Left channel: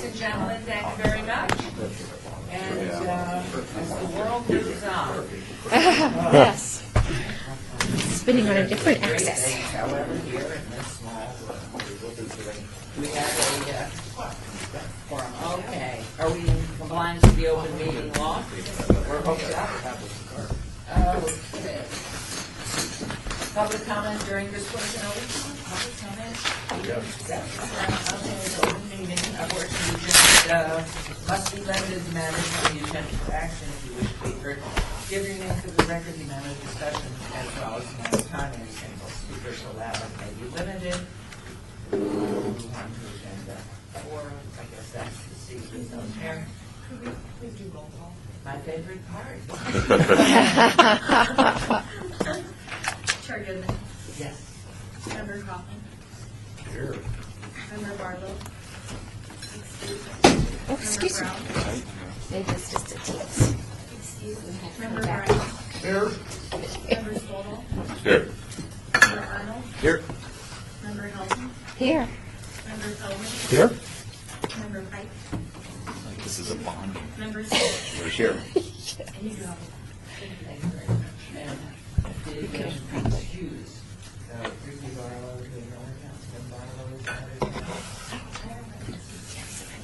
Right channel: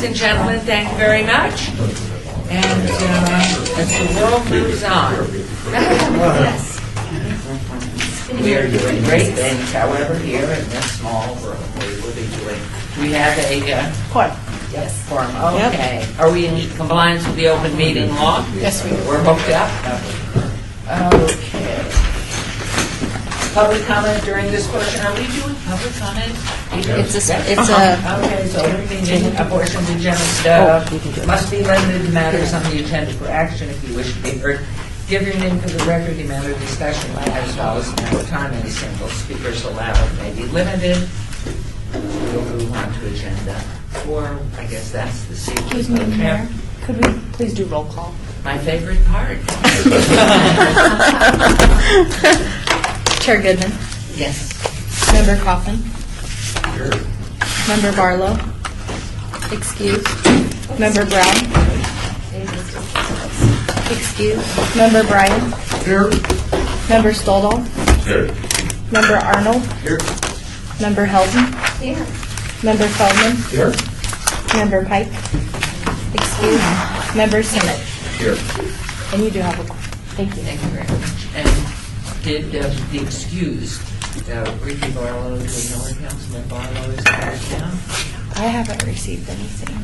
ladies and gentlemen, thank you very much. And as the world moves on, Yes. we are doing great things, however, here in this small room we will be doing. We have a Quorum. yes, forum. Okay. Are we in compliance with the open meeting law? Yes, we are. We're hooked up? Okay. Public comment during this portion. Are we doing public comment? It's a, Okay, so open meeting, a portion of the agenda must be limited to matters on the agenda for action if you wish to be heard. Give your name for the record. The amount of discussion as well as the amount of time any single speakers allowed may be limited. We'll move on to agenda 4. I guess that's the sequence. Excuse me, Mayor, could we please do roll call? My favorite part. Chair Goodman, Yes. Member Coffin, Member Barlow, excuse, Member Brown, excuse, Member Bryan, Here. Member Stoldall, Here. Member Arnold, Here. Member Helton, here, Member Feldman, Here. Member Pike, excuse, Member Simmons, Here. and you do have a, thank you. Thank you very much. And did the excused, Ricky Barlow, do we know where Councilman Barlow is right now? I haven't received anything.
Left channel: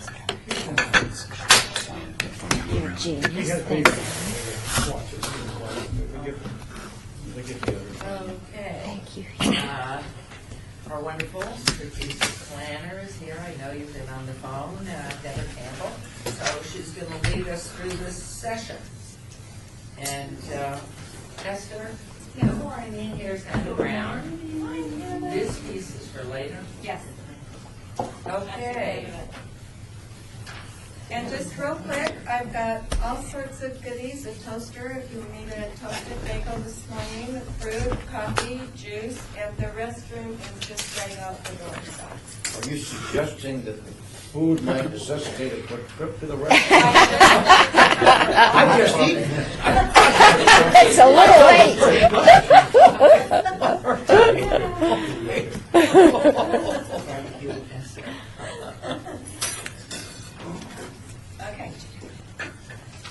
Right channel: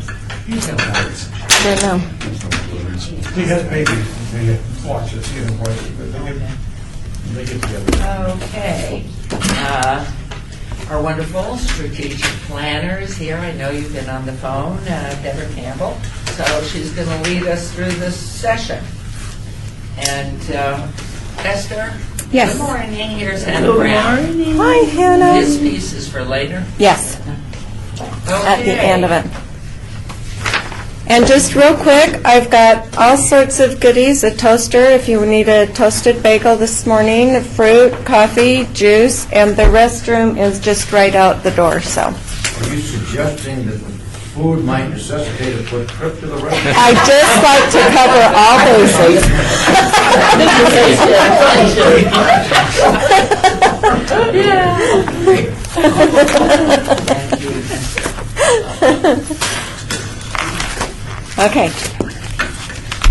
You know that. I don't know. He has maybe watch this, you know, they get together. Okay. Our wonderful strategic planner is here. I know you've been on the phone, Deborah Campbell. So she's going to lead us through this session. And Esther? Yes. Good morning. Here's Hannah Brown. Hi, Hannah. This piece is for later. Yes, at the Okay. end of it. And just real quick, I've got all sorts of goodies, a toaster if you need a toasted bagel this morning, fruit, coffee, juice, and the restroom is just right out the door, so. Are you suggesting that food might necessitate a quick trip to the restaurant? I just like to cover all bases. Okay.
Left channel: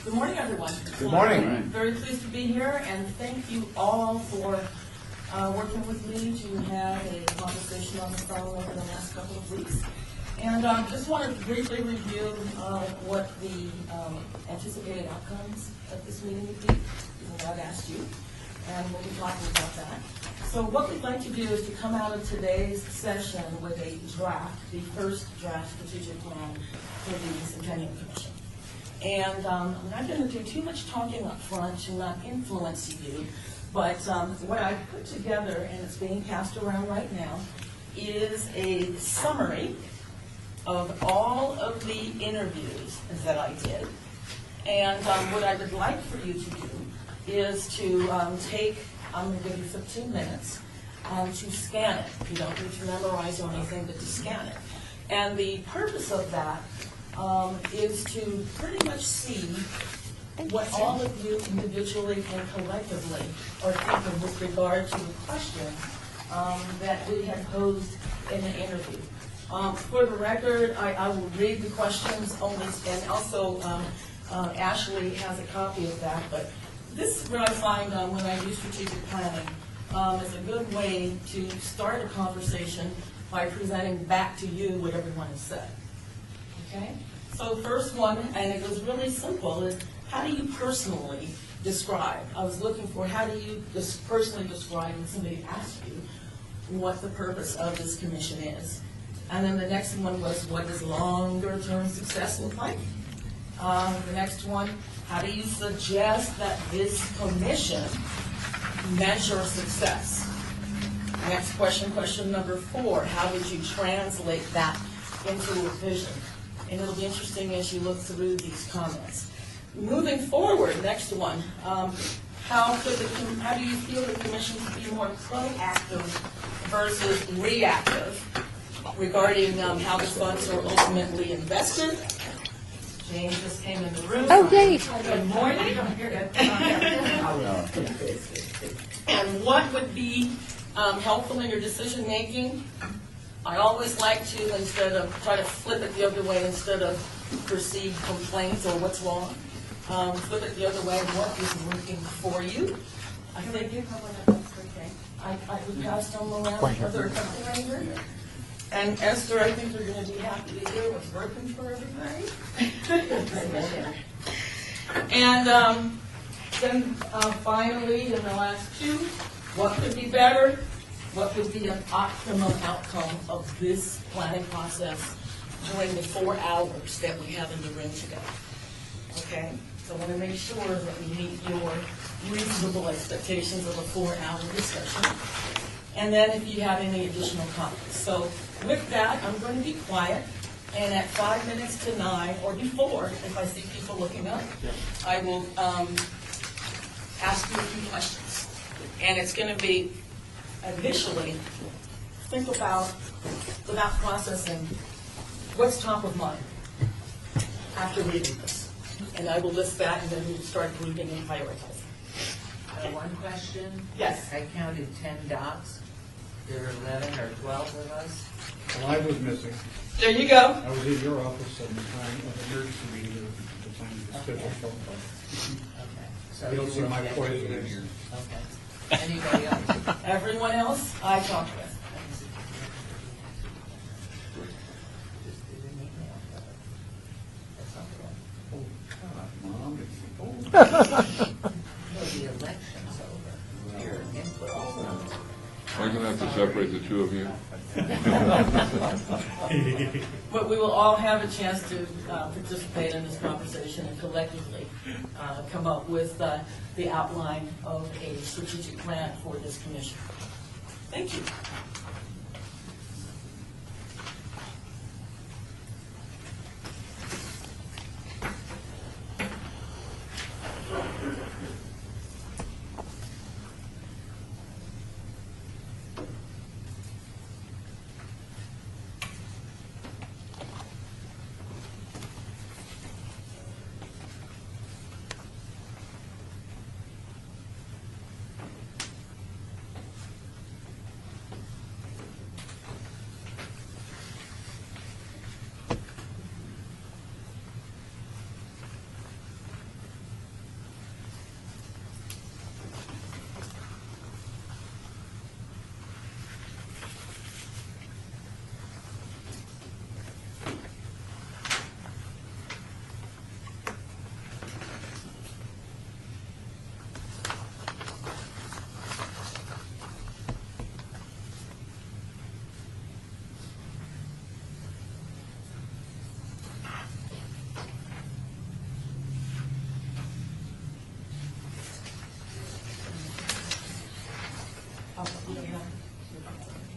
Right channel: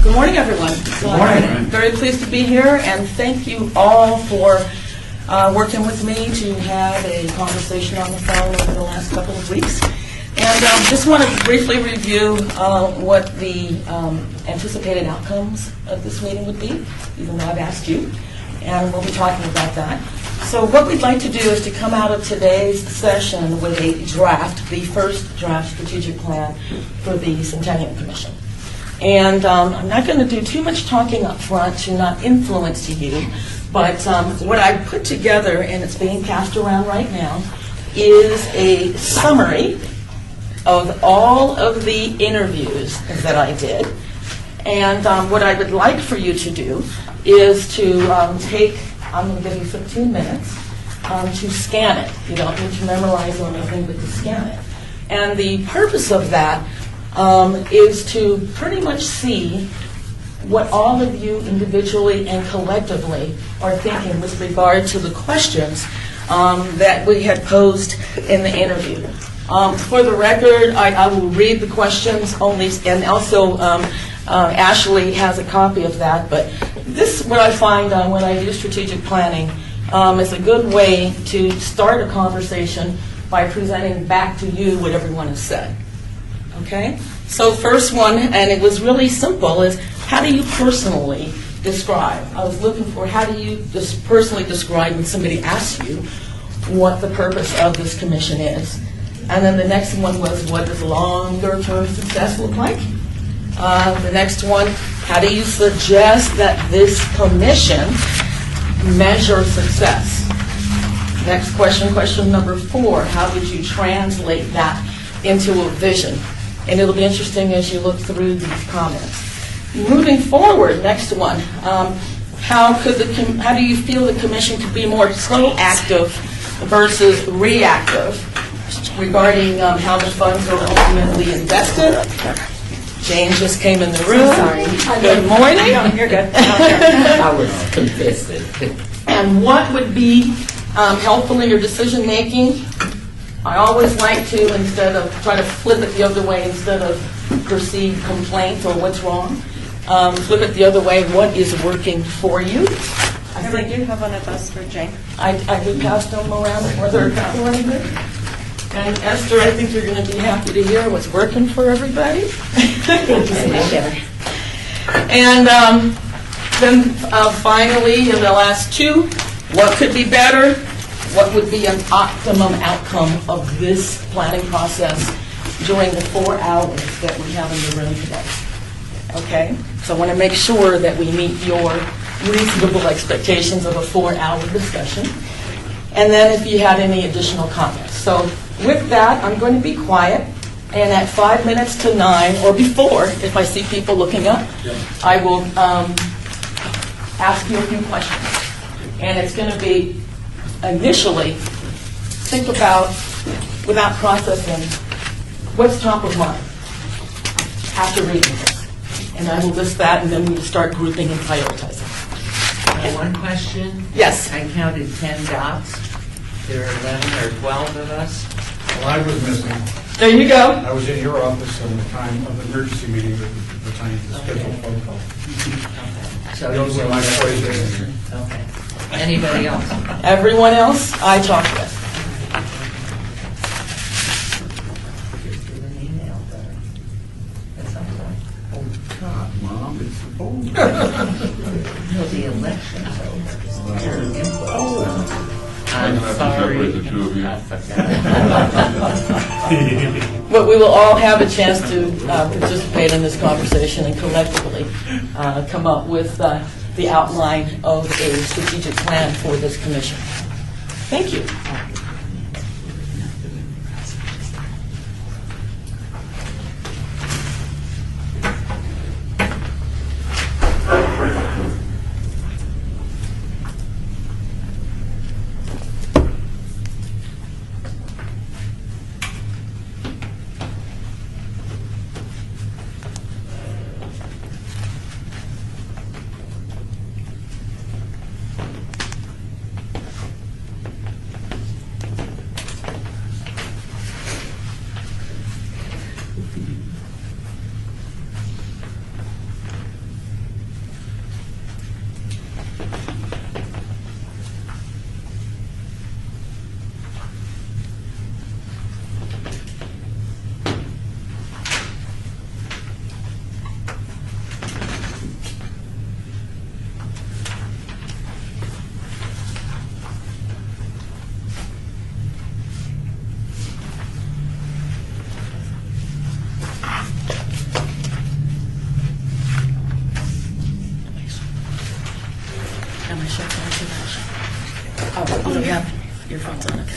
Good morning, everyone. Good morning. I'm very pleased to be here, and thank you all for working with me to have a conversation on the phone over the last couple of weeks. And just want to briefly review what the anticipated outcomes of this meeting would be, even though I've asked you, and we'll be talking about that. So what we'd like to do is to come out of today's session with a draft, the first draft strategic plan for the Centennial Commission. And I'm not going to do too much talking up front to not influence you, but what I put together, and it's being passed around right now, is a summary of all of the interviews that I did. And what I would like for you to do is to I'm going to give you 15 minutes to scan it. You don't need to memorize or anything, but to scan it. And the purpose of that is to pretty much see what all of you individually and collectively are thinking with regard to the questions that we had posed in the interview. For the record, I will read the questions only, and also Ashley has a copy of that, but this is what I find when I do strategic planning is a good way to start a conversation by presenting back to you what everyone has said. Okay? So first one, and it was really simple, is how do you personally describe? I was looking for how do you personally describe when somebody asks you what the purpose of this commission is. And then the next one was, what does longer-term success look like? The next one, how do you suggest that this commission measure success? Next question, question number 4, how would you translate that into a vision? And it'll be interesting as you look through these comments. Moving forward, next one, how do you feel the commission could be more proactive versus reactive regarding how the funds are ultimately invested? Jane just came in the room. Good morning. No, you're good. I was confessing. And what would be helpful in your decision making I always like to, instead of, try to flip it the other way, instead of perceived complaints or what's wrong, flip it the other way, what is working for you? I think you have one of those for Jane. I could pass them around where they're going. And Esther, I think you're going to be happy to hear what's working for everybody. And then finally, in the last two, what could be better? What would be an optimum outcome of this planning process during the 4 hours that we have in the room today? Okay? So I want to make sure that we meet your reasonable expectations of a 4-hour discussion. And then if you had any additional comments. So with that, I'm going to be quiet. And at 5 minutes to 9, or before, if I see people looking up, I will ask you a few questions. And it's going to be, initially, think about, without processing, what's top of mind after reading this. And I will list that, and then we'll start grouping and prioritizing. One question. Yes. I counted 10 dots. There are 11 or 12 of us. Well, I was missing. There you go. I was in your office on the time of the emergency meeting at the time of the scheduled phone call. Okay. So Those are my choices in here. Okay. Anybody else? Everyone else I talked with. Just get an email better at some point. Oh, God, Mom, it's, oh. No, the election's over. Your input. I'm gonna have to separate the two of you. I forgot. But we will all have a chance to participate in this conversation and collectively come up with the outline of a strategic plan for this commission. Thank you. Am I sure? Oh, you have your phone's on, okay.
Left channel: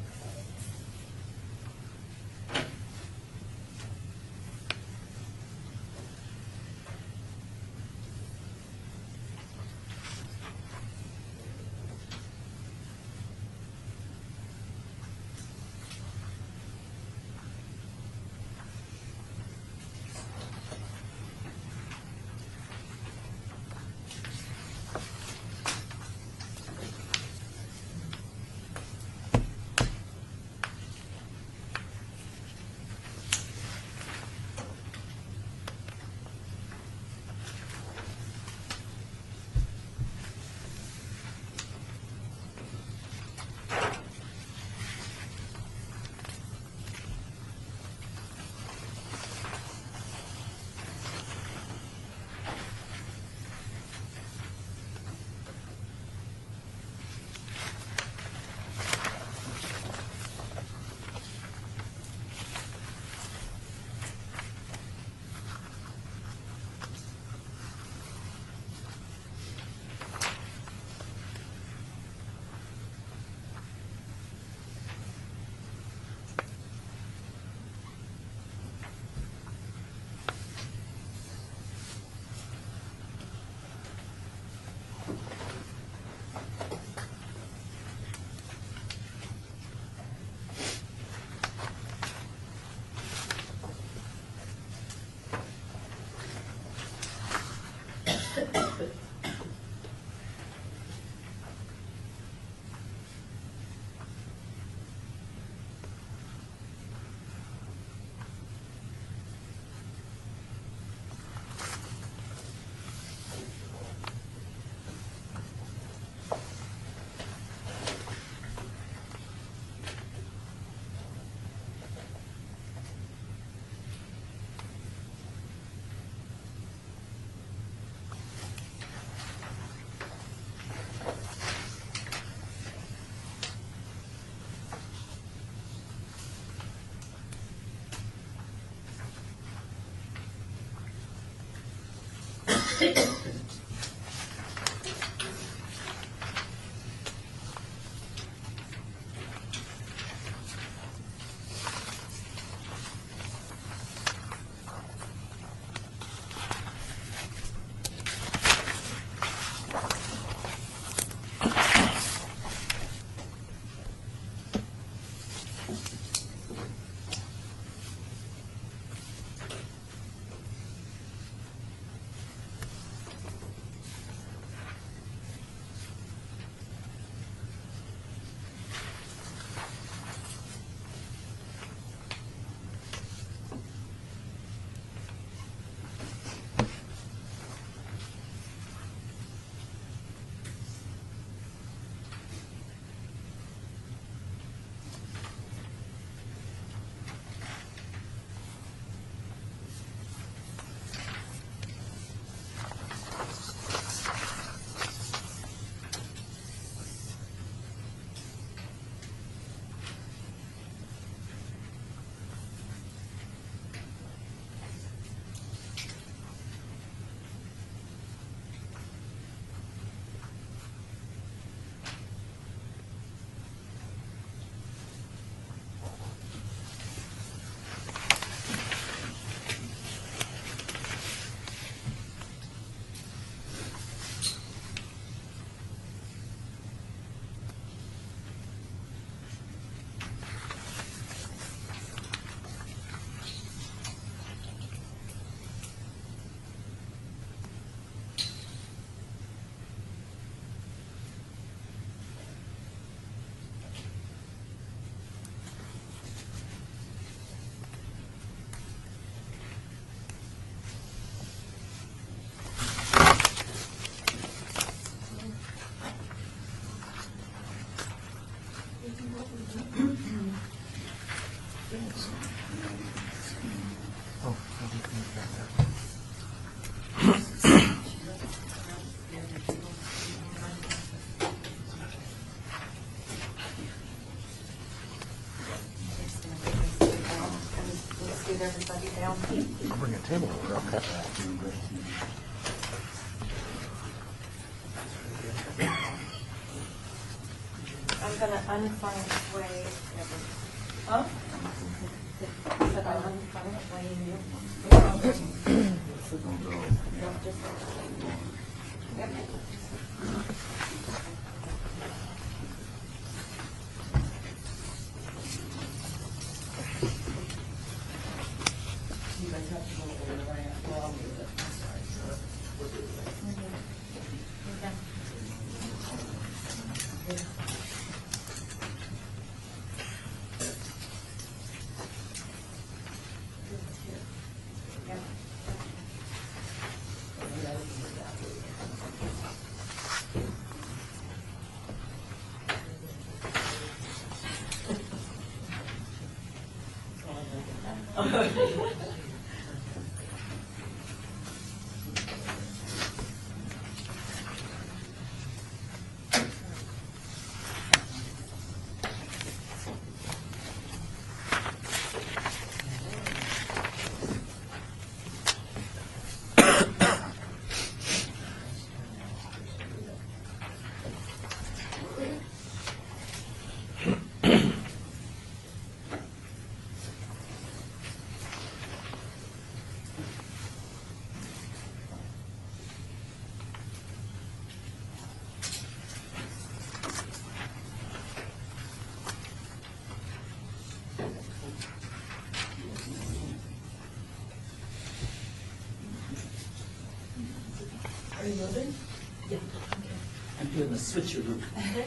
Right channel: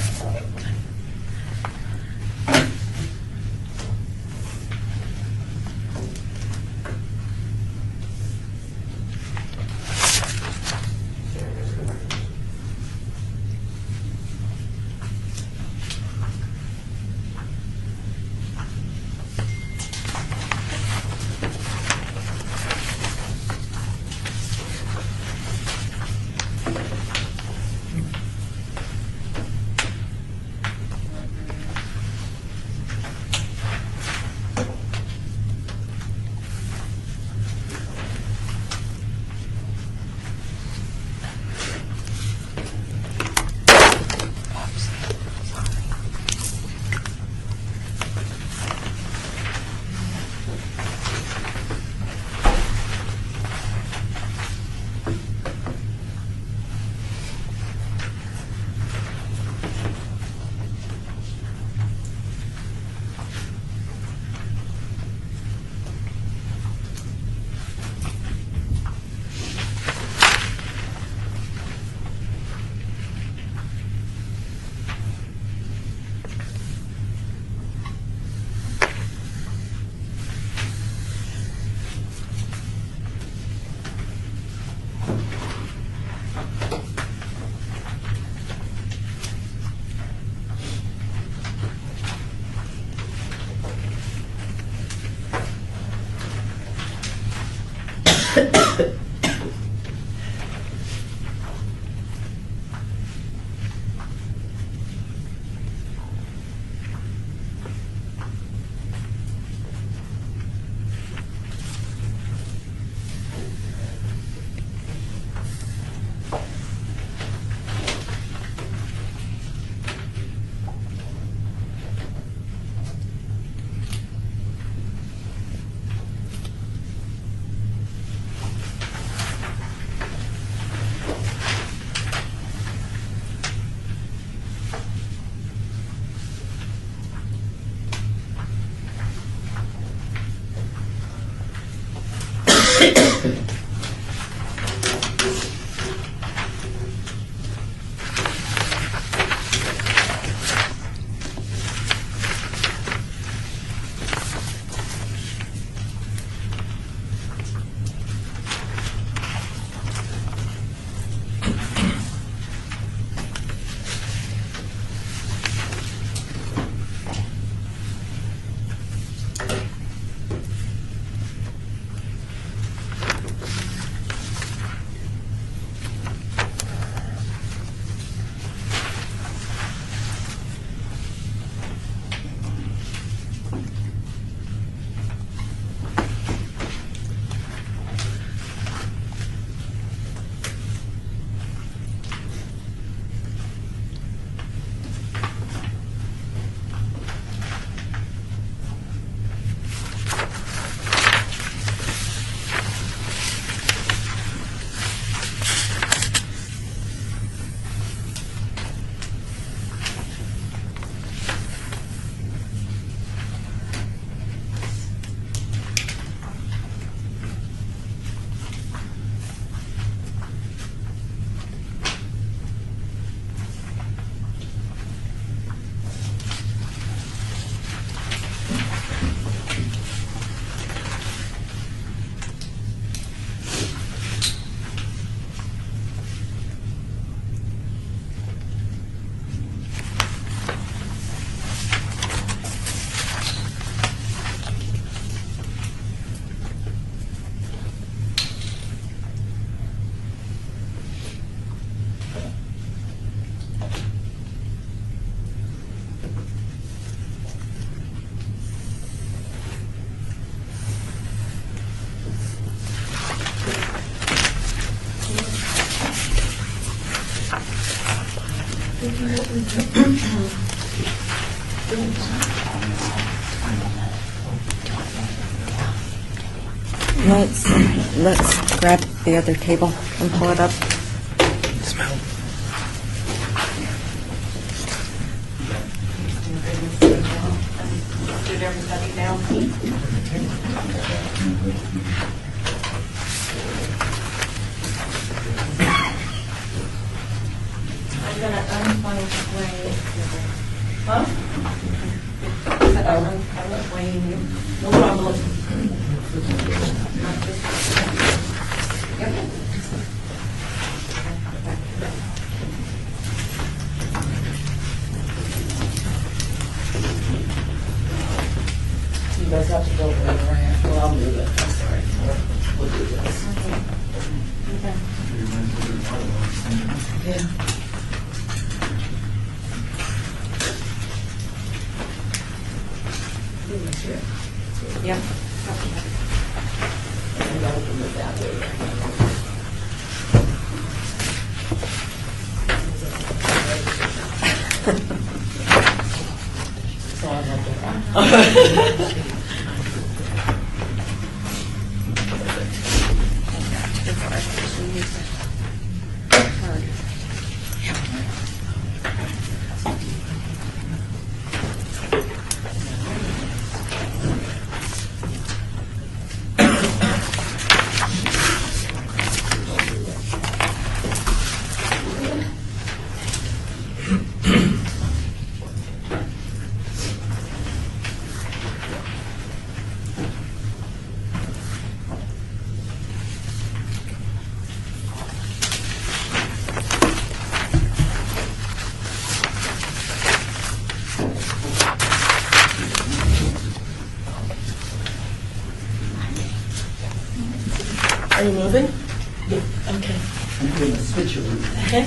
Let's grab the other table and pull it up. Sit everybody down. I'm gonna unfunnel Wayne. Huh? Unfunnel Wayne. No problem. Yep. You guys have to go over there, right? Well, I'll move it, I'm sorry. We'll do this. Yeah. Yeah. And I'll open it that way. So I'm not doing Are you moving? Yeah. Okay. I'm doing a switcheroo. Okay.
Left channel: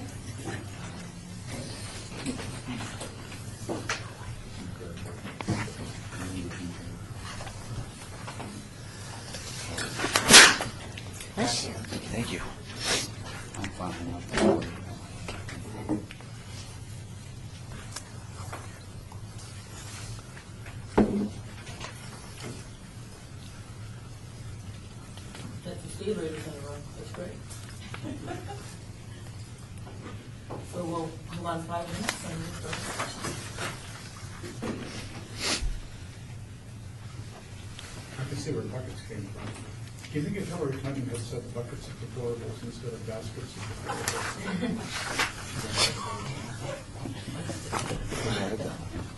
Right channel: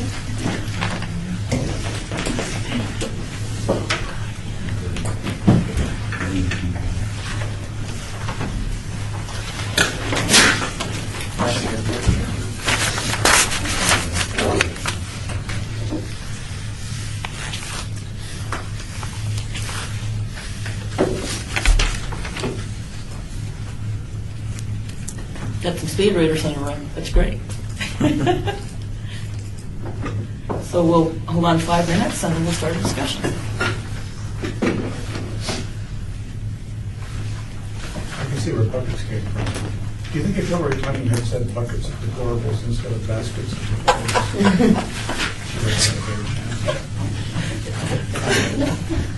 Got some speed readers in the room. That's great. So we'll hold on 5 minutes and then we'll start a discussion. I can see where buckets came from. Do you think if Hillary Clinton had said buckets of deplorables instead of baskets of deplorables, she would have had a better chance?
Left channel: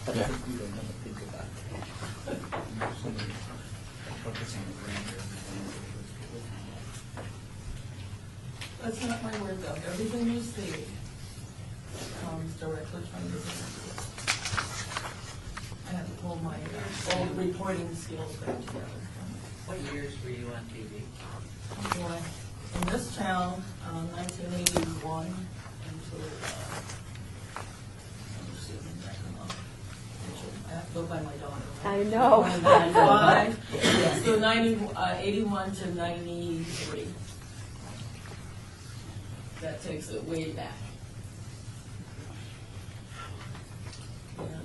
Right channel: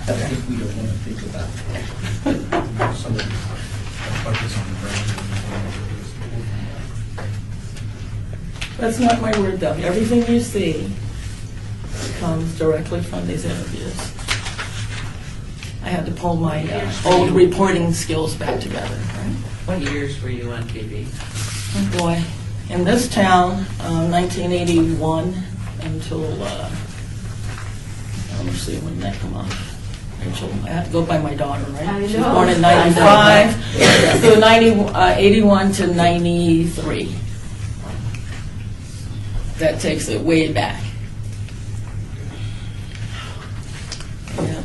I think we don't want to think about that. Somebody buckets on the ground. That's not my word, though. Everything you see comes directly from these interviews. I had to pull my old reporting skills back together. Right? What years were you on TV? Oh, boy. In this town, 1981 until, let me see, when did that come off? Rachel, I have to go by my daughter, right? I She was know. born in 95. So 81 to 93. That takes it way back. Yeah.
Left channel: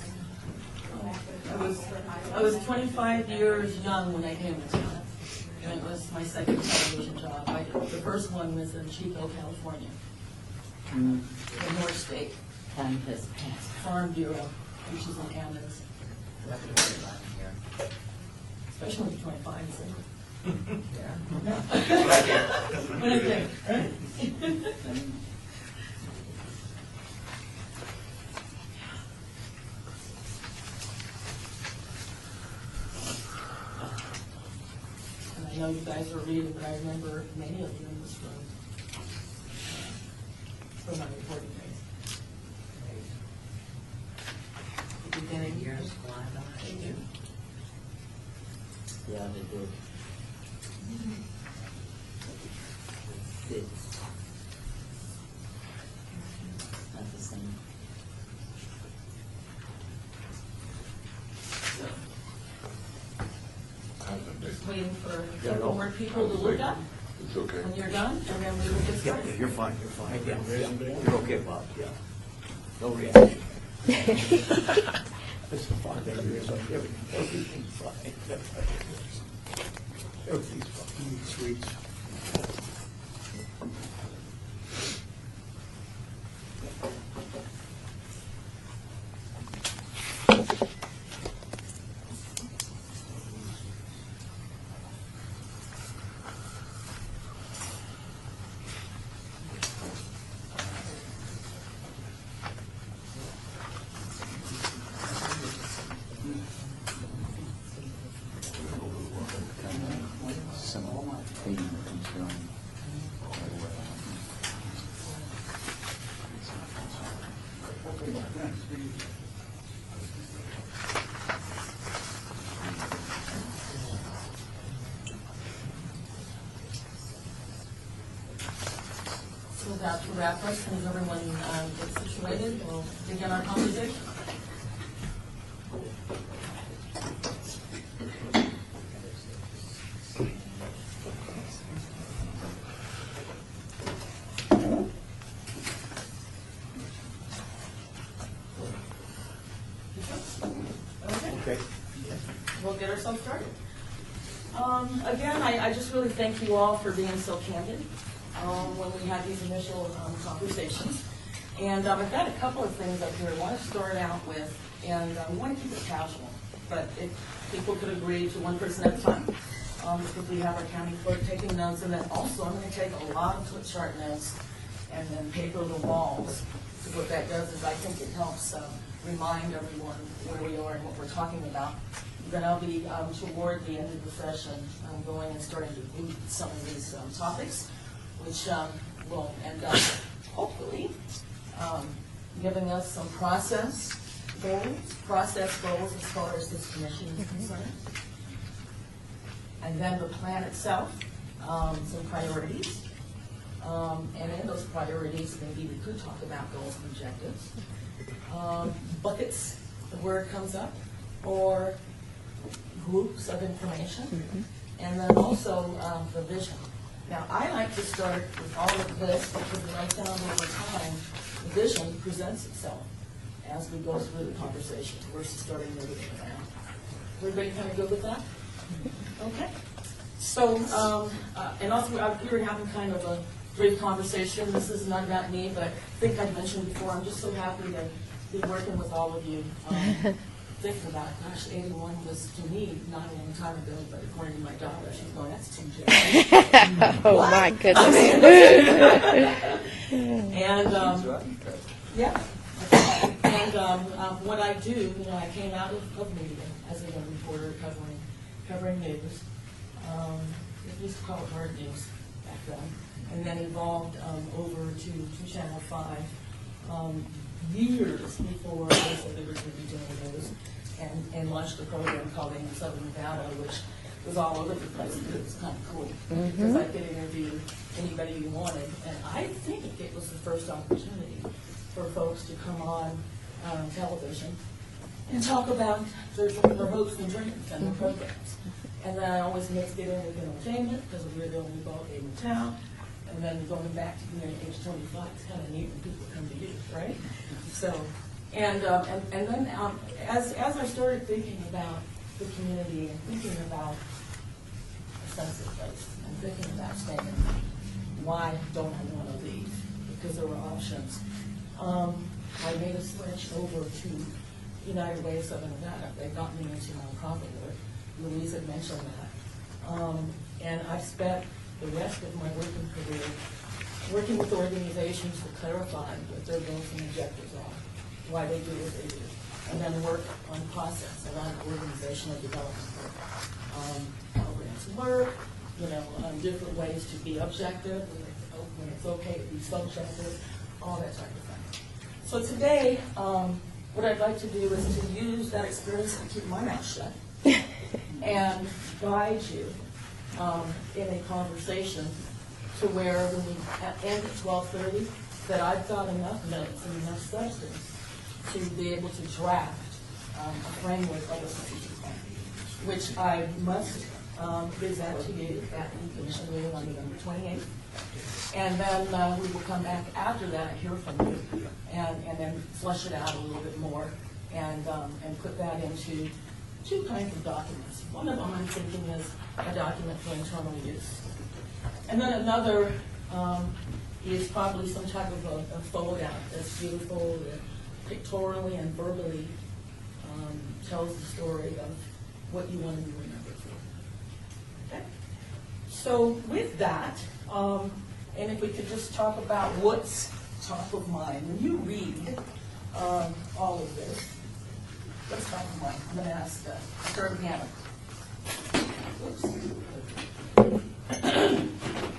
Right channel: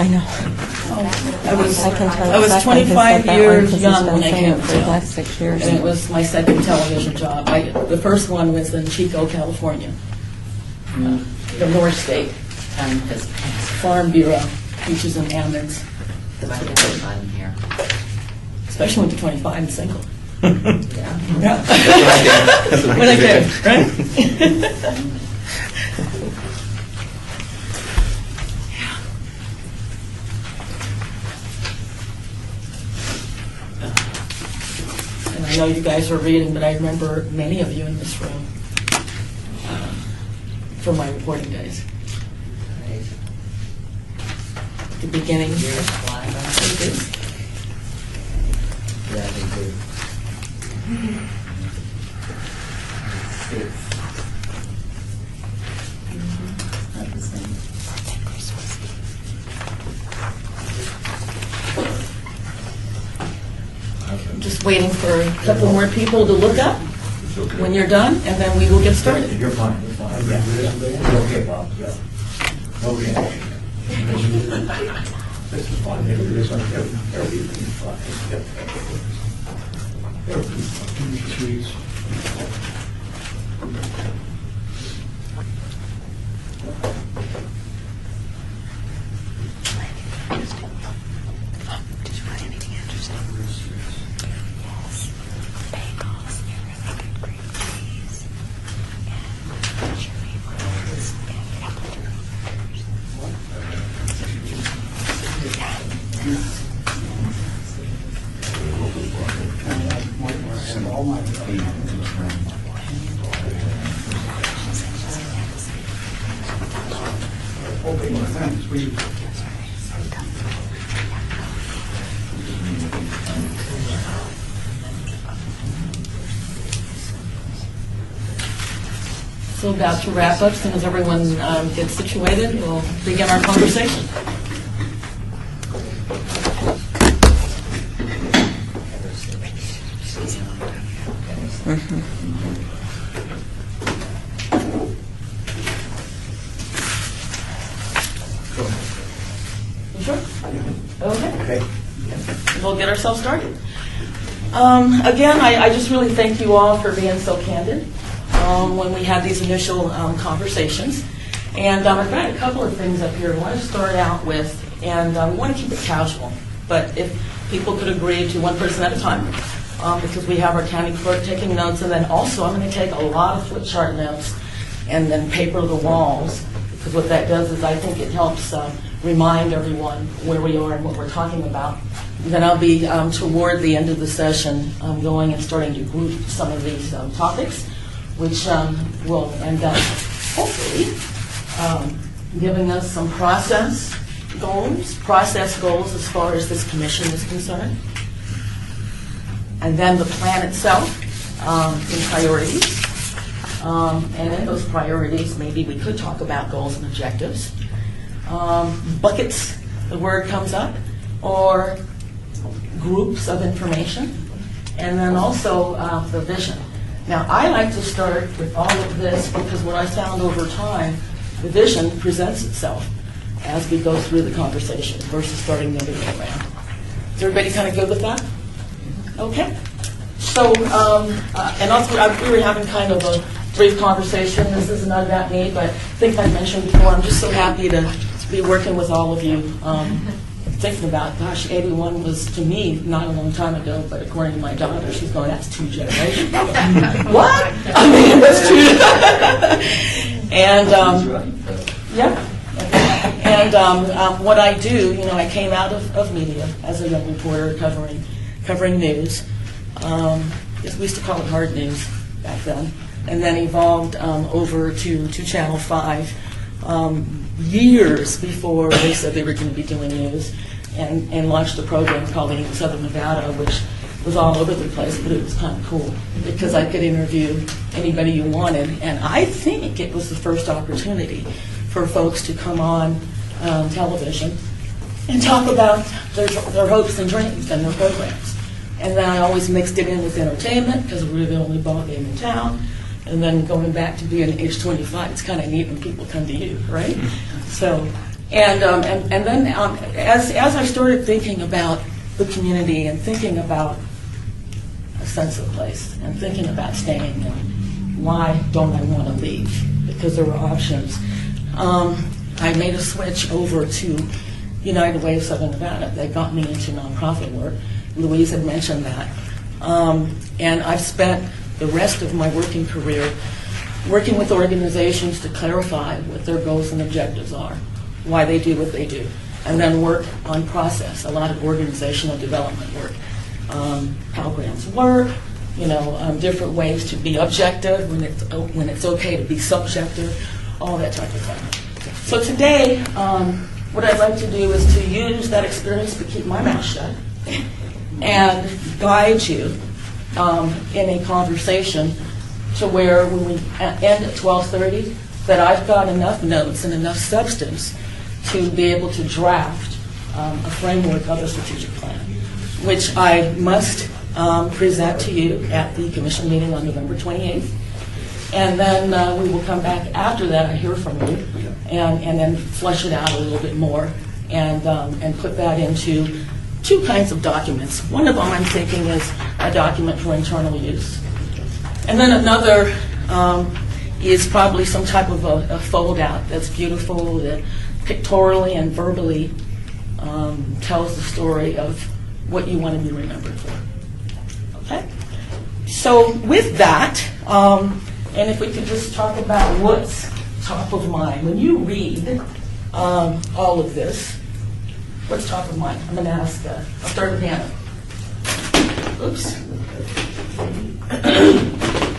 I know. I was I can tell I was Stefan who 25 said that one, years 'cause he's young been when I saying came it to for the town. last 6 years. And it was my second television job. The first one was in Chico, California, the North State Time has passed. Farm Bureau, Peaches and Almonds. But I had fun here. Especially when you're 25 and single. Yeah. Yeah. When I did, right? And I know you guys are reading, but I remember many of you in this room from my reporting days. Right. The beginning. Years fly by. Yeah, they do. Six. Not the same. I'm just waiting for a couple more people to look up when you're done, and then we will get started. You're fine, you're fine. Okay, Bob, yeah. Nobody has. This is fun. Everything's fun. Everything's fun. Sweets. So about to wrap up, as soon as everyone gets situated, we'll begin our conversation. You sure? Okay. We'll get ourselves started. Again, I just really thank you all for being so candid when we had these initial conversations. And I've got a couple of things up here I want to start out with, and we want to keep it casual. But if people could agree to one person at a time, because we have our county clerk taking notes, and then also I'm going to take a lot of flip chart notes and then paper the walls, because what that does is I think it helps remind everyone where we are and what we're talking about. And then I'll be, toward the end of the session, going and starting to group some of these topics, which will end up, hopefully, giving us some process goals as far as this commission is concerned. And then the plan itself in priorities. And in those priorities, maybe we could talk about goals and objectives. Buckets, the word comes up, or groups of information, and then also the vision. Now, I like to start with all of this because what I found over time, the vision presents itself as we go through the conversation versus starting the other way around. Is everybody kind of good with that? Okay. So, and also, we were having kind of a brief conversation. This is not about me, but I think I mentioned before, I'm just so happy to be working with all of you. Thinking about, gosh, 81 was, to me, not a long time ago, but according to my daughter, she's going, that's 2 generations. What? I mean, and, yeah. And what I do, you know, I came out of media as a young reporter covering news. We used to call it hard news back then. And then evolved over to Channel 5 years before they said they were going to be doing news, and launched a program called Southern Nevada, which was all over the place, but it was kind of cool because I could interview anybody you wanted. And I think it was the first opportunity for folks to come on television and talk about their hopes and dreams and their programs. And then I always mixed it in with entertainment because we were the only ball game in town. And then going back to being age 25, it's kind of neat when people come to you, right? So, and then as I started thinking about the community and thinking about a sense of place and thinking about staying and why don't I want to leave? Because there were options. I made a switch over to United Way of Southern Nevada. They got me into nonprofit work. Louise had mentioned that. And I've spent the rest of my working career working with organizations to clarify what their goals and objectives are, why they do what they do, and then work on process, a lot of organizational development work, how grants work, different ways to be objective, when it's okay to be subjective, all that type of thing. So today, what I'd like to do is to use that experience to keep my mouth shut and guide you in a conversation to where when we end at 12:30, that I've got enough notes and enough substance to be able to draft a framework of a strategic plan, which I must present to you at the commission meeting on November 28th. And then we will come back after that and hear from you, and then flesh it out a little bit more, and put that into two kinds of documents. One of them I'm thinking is a document for internal use. And then another is probably some type of a fold-out that's beautiful, that pictorially and verbally tells the story of what you want to be remembered for. Okay? So with that, and if we could just talk about what's top of mind. When you read all of this, what's top of mind? I'm going to ask, I'll start with Hannah. Oops.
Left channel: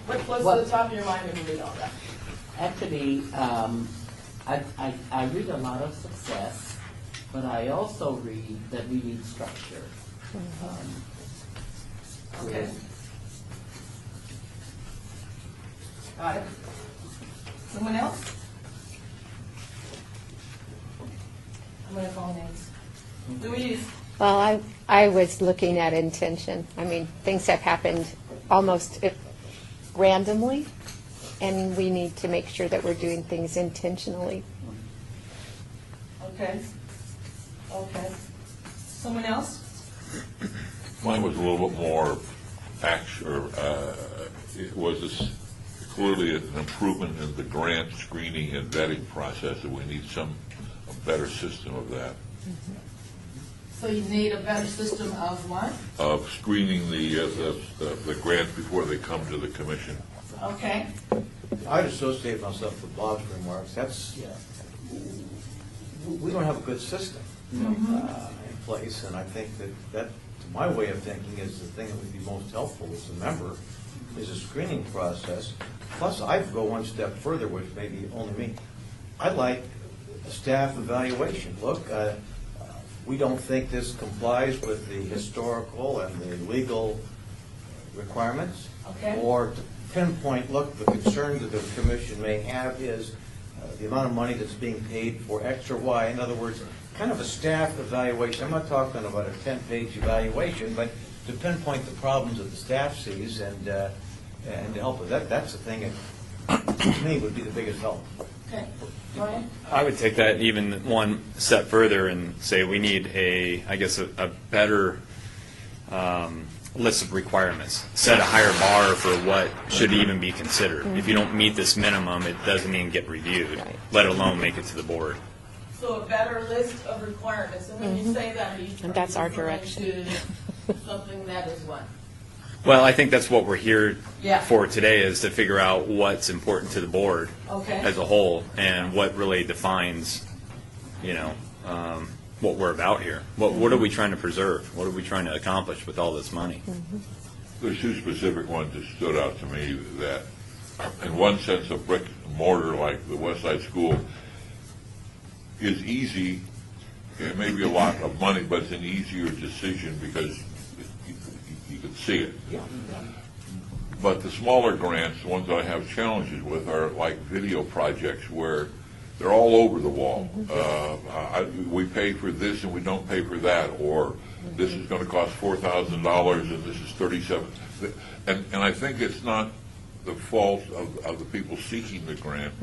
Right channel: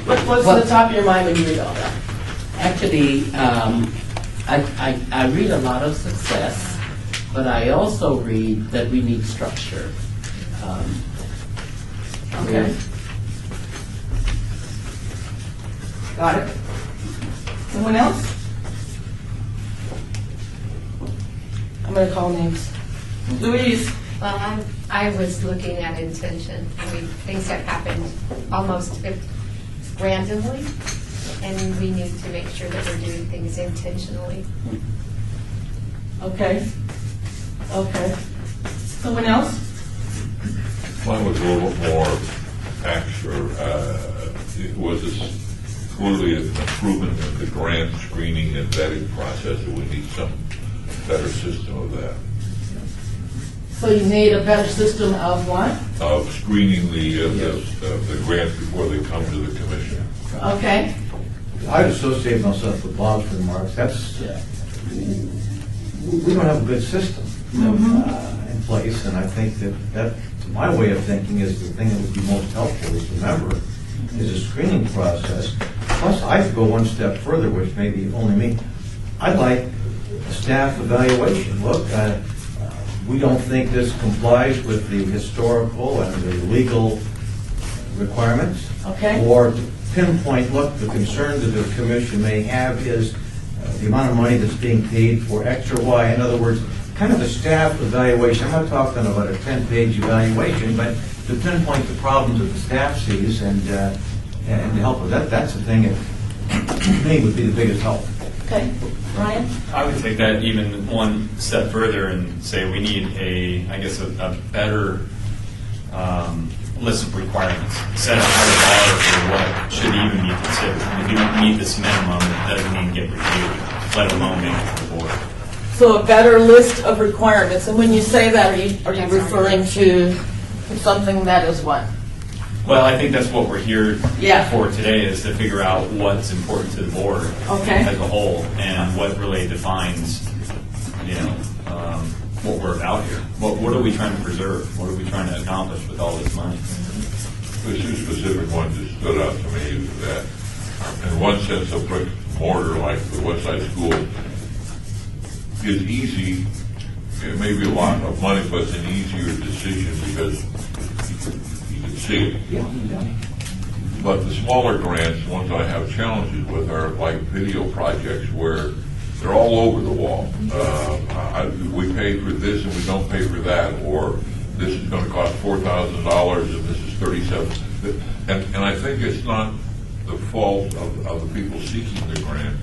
What's on the top of your mind when you read all that? Actually, I read a lot of success, but I also read that we need structure. Okay. Got it. Someone else? I'm going to call names. Louise. Well, I was looking at intention. I mean, things have happened almost randomly, and we need to make sure that we're doing things intentionally. Okay. Okay. Someone else? Mine was a little more actual. It was clearly an improvement in the grant screening and vetting process, and we need some better system of that. So you need a better system of what? Of screening the grants before they come to the commission. Okay. I'd associate myself with Bob's remarks. We don't have a good system in place, and I think that my way of thinking is the thing that would be most helpful is remember is a screening process. Plus, I'd go one step further, which may be only me. I'd like a staff evaluation. Look, we don't think this complies with the historical and the legal requirements. Okay. Or to pinpoint, look, the concern that the commission may have is the amount of money that's being paid for X or Y. In other words, kind of a staff evaluation. I'm not talking about a 10-page evaluation, but to pinpoint the problems that the staff sees and to help with that. That's the thing that, to me, would be the biggest help. Okay. Ryan? I would take that even one step further and say we need a better list of requirements. Set a higher bar for what should even be considered. If you don't meet this minimum, it doesn't even get reviewed, let alone make it to the board. So a better list of requirements. And when you say that, are you That's referring to something that is what? Well, I think that's what we're here Yeah. for today, is to figure out what's important to the board Okay. as a whole and what really defines, what we're about here. What are we trying to preserve? What are we trying to accomplish with all this money? There's two specific ones that stood out to me is that, in one sense, a brick and mortar like the West Side School is easy. It may be a lot of money, but it's an easier decision because you can see it. But the smaller grants, the ones I have challenges with, are like video projects where they're all over the wall. We pay for this and we don't pay for that, or this is going to cost $4,000 and this is $37,000. And I think it's not the fault of the people seeking the grant.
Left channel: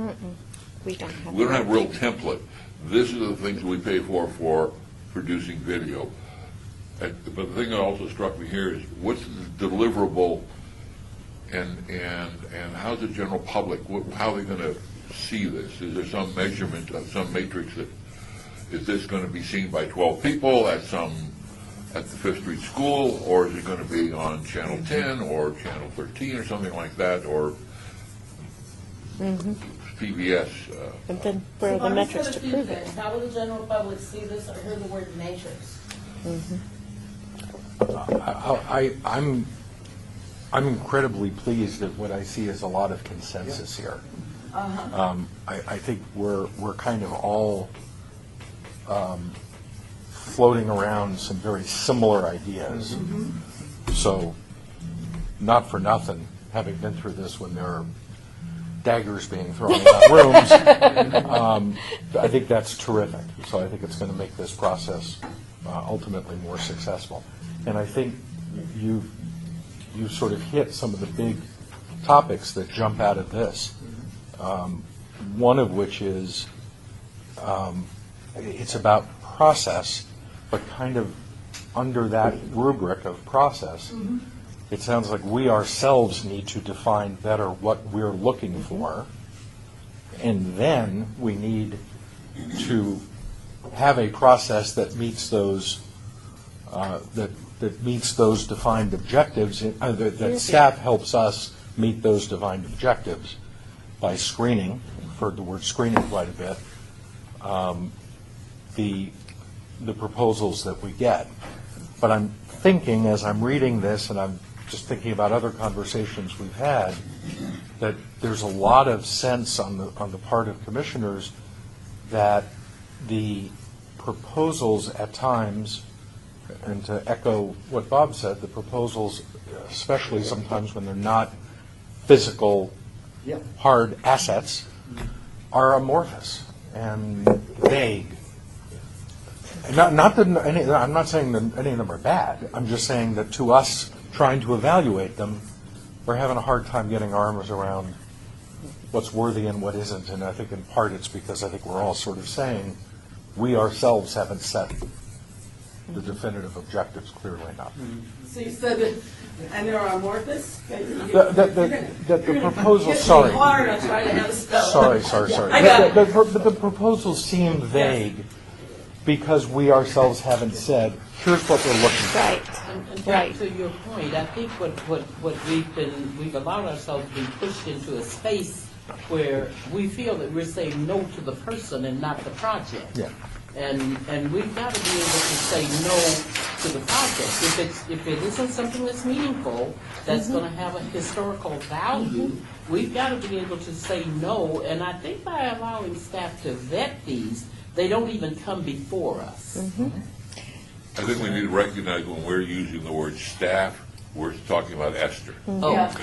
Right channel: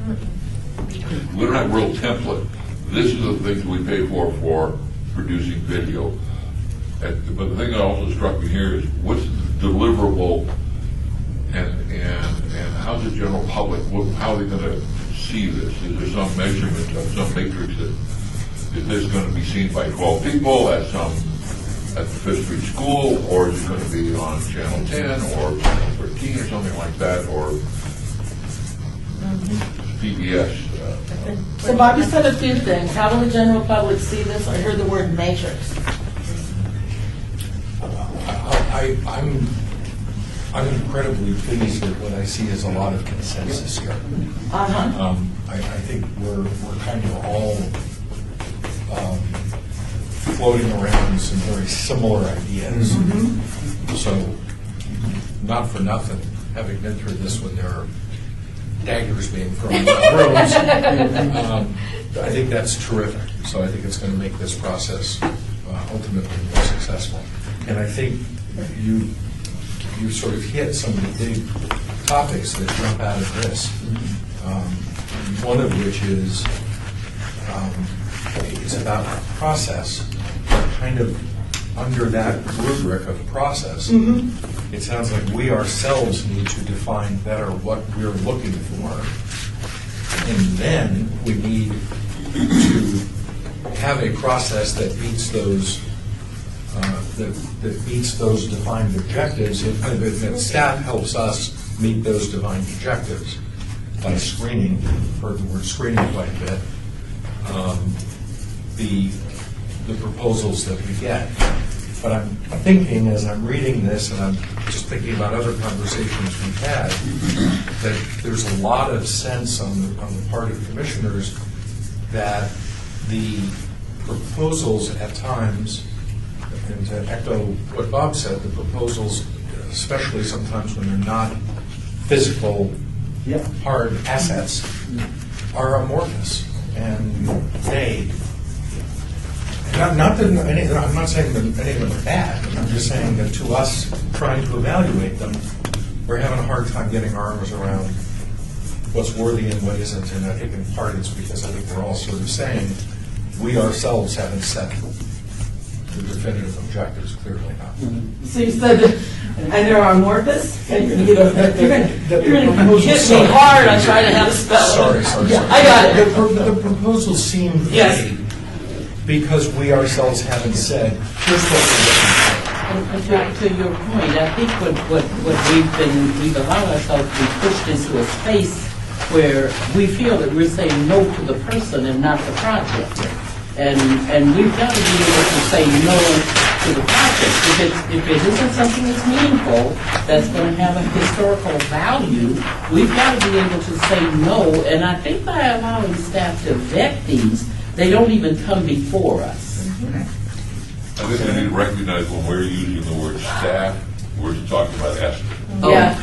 We don't have a real template. This is the things we pay for producing video. But the thing that also struck me here is what's deliverable and how's the general public, how are they going to see this? Is there some measurement, some matrix that is this going to be seen by 12 people at the Fifth Street School, or is it going to be on Channel 10 or Channel 13 or something like that, or PBS? So Bobby said a few things. How will the general public see this? I heard the word matrix. I'm incredibly pleased that what I see is a lot of consensus here. I think we're kind of all floating around some very similar ideas. So, not for nothing, having been through this when there are daggers being thrown out rooms, I think that's terrific. So I think it's going to make this process ultimately more successful. And I think you sort of hit some of the big topics that jump out of this. One of which is, it's about process, kind of under that rubric of process. It sounds like we ourselves need to define better what we're looking for. And then we need to have a process that meets those that meets those defined objectives, and that staff helps us meet those defined objectives by screening. I've heard the word screening quite a bit. The proposals that we get. But I'm thinking, as I'm reading this, and I'm just thinking about other conversations we've had, that there's a lot of sense on the part of commissioners that the proposals at times, and to echo what Bob said, the proposals, especially sometimes when they're not physical, hard assets, are amorphous and vague. Not that I'm not saying that any of them are bad. I'm just saying that to us, trying to evaluate them, we're having a hard time getting our arms around what's worthy and what isn't. And I think in part it's because I think we're all sort of saying we ourselves haven't set the definitive objectives clearly enough. So you said, and they're amorphous? You're going to hit me hard on trying to have a spell. Sorry. I got it. The proposals seem vague because we ourselves haven't said, here's what we're looking at. And to your point, I think what we've allowed ourselves to be pushed into a space where we feel that we're saying no to the person and not the project. And we've got to be able to say no to the project. If it isn't something that's meaningful, that's going to have a historical value, we've got to be able to say no. And I think by allowing staff to vet these, they don't even come before us. I think we need to recognize when we're using the word staff, we're talking about Esther. Yeah,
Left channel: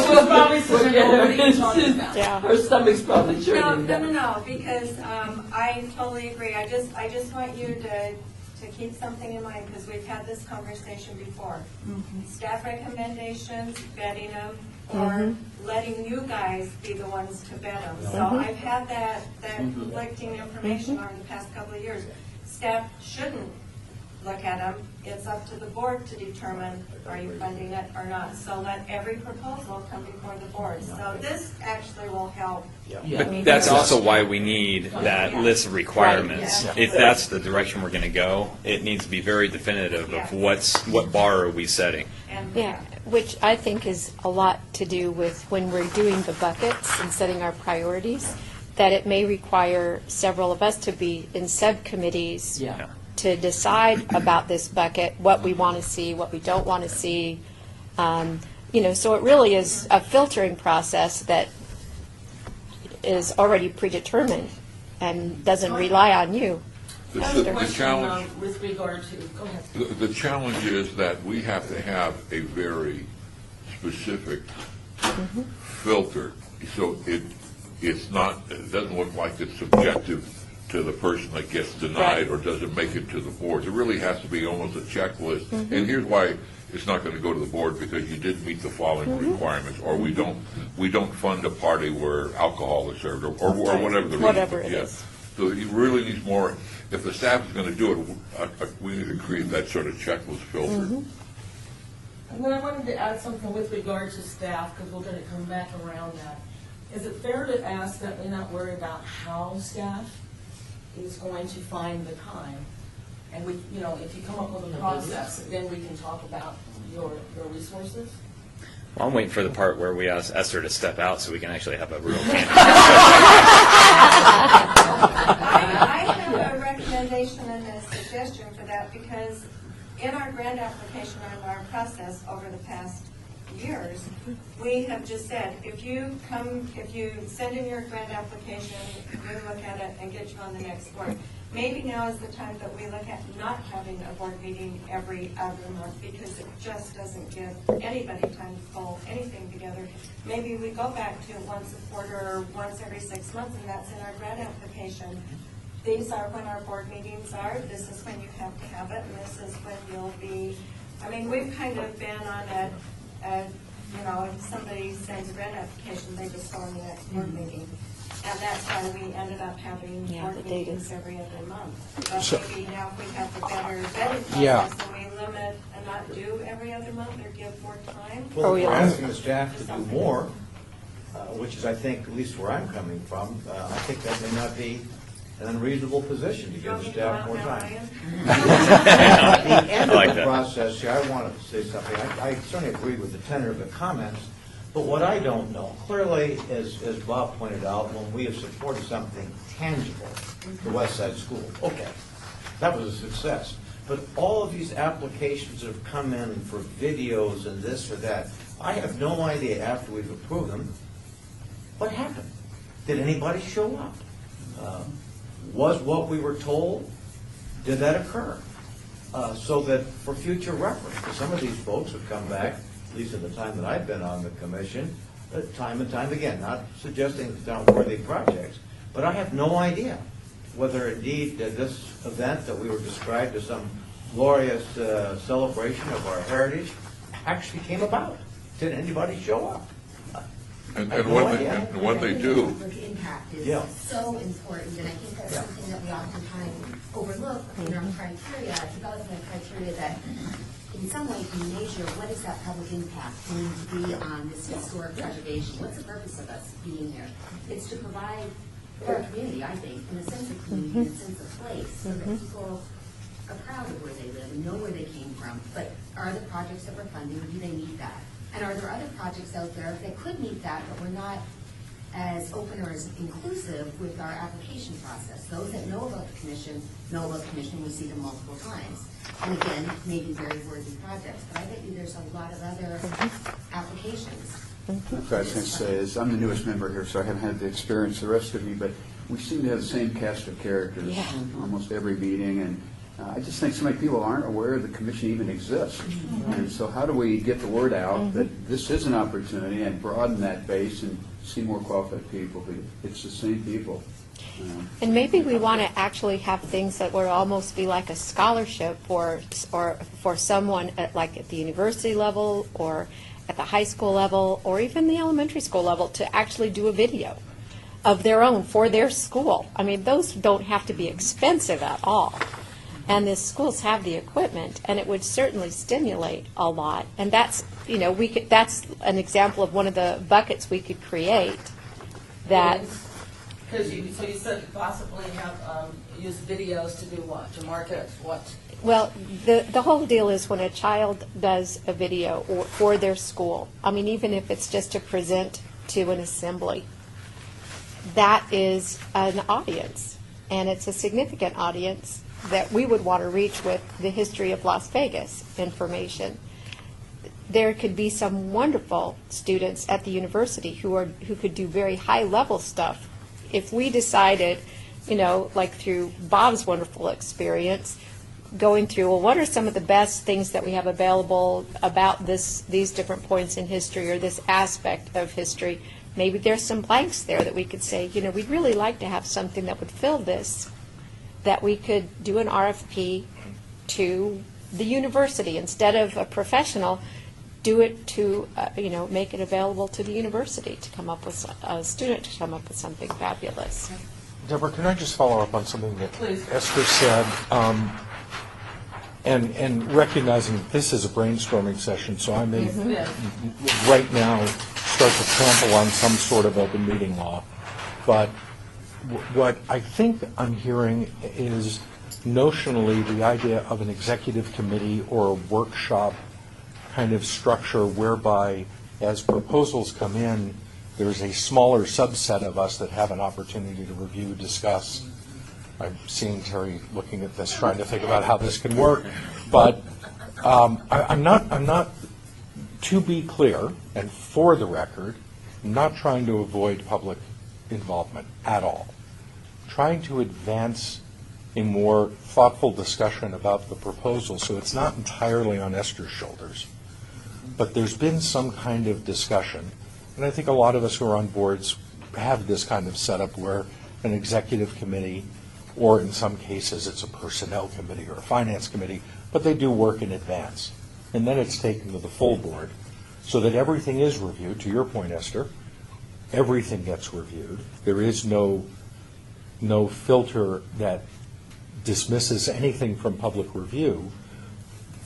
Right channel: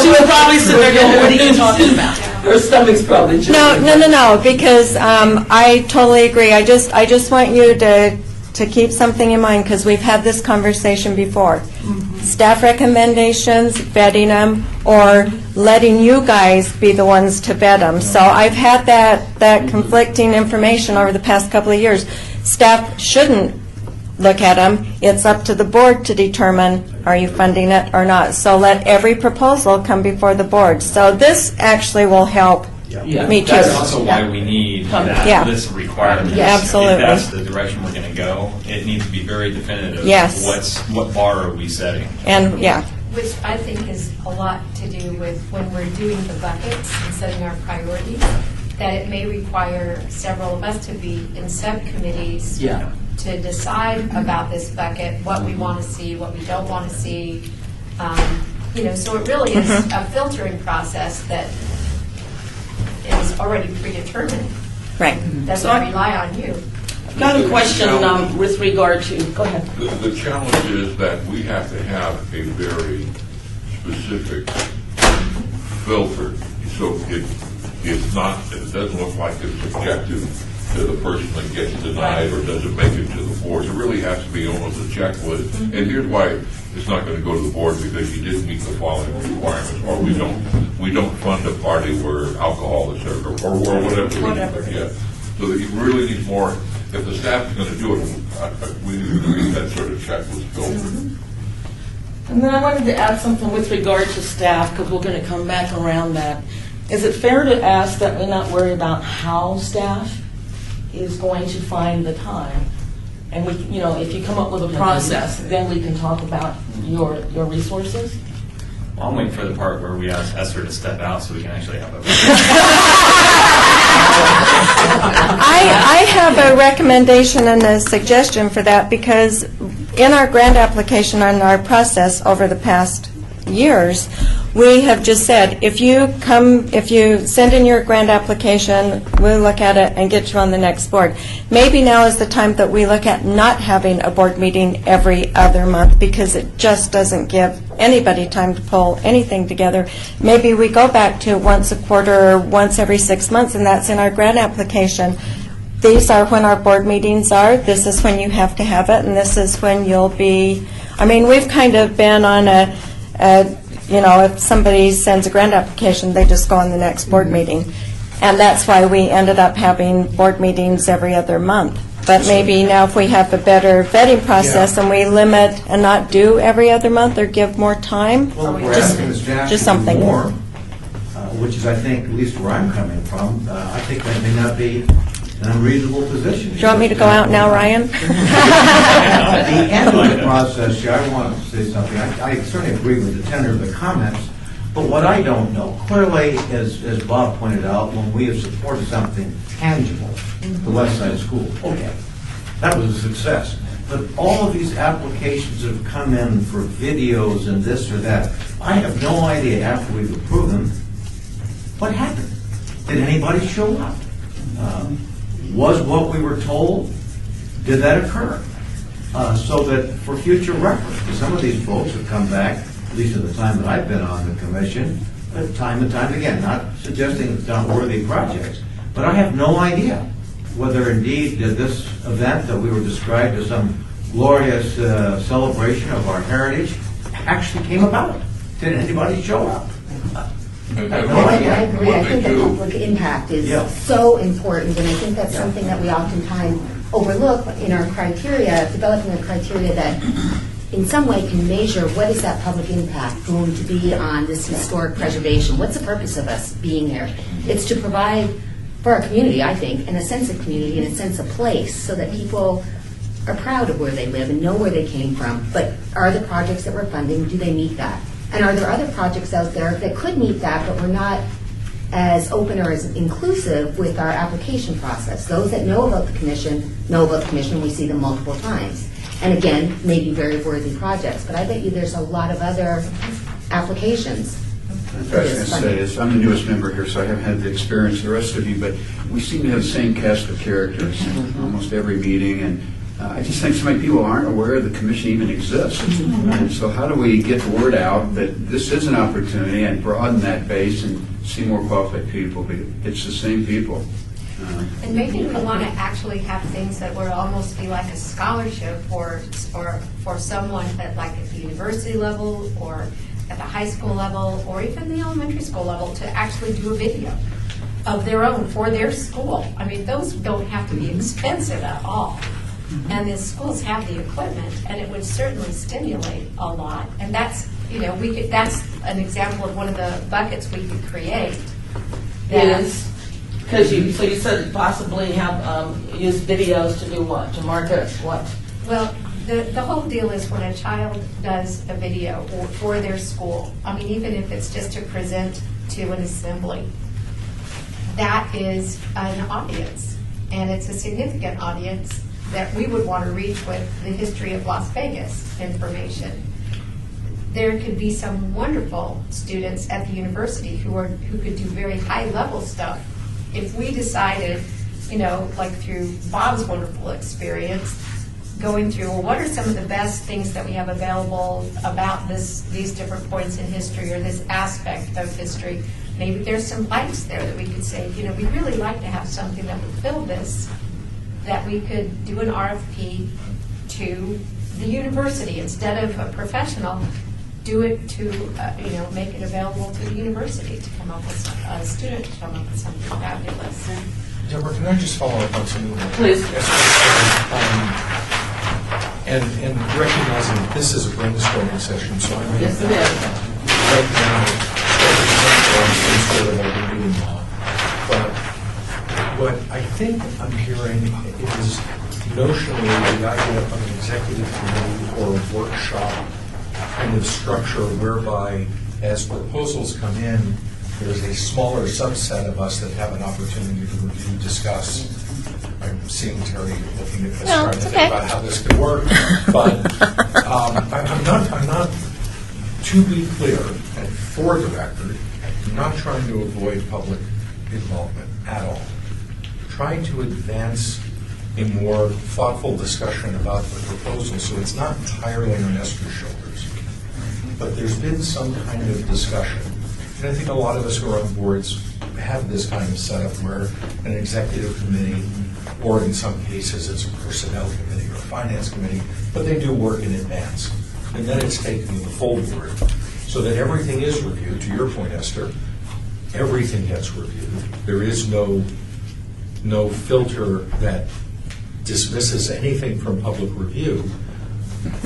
she was probably sitting there going, what are you talking about? Her stomach's probably jumping. No, because I totally agree. I just want you to keep something in mind, because we've had this conversation before. Staff recommendations, vetting them, or letting you guys be the ones to vet them. So I've had that conflicting information over the past couple of years. Staff shouldn't look at them. It's up to the board to determine, are you funding it or not? So let every proposal come before the board. So this actually will help me too. That's also why we need this requirement. Yeah, absolutely. If that's the direction we're going to go, it needs to be very definitive. Yes. What bar are we setting? And Which I think is a lot to do with when we're doing the buckets and setting our priorities, that it may require several of us to be in subcommittees to decide about this bucket, what we want to see, what we don't want to see. So it really is a filtering process that is already predetermined. Right. Doesn't rely on you. I've got a question with regard to, go ahead. The challenge is that we have to have a very specific filter, so it doesn't look like it's subjective to the person that gets denied or doesn't make it to the board. It really has to be almost a checklist. And here's why it's not going to go to the board, because you didn't meet the following requirements, or we don't fund a party where alcohol is served, or whatever. Whatever it is. So that you really need more. If the staff is going to do it, we need to create that sort of checklist filter. And then I wanted to add something with regard to staff, because we're going to come back around that. Is it fair to ask that we not worry about how staff is going to find the time? And we, if you come up with a process, then we can talk about your resources? Well, I'm waiting for the part where we ask Esther to step out so we can actually have a I have a recommendation and a suggestion for that, because in our grant application and our process over the past years, we have just said, if you send in your grant application, we'll look at it and get you on the next board. Maybe now is the time that we look at not having a board meeting every other month, because it just doesn't give anybody time to pull anything together. Maybe we go back to once a quarter or once every 6 months, and that's in our grant application. These are when our board meetings are. This is when you have to have it, and this is when you'll be. We've kind of been on a if somebody sends a grant application, they just go on the next board meeting. And that's why we ended up having board meetings every other month. But maybe now if we have a better vetting process and we limit and not do every other month or give more time, Well, we're just asking the staff just to do something. more, which is, I think, at least where I'm coming from, I think that may not be an unreasonable position. Do you want me to go out now, Ryan? At the end of the process, Chair, I want to say something. I certainly agree with the tenor of the comments, but what I don't know, clearly, as Bob pointed out, when we have supported something tangible, the West Side School, okay, that was a success. But all of these applications that have come in for videos and this or that, I have no idea after we've approved them, what happened? Did anybody show up? Was what we were told, did that occur? So that for future reference, because some of these folks have come back, at least at the time that I've been on the commission, time and time again, not suggesting it's not worthy projects, but I have no idea whether indeed this event that we were described as some glorious celebration of our heritage actually came about. Did anybody show up? And I what I they think the do, public impact is Yeah. so important, and I think that's something that we oftentimes overlook in our criteria, developing a criteria that in some way can measure what is that public impact going to be on this historic preservation. What's the purpose of us being here? It's to provide for our community, I think, and a sense of community and a sense of place so that people are proud of where they live and know where they came from. But are the projects that we're funding, do they meet that? And are there other projects out there that could meet that, but we're not as open or as inclusive with our application process? Those that know about the commission, we see them multiple times. And again, maybe very worthy projects. But I bet you there's a lot of other applications. That's what I was going to say is, I'm the newest member here, so I haven't had the experience the rest of you, but we seem to have the same cast of characters almost every meeting, and I just think so many people aren't aware the commission even exists. And so how do we get the word out that this is an opportunity and broaden that base and see more qualified people? It's the same people. And maybe we want to actually have things that would almost be like a scholarship for someone at the university level or at the high school level or even the elementary school level to actually do a video of their own for their school. I mean, those don't have to be expensive at all. And the schools have the equipment, and it would certainly stimulate a lot. And that's, that's an example of one of the buckets we could create. Because you said possibly have use videos to do what? To market what? Well, the whole deal is when a child does a video for their school, I mean, even if it's just to present to an assembly, that is an audience, and it's a significant audience that we would want to reach with the history of Las Vegas information. There could be some wonderful students at the university who could do very high-level stuff. If we decided, through Bob's wonderful experience, going through, well, what are some of the best things that we have available about these different points in history or this aspect of history? Maybe there's some blanks there that we could say, we'd really like to have something that would fill this, that we could do an RFP to the university instead of a professional. Do it to, make it available to the university to come up with a student to come up with something fabulous. Deborah, can I just follow up on something that Please. Esther said? And recognizing that this is a brainstorming session, so I may Yes, it is. right now start to cancel on some sort of open meeting law. But what I think I'm hearing is notionally the idea of an executive committee or a workshop kind of structure whereby as proposals come in, there's a smaller subset of us that have an opportunity to review, discuss. I'm seeing Terry looking at this, trying to think about how this could work. But I'm not, to be clear, and for the record, not trying to avoid public involvement at all. Trying to advance a more thoughtful discussion about the proposal so it's not entirely on Esther's shoulders. But there's been some kind of discussion. And I think a lot of us who are on boards have this kind of setup where an executive committee, or in some cases it's a personnel committee or a finance committee, but they do work in advance. And then it's taken to the full board. so that everything is reviewed. To your point, Esther, everything gets reviewed. There is no filter that dismisses anything from public review.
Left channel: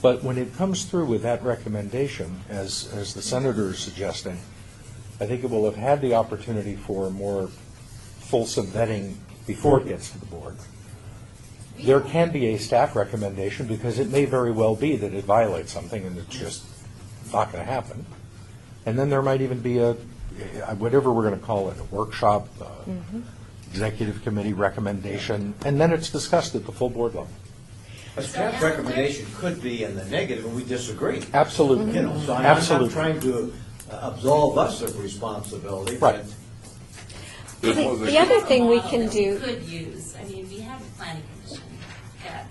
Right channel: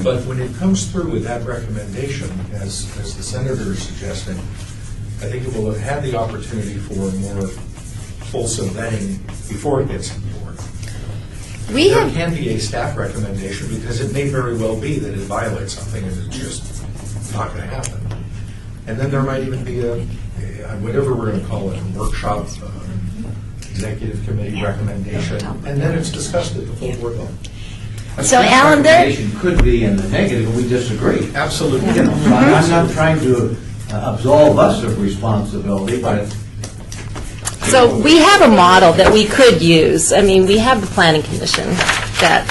But when it comes through with that recommendation, as the senator is suggesting, I think it will have had the opportunity for a more fulsome vetting before it gets on board. There can be a staff recommendation because it may very well be that it violates something and it's just not going to happen. And then there might even be whatever we're going to call it, a workshop, executive committee recommendation, and then it's discussed at the full board level. So, Alan, recommendation could be in the negative, and we disagree. Absolutely. You know, so I'm not trying to absolve us of responsibility, but So we have a model that we could use. I mean, we have the Planning Commission that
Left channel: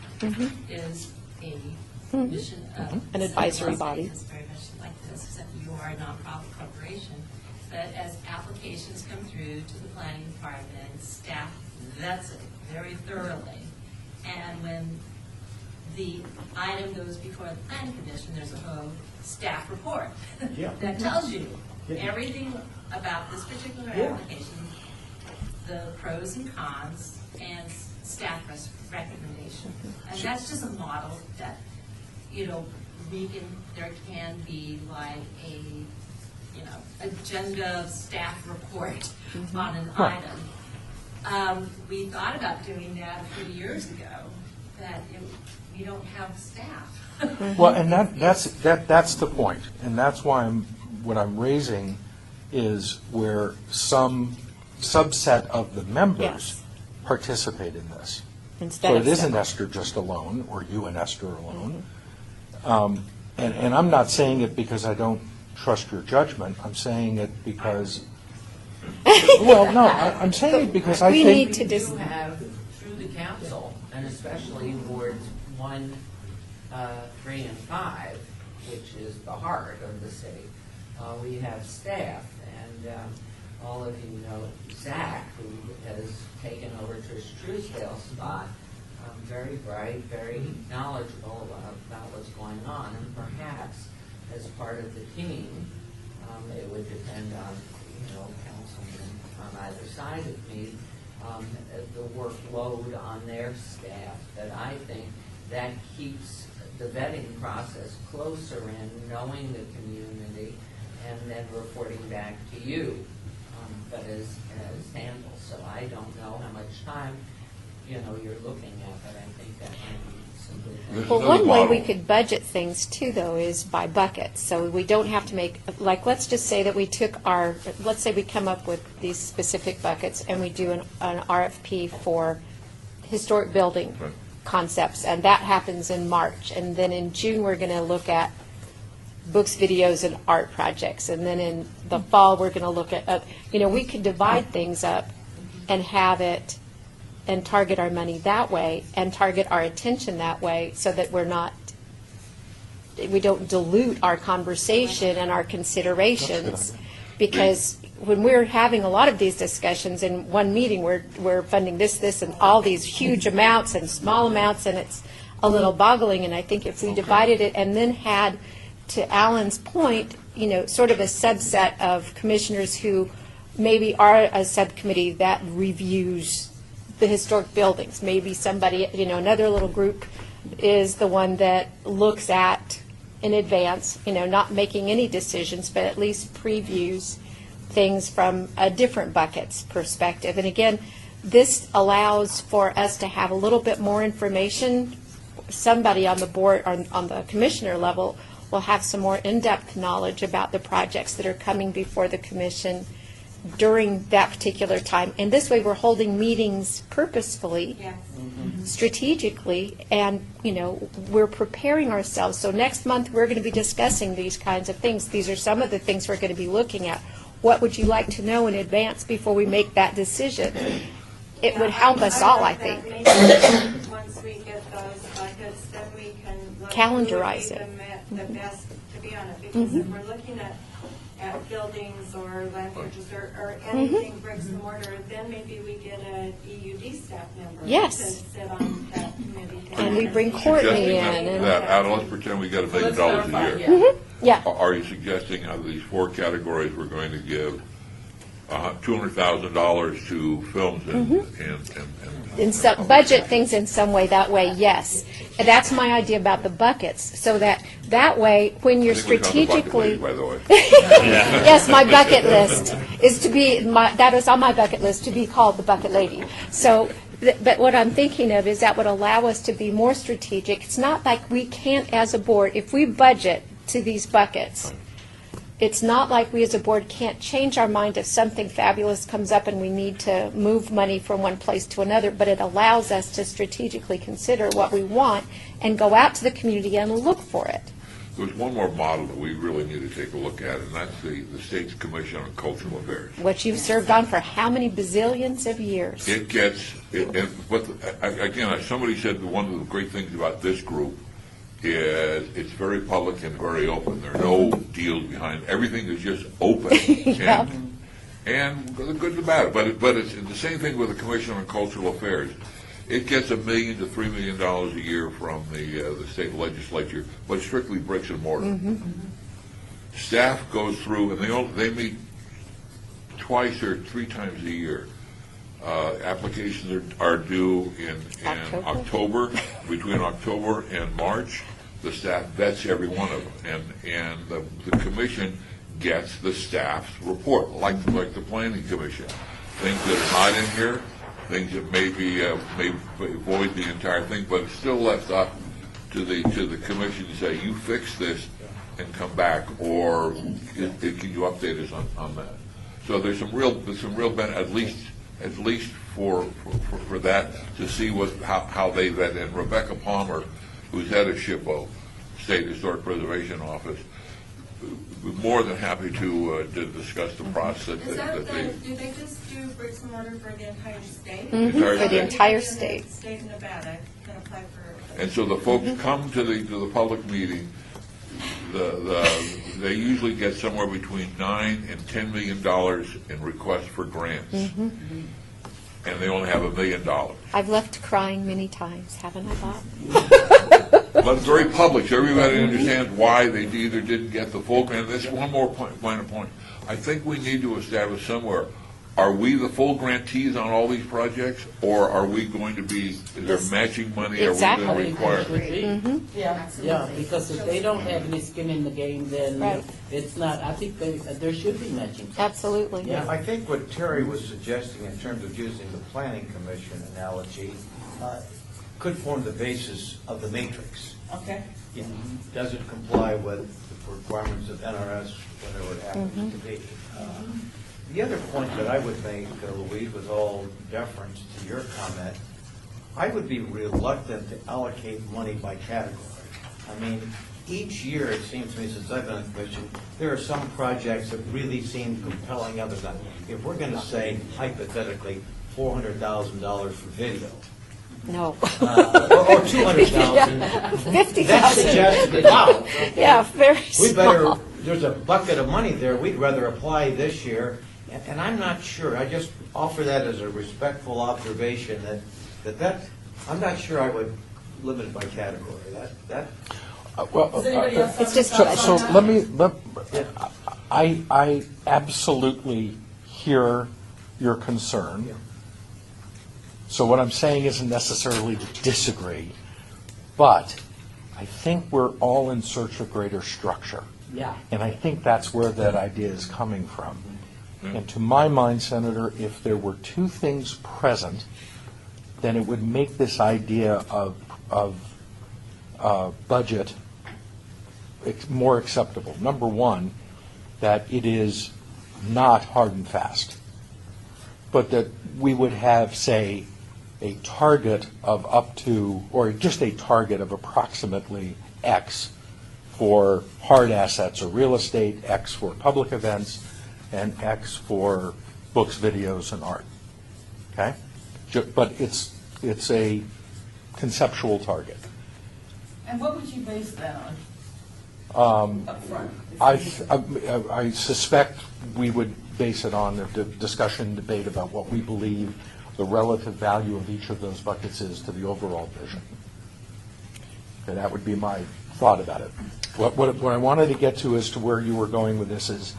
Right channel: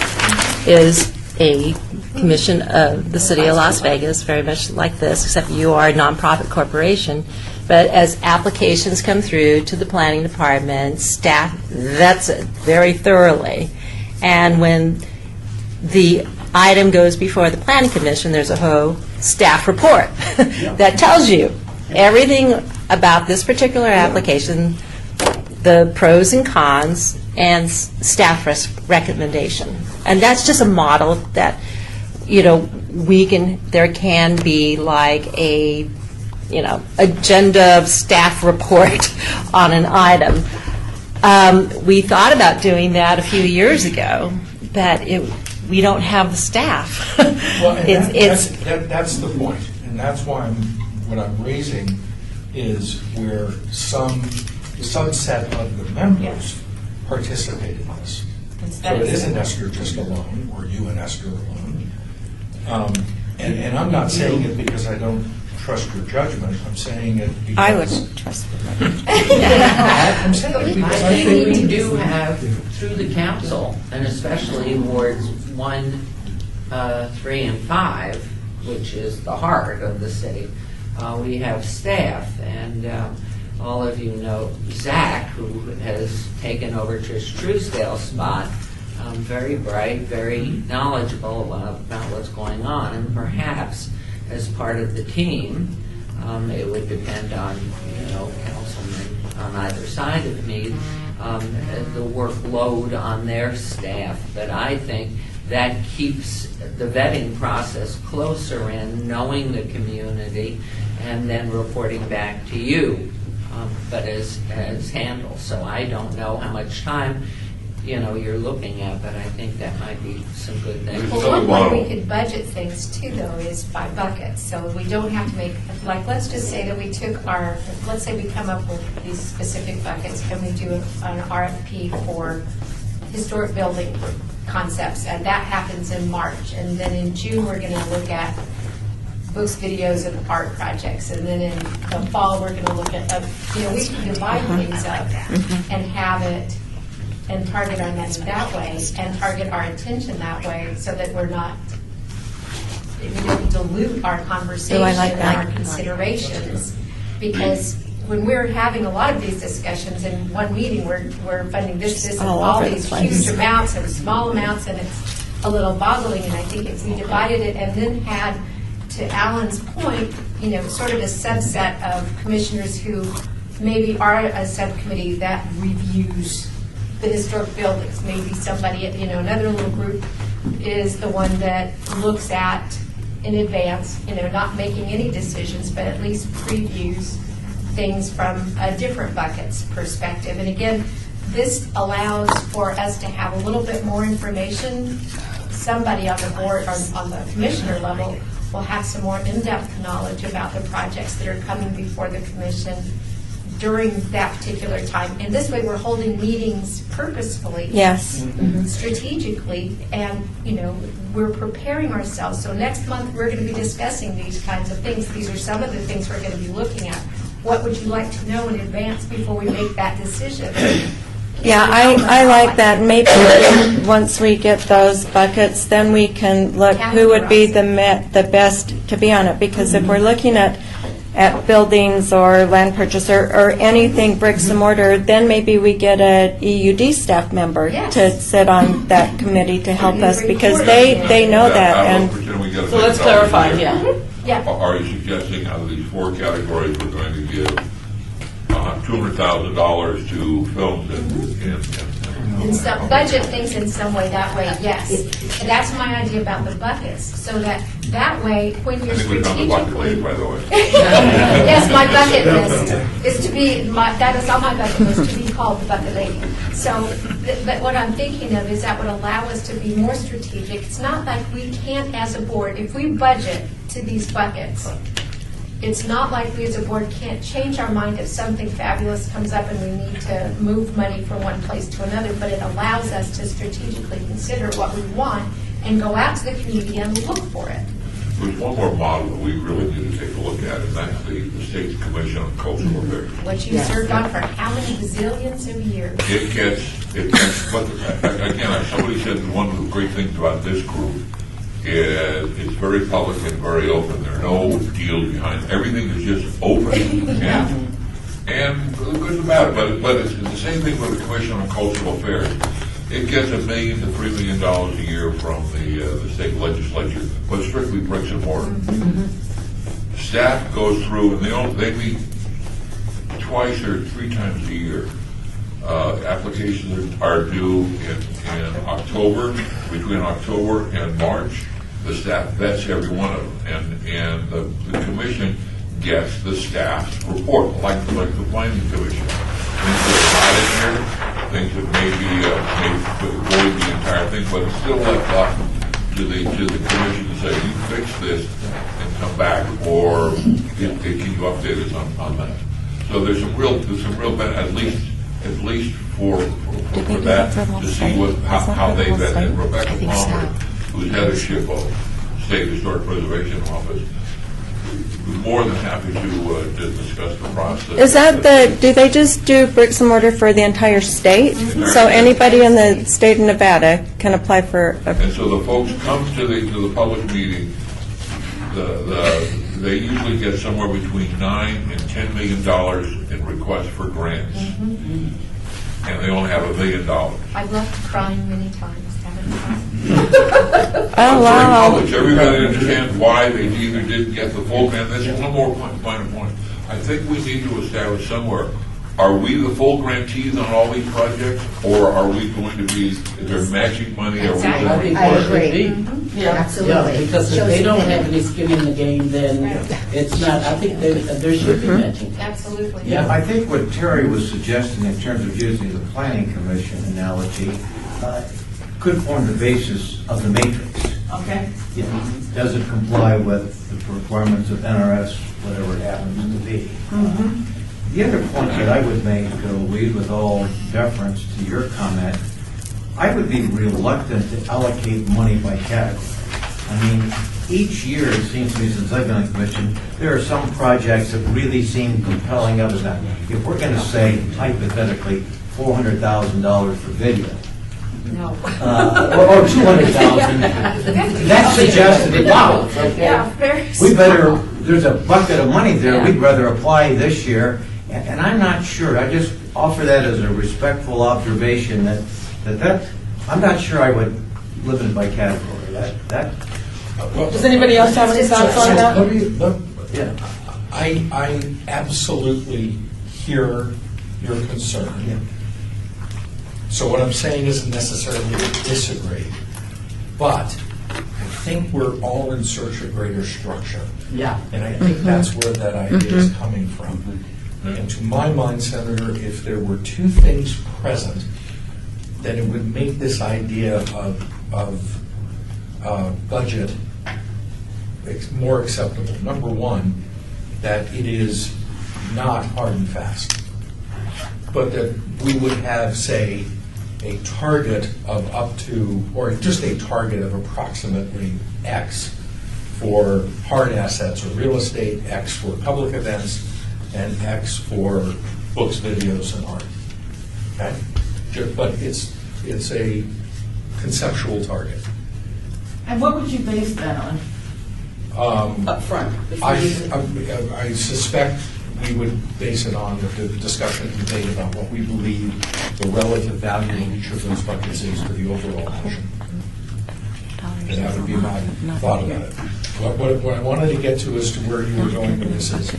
is a commission of the city of Las Vegas, very much like this, except you are a nonprofit corporation. But as applications come through to the planning department, staff vets it very thoroughly. And when the item goes before the planning commission, there's a whole staff report that tells you everything about this particular application, the pros and cons, and staff recommendation. And that's just a model that, there can be like a, agenda staff report on an item. We thought about doing that a few years ago, but we don't have the staff. Well, and that's the point, and that's why what I'm raising is where some subset of the members participate in this. So it isn't Esther just alone, or you and Esther alone. And I'm not saying it because I don't trust your judgment. I'm saying it because I wouldn't trust them. I'm saying it because I think think we do have, through the council, and especially wards 1, 3, and 5, which is the heart of the city, we have staff, and all of you know Zach, who has taken over Trish Truesdale's spot, very bright, very knowledgeable about what's going on, and perhaps as part of the team, it would depend on, councilmen on either side of me, the workload on their staff. But I think that keeps the vetting process closer in, knowing the community, and then reporting back to you, but as handled. So I don't know how much time you're looking at, but I think that might be some good things. Well, one way we could budget things too, though, is by buckets. So we don't have to make, let's just say that we took let's say we come up with these specific buckets and we do an RFP for historic building concepts, and that happens in March. And then in June, we're going to look at books, videos, and art projects. And then in the fall, we're going to look at, we can divide things up and have it and target our money that way and target our attention that way so that we don't dilute our conversation and our considerations. Because when we're having a lot of these discussions in one meeting, we're funding this, and all these huge amounts and small amounts, and it's a little boggling. And I think if we divided it and then had, to Alan's point, sort of a subset of commissioners who maybe are a subcommittee that reviews the historic buildings. Maybe somebody, another little group is the one that looks at in advance, not making any decisions, but at least previews things from a different bucket's perspective. And again, this allows for us to have a little bit more information. Somebody on the board or on the commissioner level will have some more in-depth knowledge about the projects that are coming before the commission during that particular time. And this way we're holding meetings purposefully, Yes. strategically, and we're preparing ourselves. So next month we're going to be discussing these kinds of things. These are some of the things we're going to be looking at. What would you like to know in advance before we make that decision? Yeah, I like that. Maybe once we get those buckets, then we can look who would be the best to be on it. Because if we're looking at at buildings or land purchase or anything bricks and mortar, then maybe we get a EUD staff member Yes. to sit on that committee to help us, because they know that. Now, And let's pretend we got $1 So million let's clarify, a year. yeah. Yeah. Are you suggesting out of these 4 categories, we're going to give $200,000 to films and In some, budget things in some way, that way, yes. And that's my idea about the buckets, so that way, when you're I think we found the bucket strategically. list, by the way. Yes, my bucket list is to be, that is on my bucket list, to be called the bucket lady. So, but what I'm thinking of is that would allow us to be more strategic. It's not like we can't, as a board, if we budget to these buckets, it's not like we as a board can't change our mind if something fabulous comes up and we need to move money from one place to another, but it allows us to strategically consider what we want and go out to the community and look for it. There's one more model that we really need to take a look at, and that's the state's Commission on Cultural Affairs. What you've served on for how many bazillions of years? It gets, but again, somebody said that one of the great things about this group is it's very public and very open. There are no deals behind. Everything is just open and the good and the bad. But it's the same thing with the Commission on Cultural Affairs. It gets $1 million to $3 million a year from the state legislature, but strictly bricks and mortar. Staff goes through, and they meet twice or 3 times a year. Applications are due in October, between October and March. The staff vets every one of them, and the commission gets the staff's report, like the planning commission. Things that are not in here, things that maybe avoid the entire thing, but it's still left up to the commission to say, you fix this and come back, or can you update us on that? So there's some real benefit, at least for that, to see how they vet. And Rebecca Palmer, who's head of SHPO, State Historic Preservation Office, was more than happy to discuss the process. is that do they just do bricks and mortar for the entire state? So anybody in the state of Nevada can apply for And so the folks come to the public meeting. They usually get somewhere between $9 and $10 million in requests for grants, and they only have $1 million. I've left crying many times, haven't I? It's very public. Everybody understands why they either didn't get the full grant. This is one more minor point. I think we need to establish somewhere, are we the full grantees on all these projects, or are we going to be, is there matching money? Exactly. Are we I going to agree. Yeah. Absolutely. Yeah, because if they don't have any skin in the game, then it's not, I think there should be matching. Absolutely. Yeah, I think what Terry was suggesting in terms of using the planning commission analogy could form the basis of the matrix. Okay. Does it comply with the requirements of NRS, whatever it happens to be? The other point that I would make, Louise, with all deference to your comment, I would be reluctant to allocate money by category. I mean, each year, it seems to me, since I've been on the commission, there are some projects that really seem compelling other than, if we're going to say, hypothetically, $400,000 for video, No. or $200,000, that suggested, wow, Yeah, very we better, small. there's a bucket of money there, Yeah. we'd rather apply this year, and I'm not sure, I just offer that as a respectful observation that I'm not sure I would live in by category, that. Does anybody else have any thoughts on that? I absolutely hear your concern. So what I'm saying isn't necessarily to disagree, but I think we're all in search of greater structure. Yeah. And I think that's where that idea is coming from. And to my mind, Senator, if there were 2 things present, then it would make this idea of budget more acceptable. Number one, that it is not hard and fast, but that we would have, say, a target of up to, or just a target of approximately X for hard assets or real estate, X for public events, and X for books, videos, and art. Okay? But it's a conceptual target. And what would you base that on? Up front? I suspect we would base it on the discussion and debate about what we believe the relative value of each of those buckets is to the overall commission. And that would be my thought about it. What I wanted to get to as to where you were going with this is,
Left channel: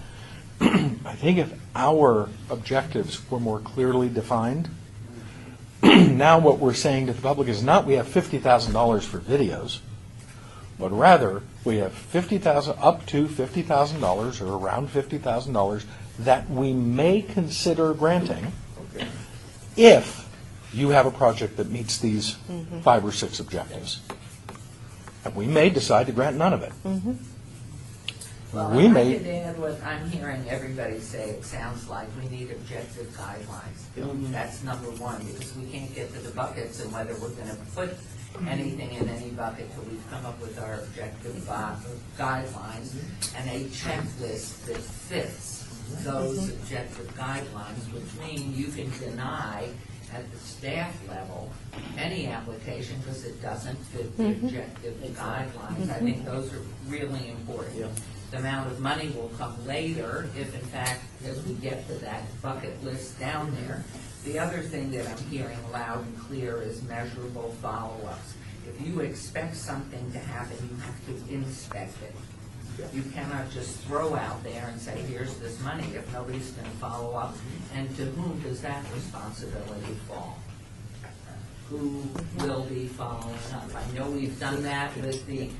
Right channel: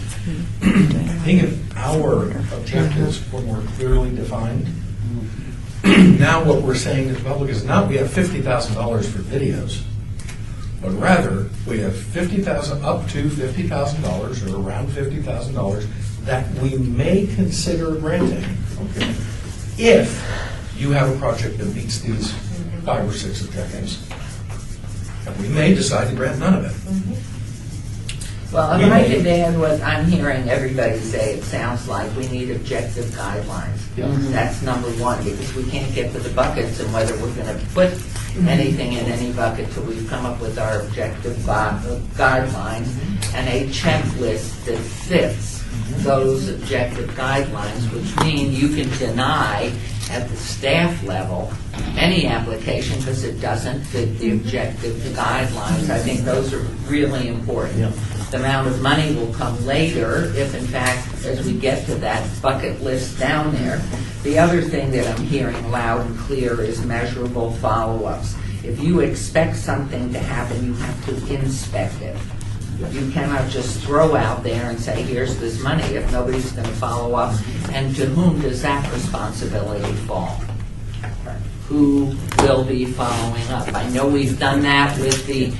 I think if our objectives were more clearly defined, now what we're saying to the public is not we have $50,000 for videos, but rather we have $50,000 up to $50,000 or around $50,000 that we may consider granting if you have a project that meets these 5 or 6 objectives. And we may decide to grant none of it. Well, if I could add what I'm hearing everybody say, it sounds like we need objective guidelines. That's number one, because we can't get to the buckets and whether we're going to put anything in any bucket till we've come up with our objective guidelines and a checklist that fits those objective guidelines, which mean you can deny at the staff level any application because it doesn't fit the objective guidelines. I think those are really important. The amount of money will come later if, in fact, as we get to that bucket list down there. The other thing that I'm hearing loud and clear is measurable follow-ups. If you expect something to happen, you have to inspect it. You cannot just throw out there and say, here's this money, if nobody's going to follow up. And to whom does that responsibility fall? Who will be following up? I know we've done that with the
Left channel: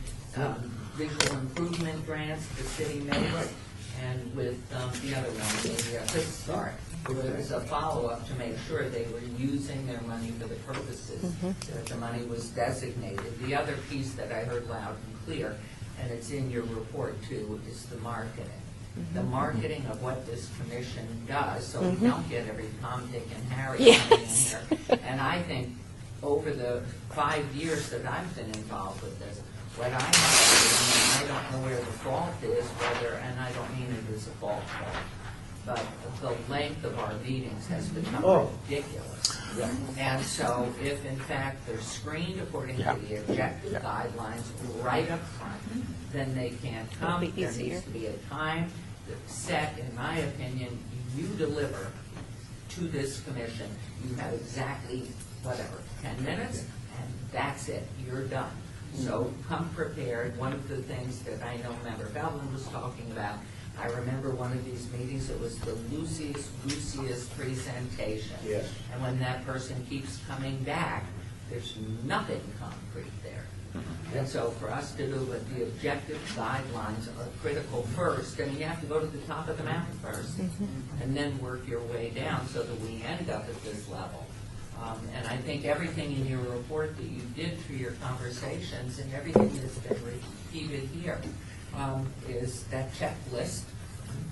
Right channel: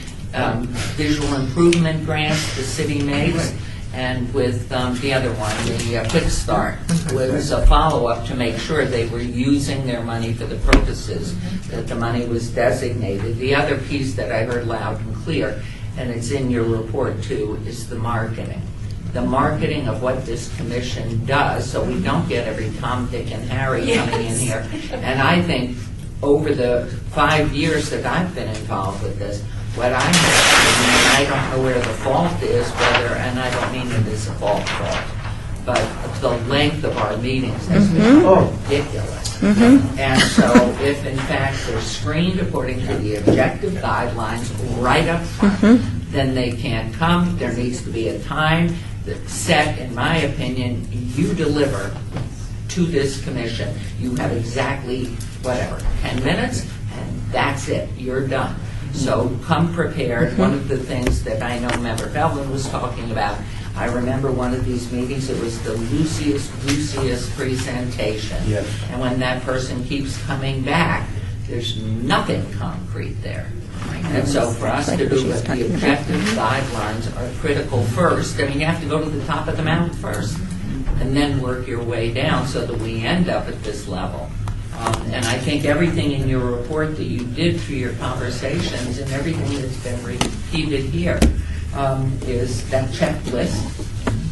visual improvement grants the city makes, and with the other one, the Quick Start, was a follow-up to make sure they were using their money for the purposes that the money was designated. The other piece that I heard loud and clear, and it's in your report too, is the marketing. The marketing of what this commission does, so we don't get every Tom, Dick, and Harry coming in here. And I think over the 5 years that I've been involved with this, what I know, and I don't know where the fault is, whether, and I don't mean it as a fault, but the length of our meetings has become ridiculous. And so if in fact they're screened according to the objective guidelines right up front, then they can't come. There needs to be a time that's set, in my opinion, you deliver to this commission. You have exactly, 10 minutes, and that's it. You're done. So come prepared. One of the things that I know Member Feldman was talking about, I remember one of these meetings, it was the loosiest presentation. Yes. And when that person keeps coming back, there's nothing concrete there. And so for us to do it, the objective guidelines are critical first. I mean, you have to go to the top of the mountain first and then work your way down so that we end up at this level. And I think everything in your report that you did through your conversations and everything that's been repeated here is that checklist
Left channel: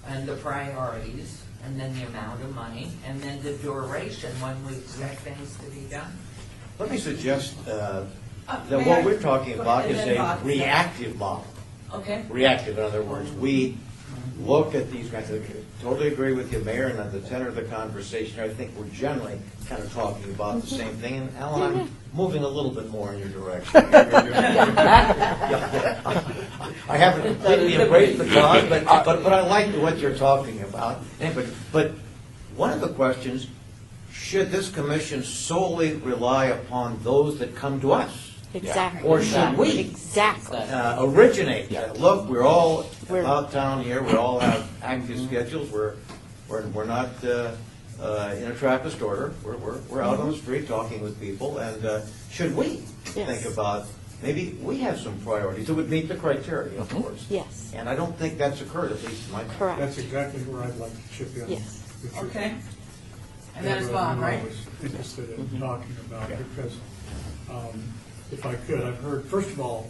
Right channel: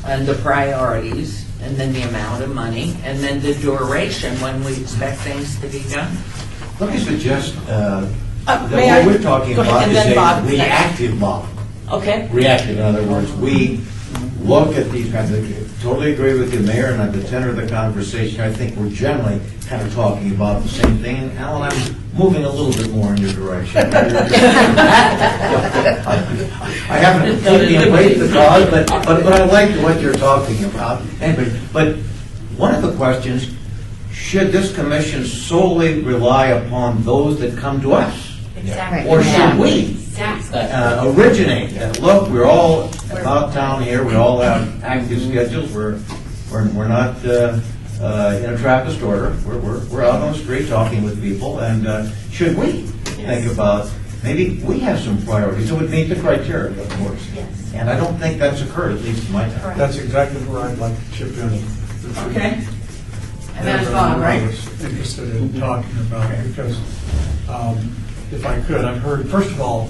and the priorities and then the amount of money and then the duration when we expect things to be done. Let me suggest that may I? what we're talking Go ahead, about and is then a Bob. reactive model. Okay. Reactive, in other words, we look at these kinds of things. Totally agree with you, Mayor, and at the tenor of the conversation, I think we're generally kind of talking about the same thing. And Alan, I'm moving a little bit more in your direction. I haven't completely embraced the cause, but I like what you're talking about. Anyway, but one of the questions, should this commission solely rely upon those that come to us? Exactly. Or should we Exactly. originate that? Look, we're all about town here. We all have active schedules. We're not in a Trappist order. We're out on the street talking with people. And should we think about maybe we have some priorities that would meet the criteria, of course? Yes. And I don't think that's occurred, at least in my time. Correct. That's exactly where I'd like to chip in. Yes. Okay. And that's Bob, right? I was interested in talking about it because, if I could, I've heard, first of all,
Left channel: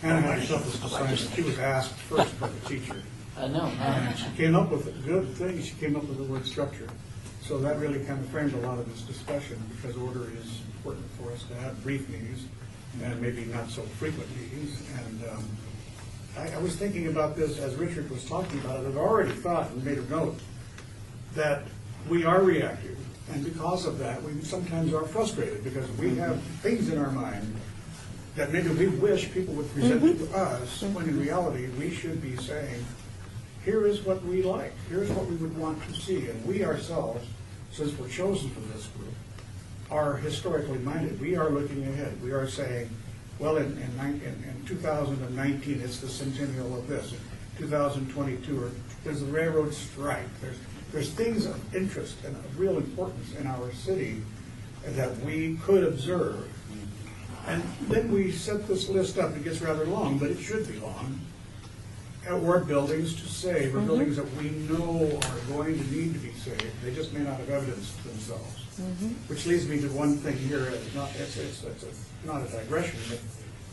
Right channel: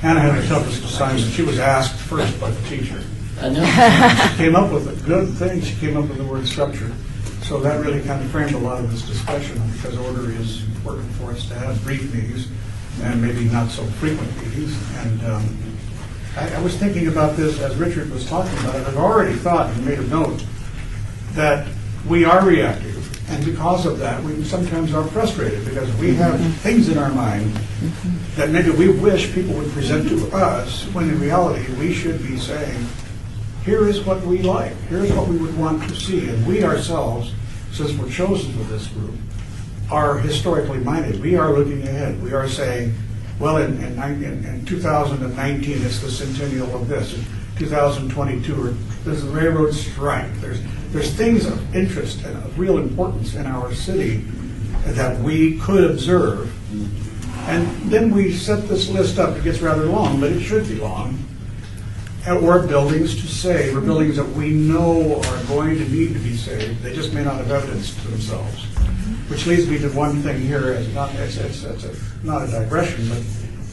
Hannah had the toughest assignment. She was asked first by the teacher. I know. She came up with a good thing. She came up with the word structure. So that really kind of framed a lot of this discussion because order is important for us to have brief meetings and maybe not so frequent meetings. And I was thinking about this as Richard was talking about it. I've already thought and made a note that we are reactive. And because of that, we sometimes are frustrated because we have things in our mind that maybe we wish people would present to us, when in reality, we should be saying, here is what we like, here's what we would want to see. And we ourselves, since we're chosen for this group, are historically minded. We are looking ahead. We are saying, well, in 2019, it's the centennial of this. In 2022, there's the railroad strike. There's things of interest and of real importance in our city that we could observe. And then we set this list up. It gets rather long, but it should be long. And we're buildings to save, or buildings that we know are going to need to be saved. They just may not have evidence to themselves. Which leads me to one thing here. It's not a digression, but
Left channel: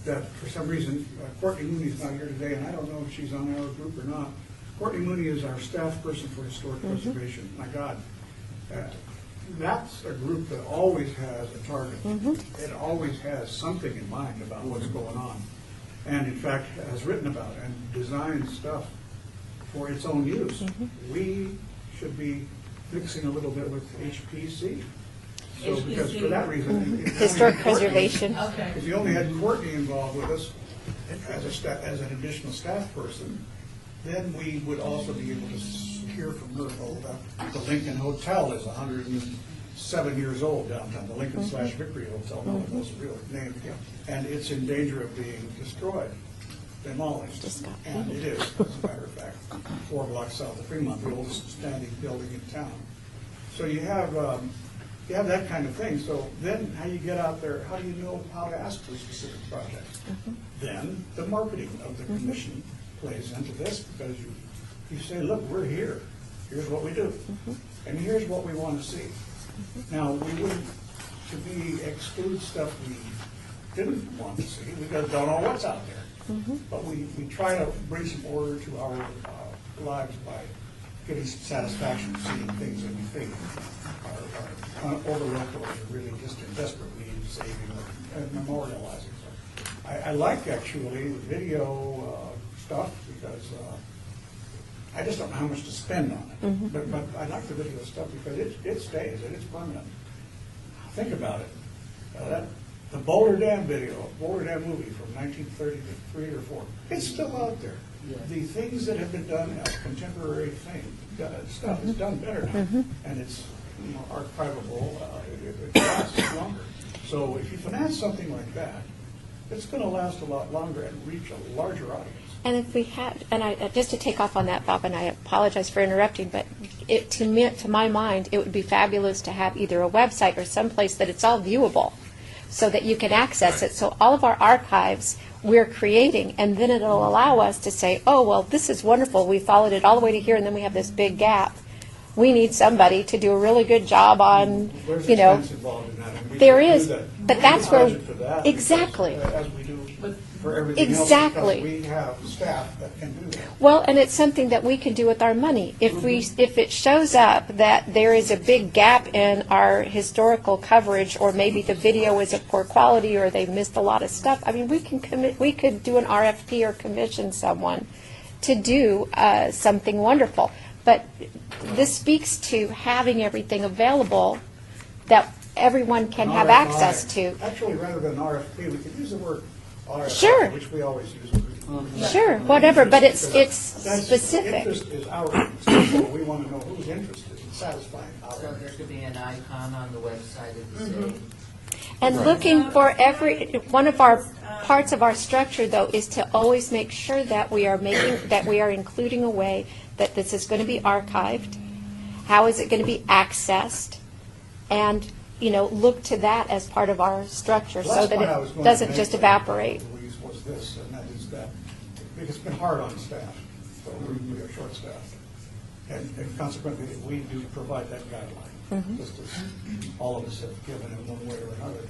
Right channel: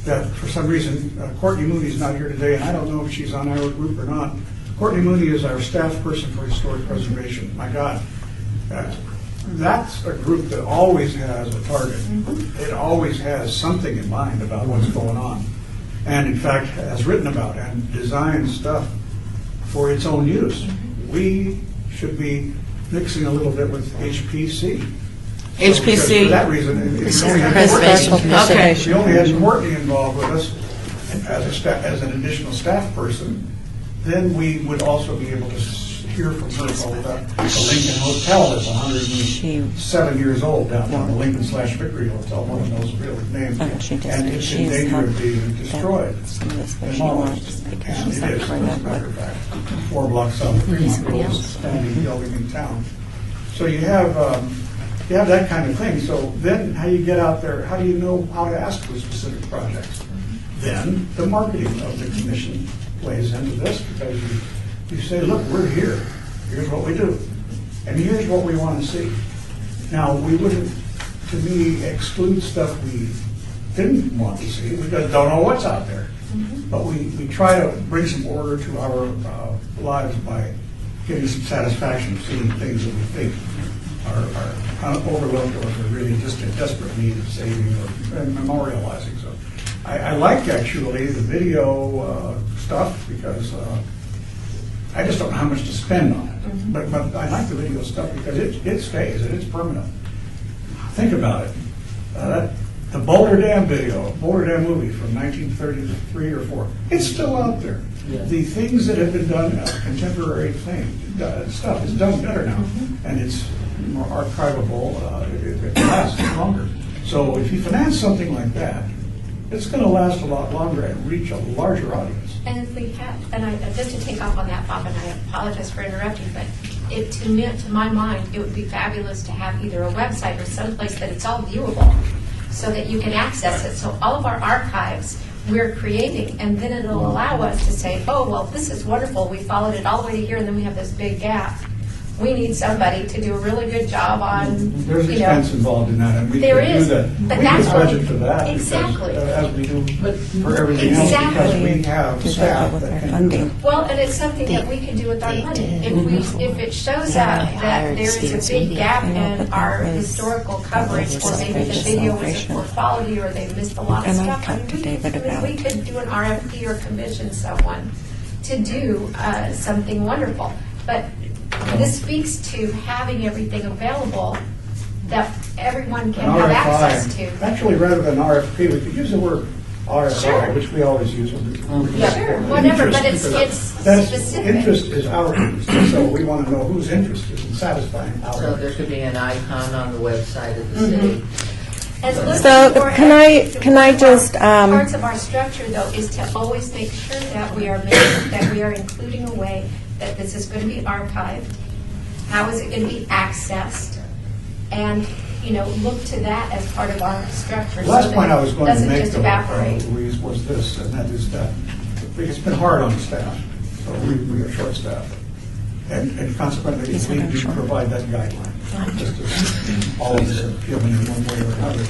that for some reason Courtney Mooney's not here today, and I don't know if she's on our group or not. Courtney Mooney is our staff person for historic preservation. My God, that's a group that always has a target. It always has something in mind about what's going on, and in fact has written about and designed stuff for its own use. We should be mixing a little bit with HPC. HPC. For that reason, This is the preservation commission. Okay. if we only had Courtney involved with us as an additional staff person, then we would also be able to hear from her about the Lincoln Hotel is 107 years old down there, the Lincoln/Vickery Hotel, no one knows the real name, and it's in danger of being destroyed. Demolished. And it is, as a matter of fact, 4 blocks south of Fremont, the oldest standing building in town. So you have that kind of thing. So then how you get out there, how do you know how to ask for specific projects? Then the marketing of the commission plays into this, because you say, look, we're here. Here's what we do. And here's what we want to see. Now, we wouldn't, to me, exclude stuff we didn't want to see because we don't know what's out there. But we try to bring some order to our lives by getting some satisfaction of seeing things that we think are overlooked or are really just in desperate need of saving or memorializing. So I like actually the video stuff because I just don't know how much to spend on it. But I like the video stuff because it stays and it's permanent. Think about it. The Boulder Dam video, Boulder Dam movie from 1933 or 4, it's still out there. Yeah. The things that have been done, contemporary stuff is done better now, and it's more archivable. It lasts longer. So if you finance something like that, it's going to last a lot longer and reach a larger audience. And if we had, just to take off on that, Bob, and I apologize for interrupting, but to my mind, it would be fabulous to have either a website or someplace that it's all viewable, so that you can access it. So all of our archives we're creating, and then it'll allow us to say, oh, well, this is wonderful. We followed it all the way to here, and then we have this big gap. We need somebody to do a really good job on, There's expense involved in that, and we there can is, do that. but We that's can what budget for that. exactly. Because, as we do for everything Exactly. else, because we have staff that can do it. Well, and it's something that we could do with our money. If it shows up that there is a big gap in our historical coverage, or maybe the video isn't poor quality, or they missed a lot of stuff, I mean, we could do an RFP or commission someone to do something wonderful. But this speaks to having everything available that everyone can have access to. Actually, rather than RFP, we could use the word RFI, Sure. which we always use. Sure, whatever, but it's That's- specific. Interest is our interest, so we want to know who's interested in satisfying our So there interest. could be an icon on the website of the city. And looking So, for can I one of our just, parts of our structure, though, is to always make sure that we are including a way that this is going to be archived. How is it going to be accessed? And look to that as part of our structure, The last so point I that was it going to doesn't make, just though, evaporate. Louise, was this, and that is that it's been hard on the staff, so we are short-staffed. And consequently, we need to provide that guideline, just as all of us have given in one way or another.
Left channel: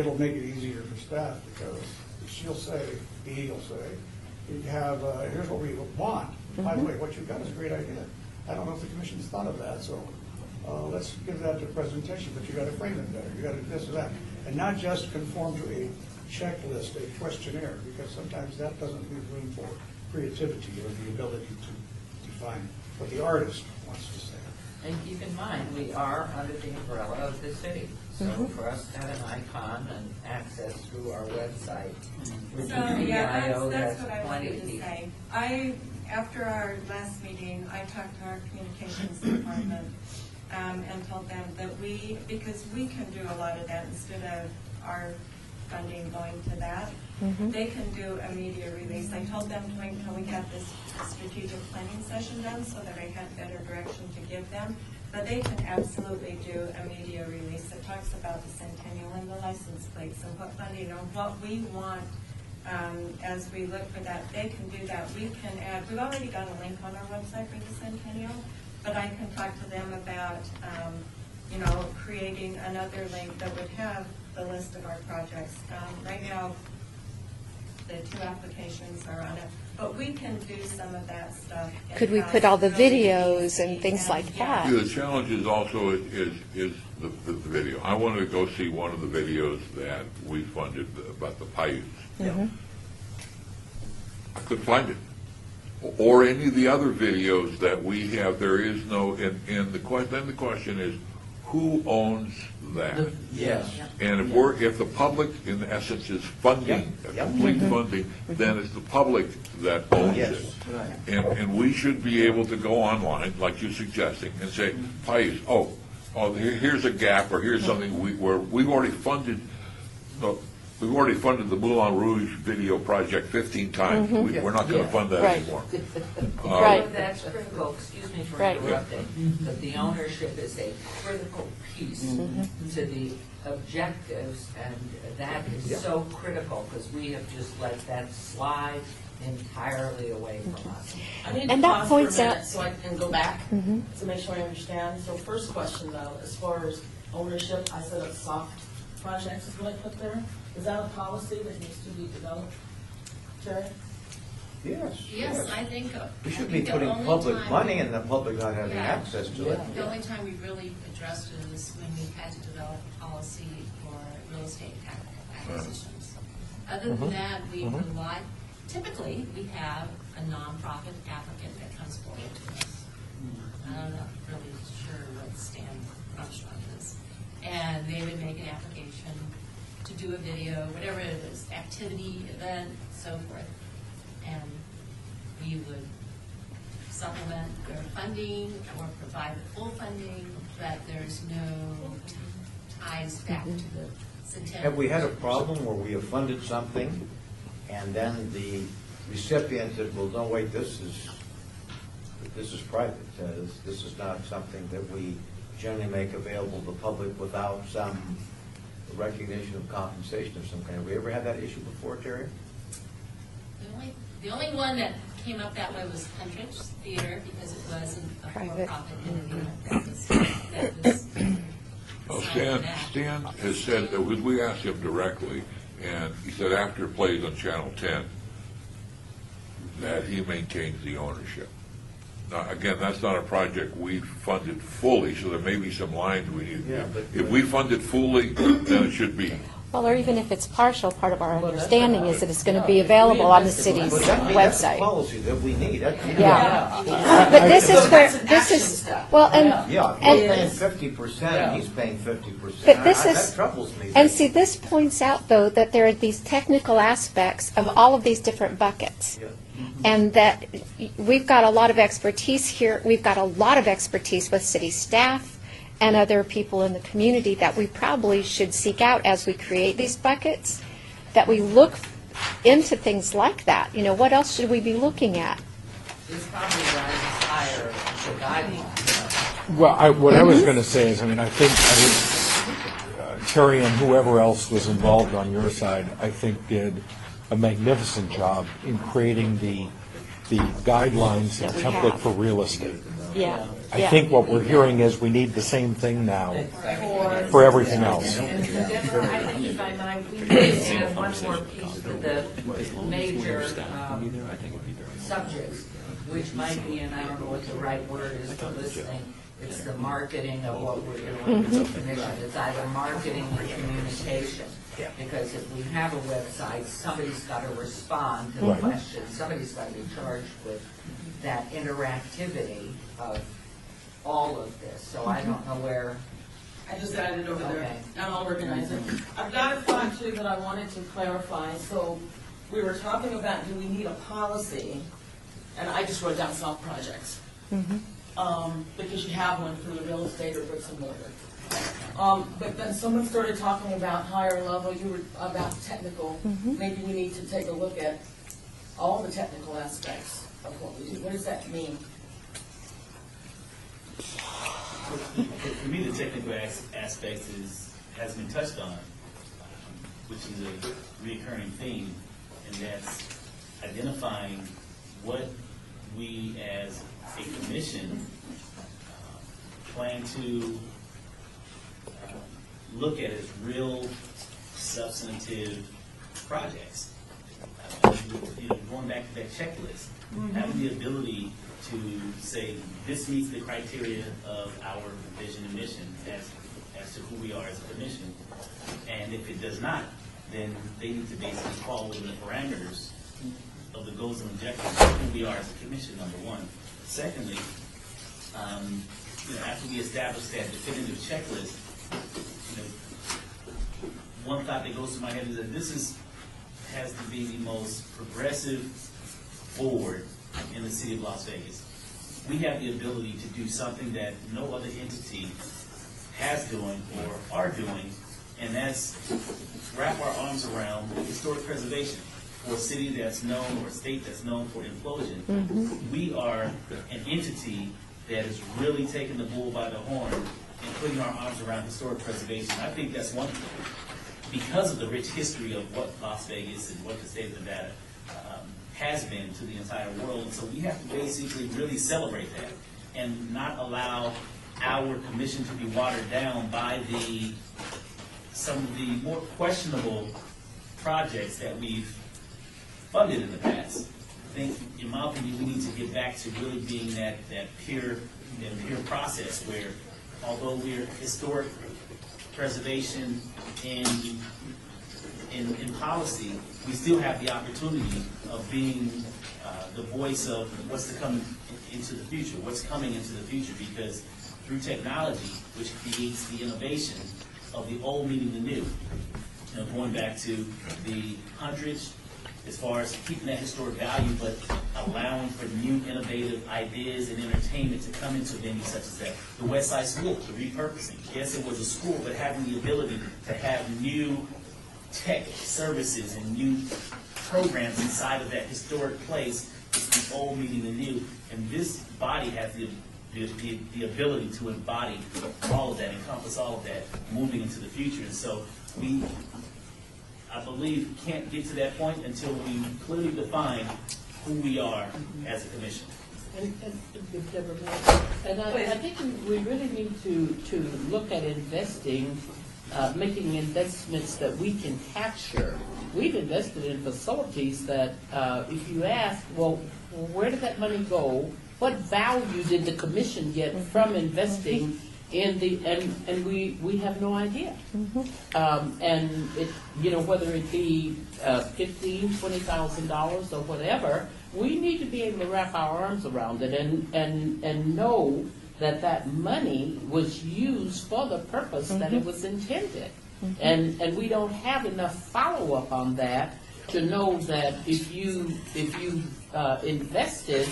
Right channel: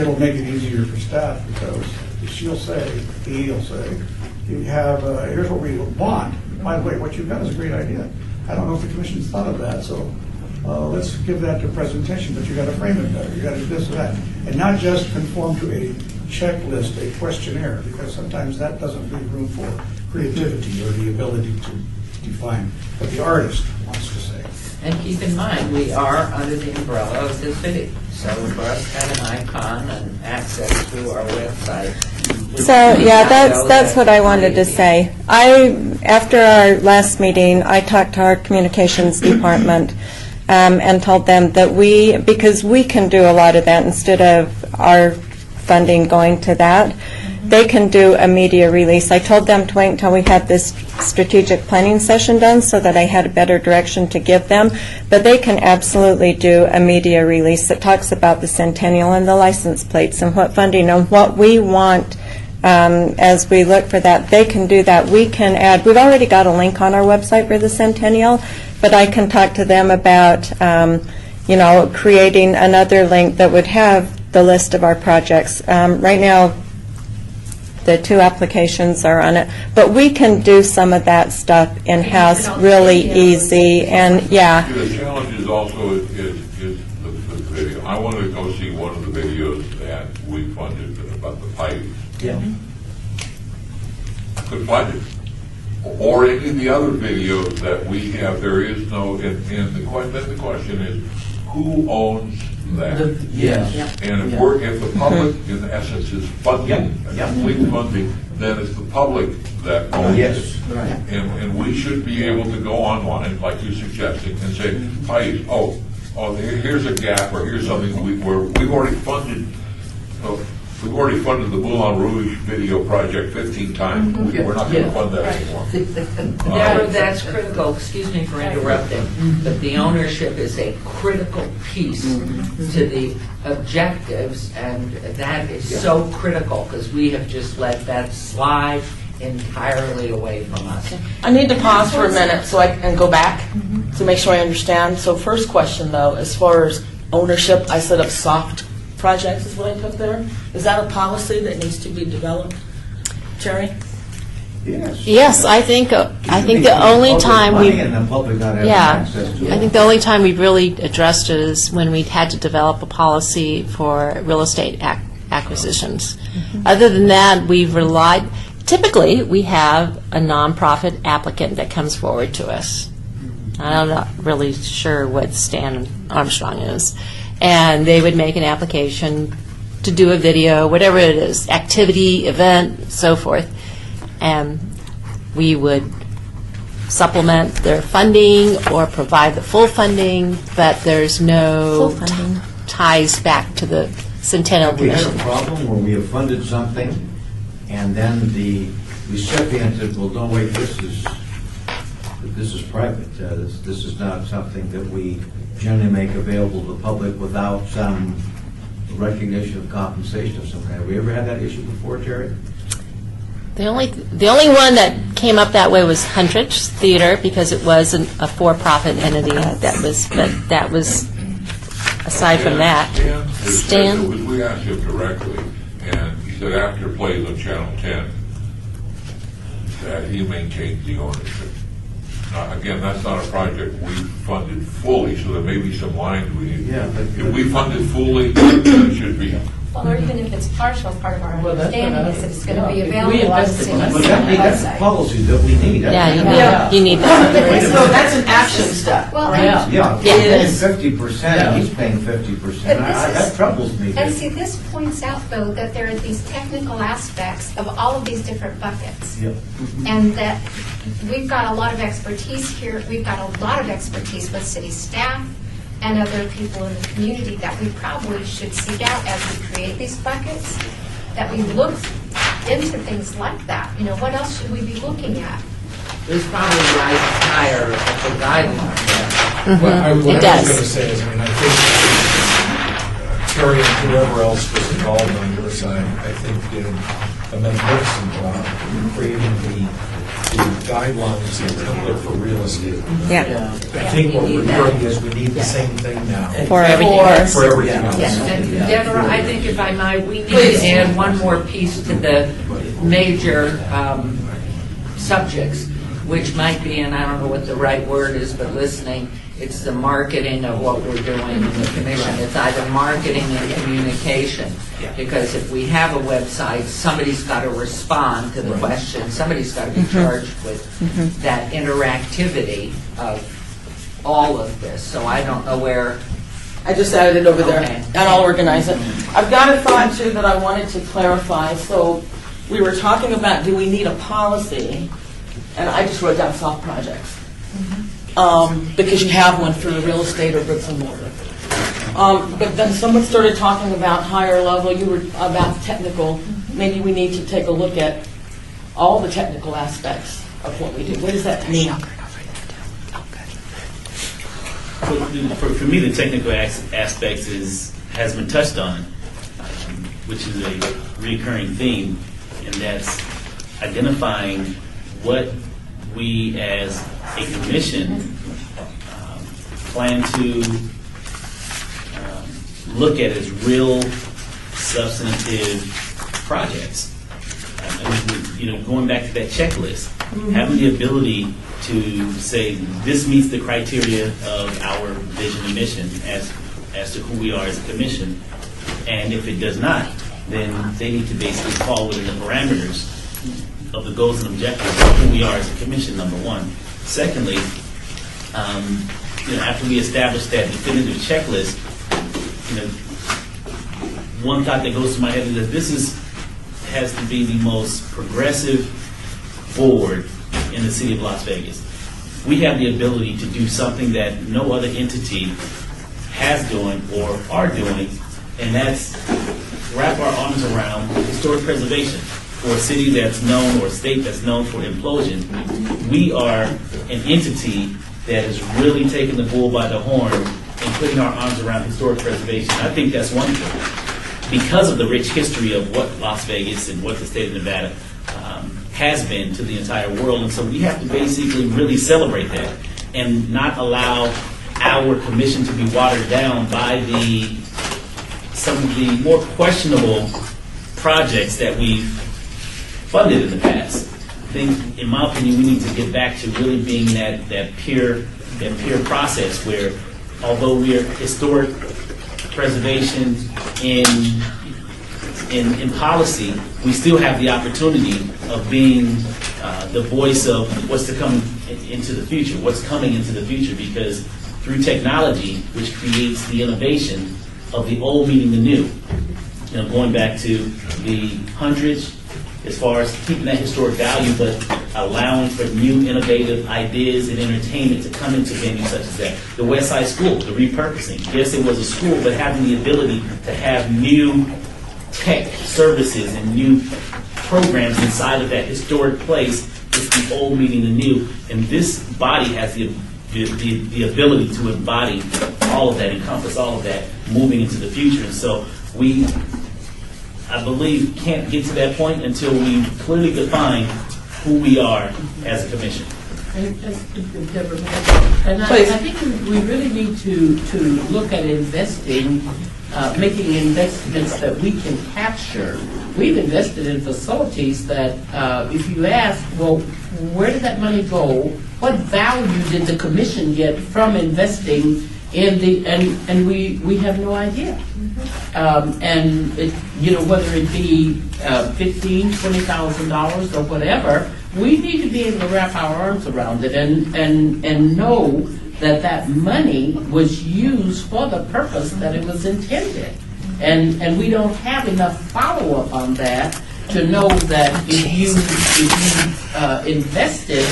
It'll make it easier for staff, because he'll say, you have, here's what we want. By the way, what you've got is a great idea. I don't know if the commission's thought of that, so let's give that to presentation, but you got to frame it better. You got to do this or that. And not just conform to a checklist, a questionnaire, because sometimes that doesn't leave room for creativity or the ability to define what the artist wants to say. And keep in mind, we are under the umbrella of the city. So for us to have an icon and access to our website. So, yeah, that's what I wanted to say. After our last meeting, I talked to our communications department and told them that because we can do a lot of that instead of our funding going to that, they can do a media release. I told them to wait until we had this strategic planning session done so that I had a better direction to give them, but they can absolutely do a media release that talks about the Centennial and the license plates and what funding and what we want as we look for that. They can do that. We can add, we've already got a link on our website for the Centennial, but I can talk to them about creating another link that would have the list of our projects. Right now, the 2 applications are on it, but we can do some of that stuff in-house really easy, and yeah. The challenge is also is the video. I wanted to go see one of the videos that we funded about the pipes. Yeah. I couldn't find it. Or any of the other videos that we have, there is no, and then the question is, who owns that? Yes. And if the public, in essence, is funding, complete funding, then it's the public that owns it. Right. And we should be able to go online, like you're suggesting, and say, here's a gap, or here's something we've already funded. We've already funded the Moulin Rouge video project 15 times. We're not going to fund that anymore. Deborah, that's critical. Excuse me for interrupting, but the ownership is a critical piece to the objectives, and that is so critical because we have just let that slide entirely away from us. I need to pause for a minute so I can go back to make sure I understand. So first question, though, as far as ownership, I set up soft projects is what I put there. Is that a policy that needs to be developed, Terry? Yes. Yes, I think the only time we and the public not having access to it. I think the only time we've really addressed it is when we had to develop a policy for real estate acquisitions. Other than that, we've relied. Typically, we have a nonprofit applicant that comes forward to us. I'm not really sure what Stan Armstrong is. And they would make an application to do a video, whatever it is, activity, event, so forth. And we would supplement their funding or provide the full funding, but there's no ties back to the Centennial We had Commission. a problem where we have funded something, and then the recipient said, well, no, wait, this is private. This is not something that we generally make available to the public without some recognition of compensation of some kind. Have we ever had that issue before, Terry? The only one that came up that way was Huntridge Theater, because it was a for-profit entity. That was aside from that. Stan? We asked him directly, and he said after it plays on Channel 10, that he maintains the ownership. Again, that's not a project we funded fully, so there may be some lines we need. Yeah, but if we funded fully, then it should be. Well, or even if it's partial, part of our Well, that's understanding what is I- that it's going to be yeah. available on the Invested city's money. That's the website. policy that we need. You need that. But this is, So that's an this action is- step. Well, Yeah. and, Yeah, It we're paying is. 50%, he's paying 50%. But this is- That troubles me. and see, this points out, though, that there are these technical aspects of all of these different buckets. Yeah. And that we've got a lot of expertise here. We've got a lot of expertise with city staff and other people in the community that we probably should seek out as we create these buckets, that we look into things like that. You know, what else should we be looking at? This probably rises higher as a guideline. Well, what It I was does. going to say is, I think Terry and whoever else was involved on your side, I think did a magnificent job in creating the guidelines and template for real estate. Yeah. I think what we're hearing is we need the same thing now For everything else. for everything else. And Deborah, I think if I might, we could add one more piece to the major subjects, which might be, and I don't know what the right word is, but listening, it's the marketing of what we're doing in the commission. It's either marketing and communication. Because if we have a website, somebody's got to respond to the question. Somebody's got to be charged with that interactivity of all of this, so I don't know where. I just added it over there, Okay. and I'll organize it. I've got a thought, too, that I wanted to clarify. So we were talking about, do we need a policy? And I just wrote down soft projects. Because you have one for the real estate or bricks and mortar. But then someone started talking about higher level, you were about technical. Maybe we need to take a look at all the technical aspects of what we do. What does that mean? For me, the technical aspects has been touched on, which is a recurring theme, and that's identifying what we as a commission plan to look at as real substantive projects. Going back to that checklist, having the ability to say this meets the criteria of our vision and mission as to who we are as a commission, and if it does not, then they need to basically fall within the parameters of the goals and objectives of who we are as a commission, number one. Secondly, after we establish that definitive checklist, one thought that goes to my head is that this has to be the most progressive board in the city of Las Vegas. We have the ability to do something that no other entity has done or are doing, and that's wrap our arms around historic preservation. For a city that's known or a state that's known for implosion, we are an entity that has really taken the bull by the horn and putting our arms around historic preservation. I think that's wonderful because of the rich history of what Las Vegas and what the state of Nevada has been to the entire world. And so we have to basically really celebrate that and not allow our commission to be watered down by some of the more questionable projects that we've funded in the past. I think, in my opinion, we need to get back to really being that pure process where, although we're historic preservation in policy, we still have the opportunity of being the voice of what's to come into the future, what's coming into the future, because through technology, which creates the innovation of the old meeting the new, going back to the hundreds, as far as keeping that historic value, but allowing for new innovative ideas and entertainment to come into venues such as that. The West Side School, the repurposing. Yes, it was a school, but having the ability to have new tech services and new programs inside of that historic place is the old meeting the new. And this body has the ability to embody all of that, encompass all of that moving into the future. And so we, I believe, can't get to that point until we clearly define who we are as a commission. And I think we really need to look at investing, making investments that we can capture. We've invested in facilities that, if you ask, well, where did that money go? What value did the commission get from investing in the, and we have no idea. And it, whether it be $15,000, $20,000 or whatever, we need to be able to wrap our arms around it and know that money was used for the purpose that it was intended. And we don't have enough follow-up on that to know that if you invested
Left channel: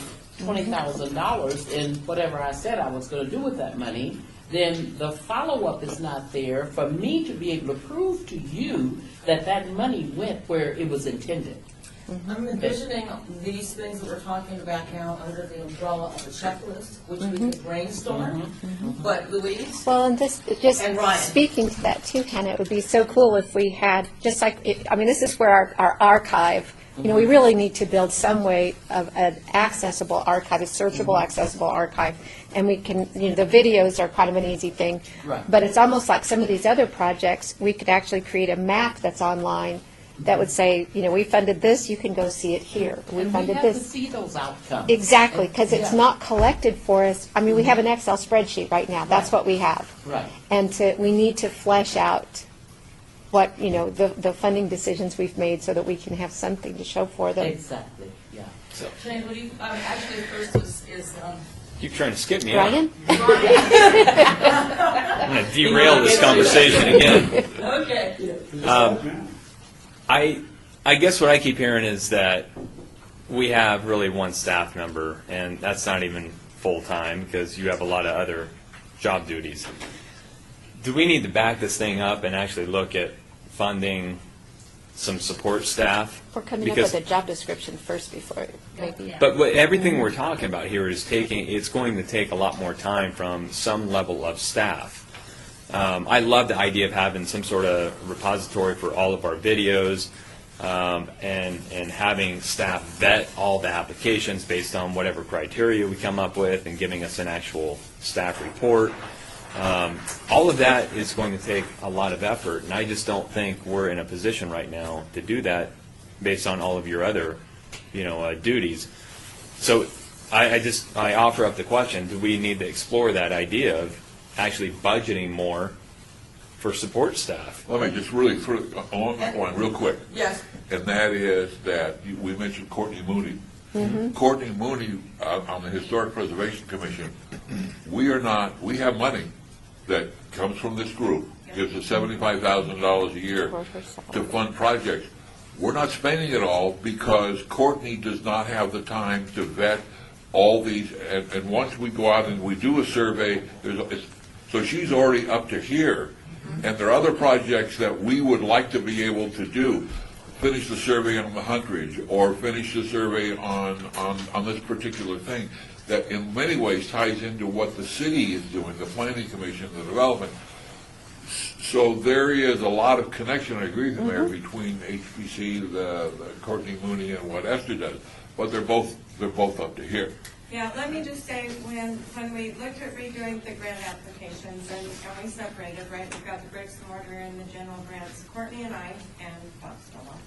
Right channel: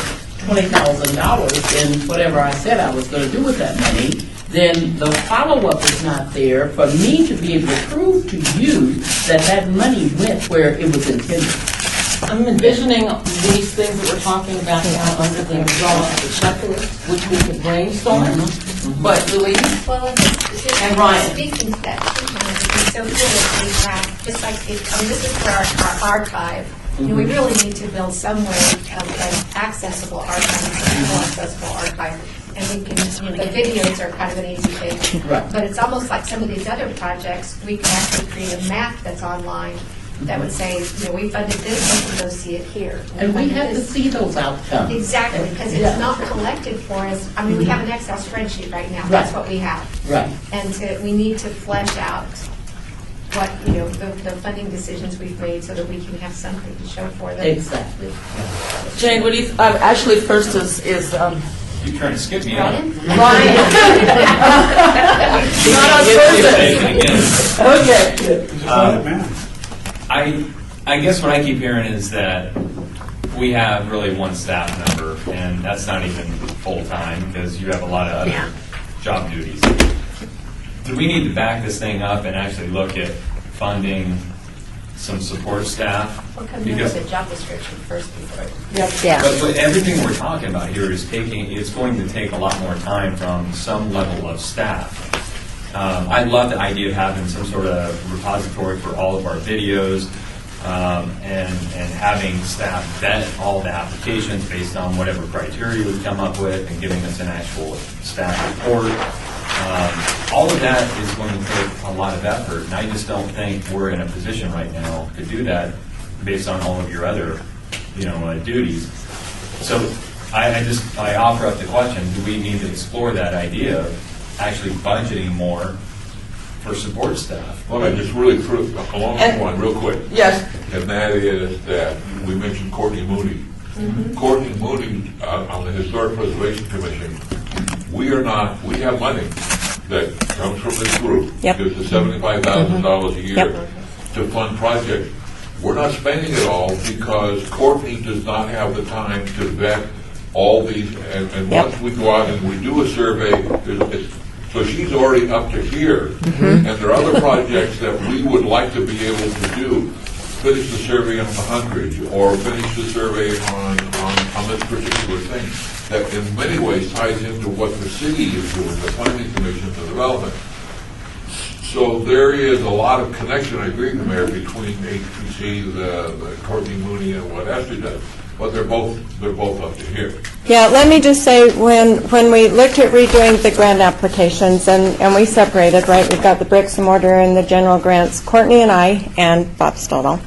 $20,000 in whatever I said I was going to do with that money, then the follow-up is not there for me to be able to prove to you that money went where it was intended. I'm envisioning these things that we're talking about now under the umbrella of the checklist, which we could brainstorm. But Louise? Well, and just And Ryan. speaking to that too, Ken, it would be so cool if we had, just like, this is where our archive, we really need to build some way of an accessible archive, a searchable, accessible archive. And we can, the videos are kind of an easy thing. Right. But it's almost like some of these other projects, we could actually create a map that's online that would say, we funded this, we can go see it here. And we funded have to this. see those outcomes. Exactly, because it's not collected for us. We have an Excel spreadsheet right now. That's what we have. Right. And we need to flesh out what, the funding decisions we've made so that we can have something to show for them. Exactly. Jane, what do you, actually first is You're trying to skip me. Ryan? You don't get to say it again. I guess what I keep hearing is that we have really one staff member, and that's not even full-time because you have a lot of other job duties. Do we need to back this thing up and actually look at funding some support staff? We're coming up with a job description first before. But everything we're talking about here is it's going to take a lot more time from some level of staff. I love the idea of having some sort of repository for all of our videos, and having staff vet all the applications based on whatever criteria we come up with and giving us an actual staff report. All of that is going to take a lot of effort, and I just don't think we're in a position right now to do that based on all of your other, duties. So I offer up the question: do we need to explore that idea of actually budgeting more for support staff? Let me just really put it along that one real quick. Yes. And that is that we mentioned Courtney Mooney. Courtney Mooney on the Historic Preservation Commission. We have money that comes from this group. Gives us $75,000 a year to fund projects. We're not spending it all because Courtney does not have the time to vet all these. And once we go out and we do a survey, so she's already up to here. And there are other projects that we would like to be able to do. Finish the survey on the Huntridge, or finish the survey on this particular thing, that in many ways ties into what the city is doing, the Planning Commission, the development. So there is a lot of connection, I agree with the Mayor, between HPC, the Courtney Mooney, and what Esther does. But they're both up to here. Yeah, let me just say, when we looked at redoing the grant applications, and we separated, right, we've got the bricks and mortar and the general grants, Courtney and I, and Bob Stodall,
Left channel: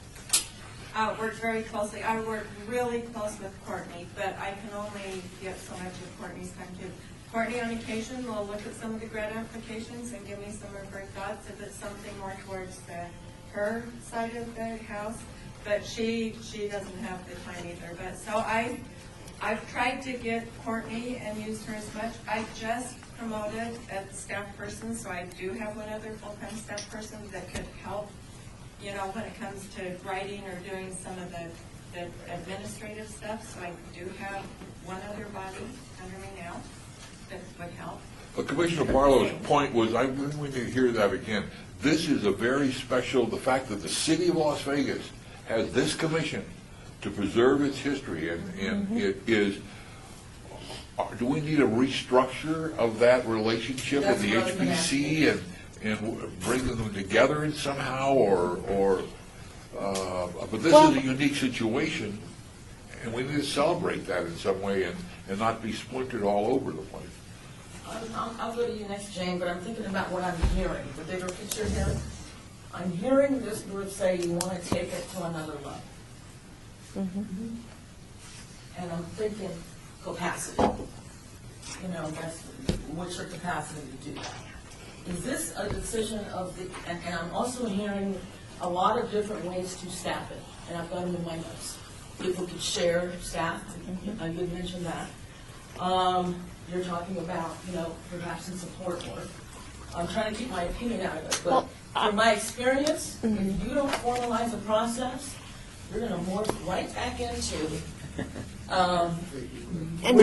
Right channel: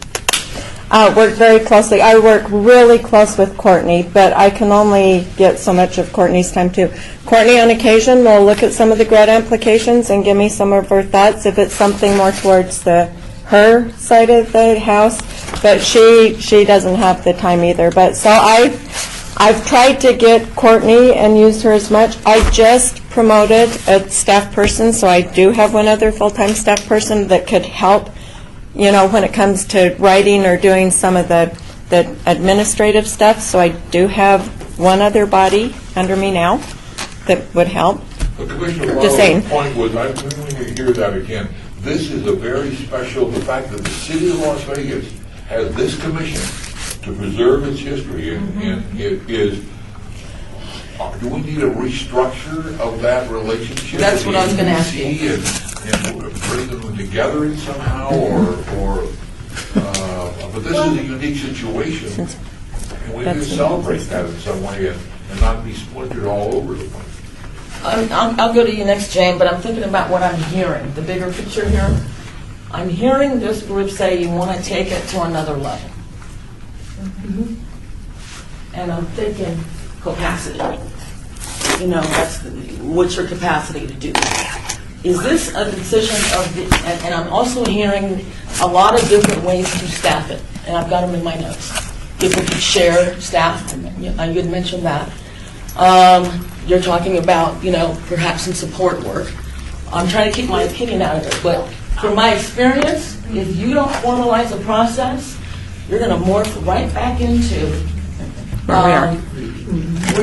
worked very closely. I work really close with Courtney, but I can only get so much of Courtney's time too. Courtney, on occasion, will look at some of the grant applications and give me some of her thoughts if it's something more towards her side of the house, but she doesn't have the time either. But so I've tried to get Courtney and use her as much. I just promoted a staff person, so I do have one other full-time staff person that could help, when it comes to writing or doing some of the administrative stuff. So I do have one other body under me now that would help. But Commissioner Barlow's point was, I'm going to hear that again. This is a very special, the fact that the city of Las Vegas has this commission to preserve its history, and it is, do we need a restructure of that relationship? That's what I was going to ask you. And bring them together in somehow, but this is a unique situation, and we need to celebrate that in some way and not be splintered all over the place. I'll go to you next, Jane, but I'm thinking about what I'm hearing, the bigger picture here. I'm hearing this group say you want to take it to another level. And I'm thinking capacity. What's your capacity to do that? Is this a decision of and I'm also hearing a lot of different ways to staff it, and I've got them in my notes. People could share staff, you had mentioned that. You're talking about, perhaps some support work. I'm trying to keep my opinion out of it, but from my experience, if you don't formalize a process, you're going to morph right back into where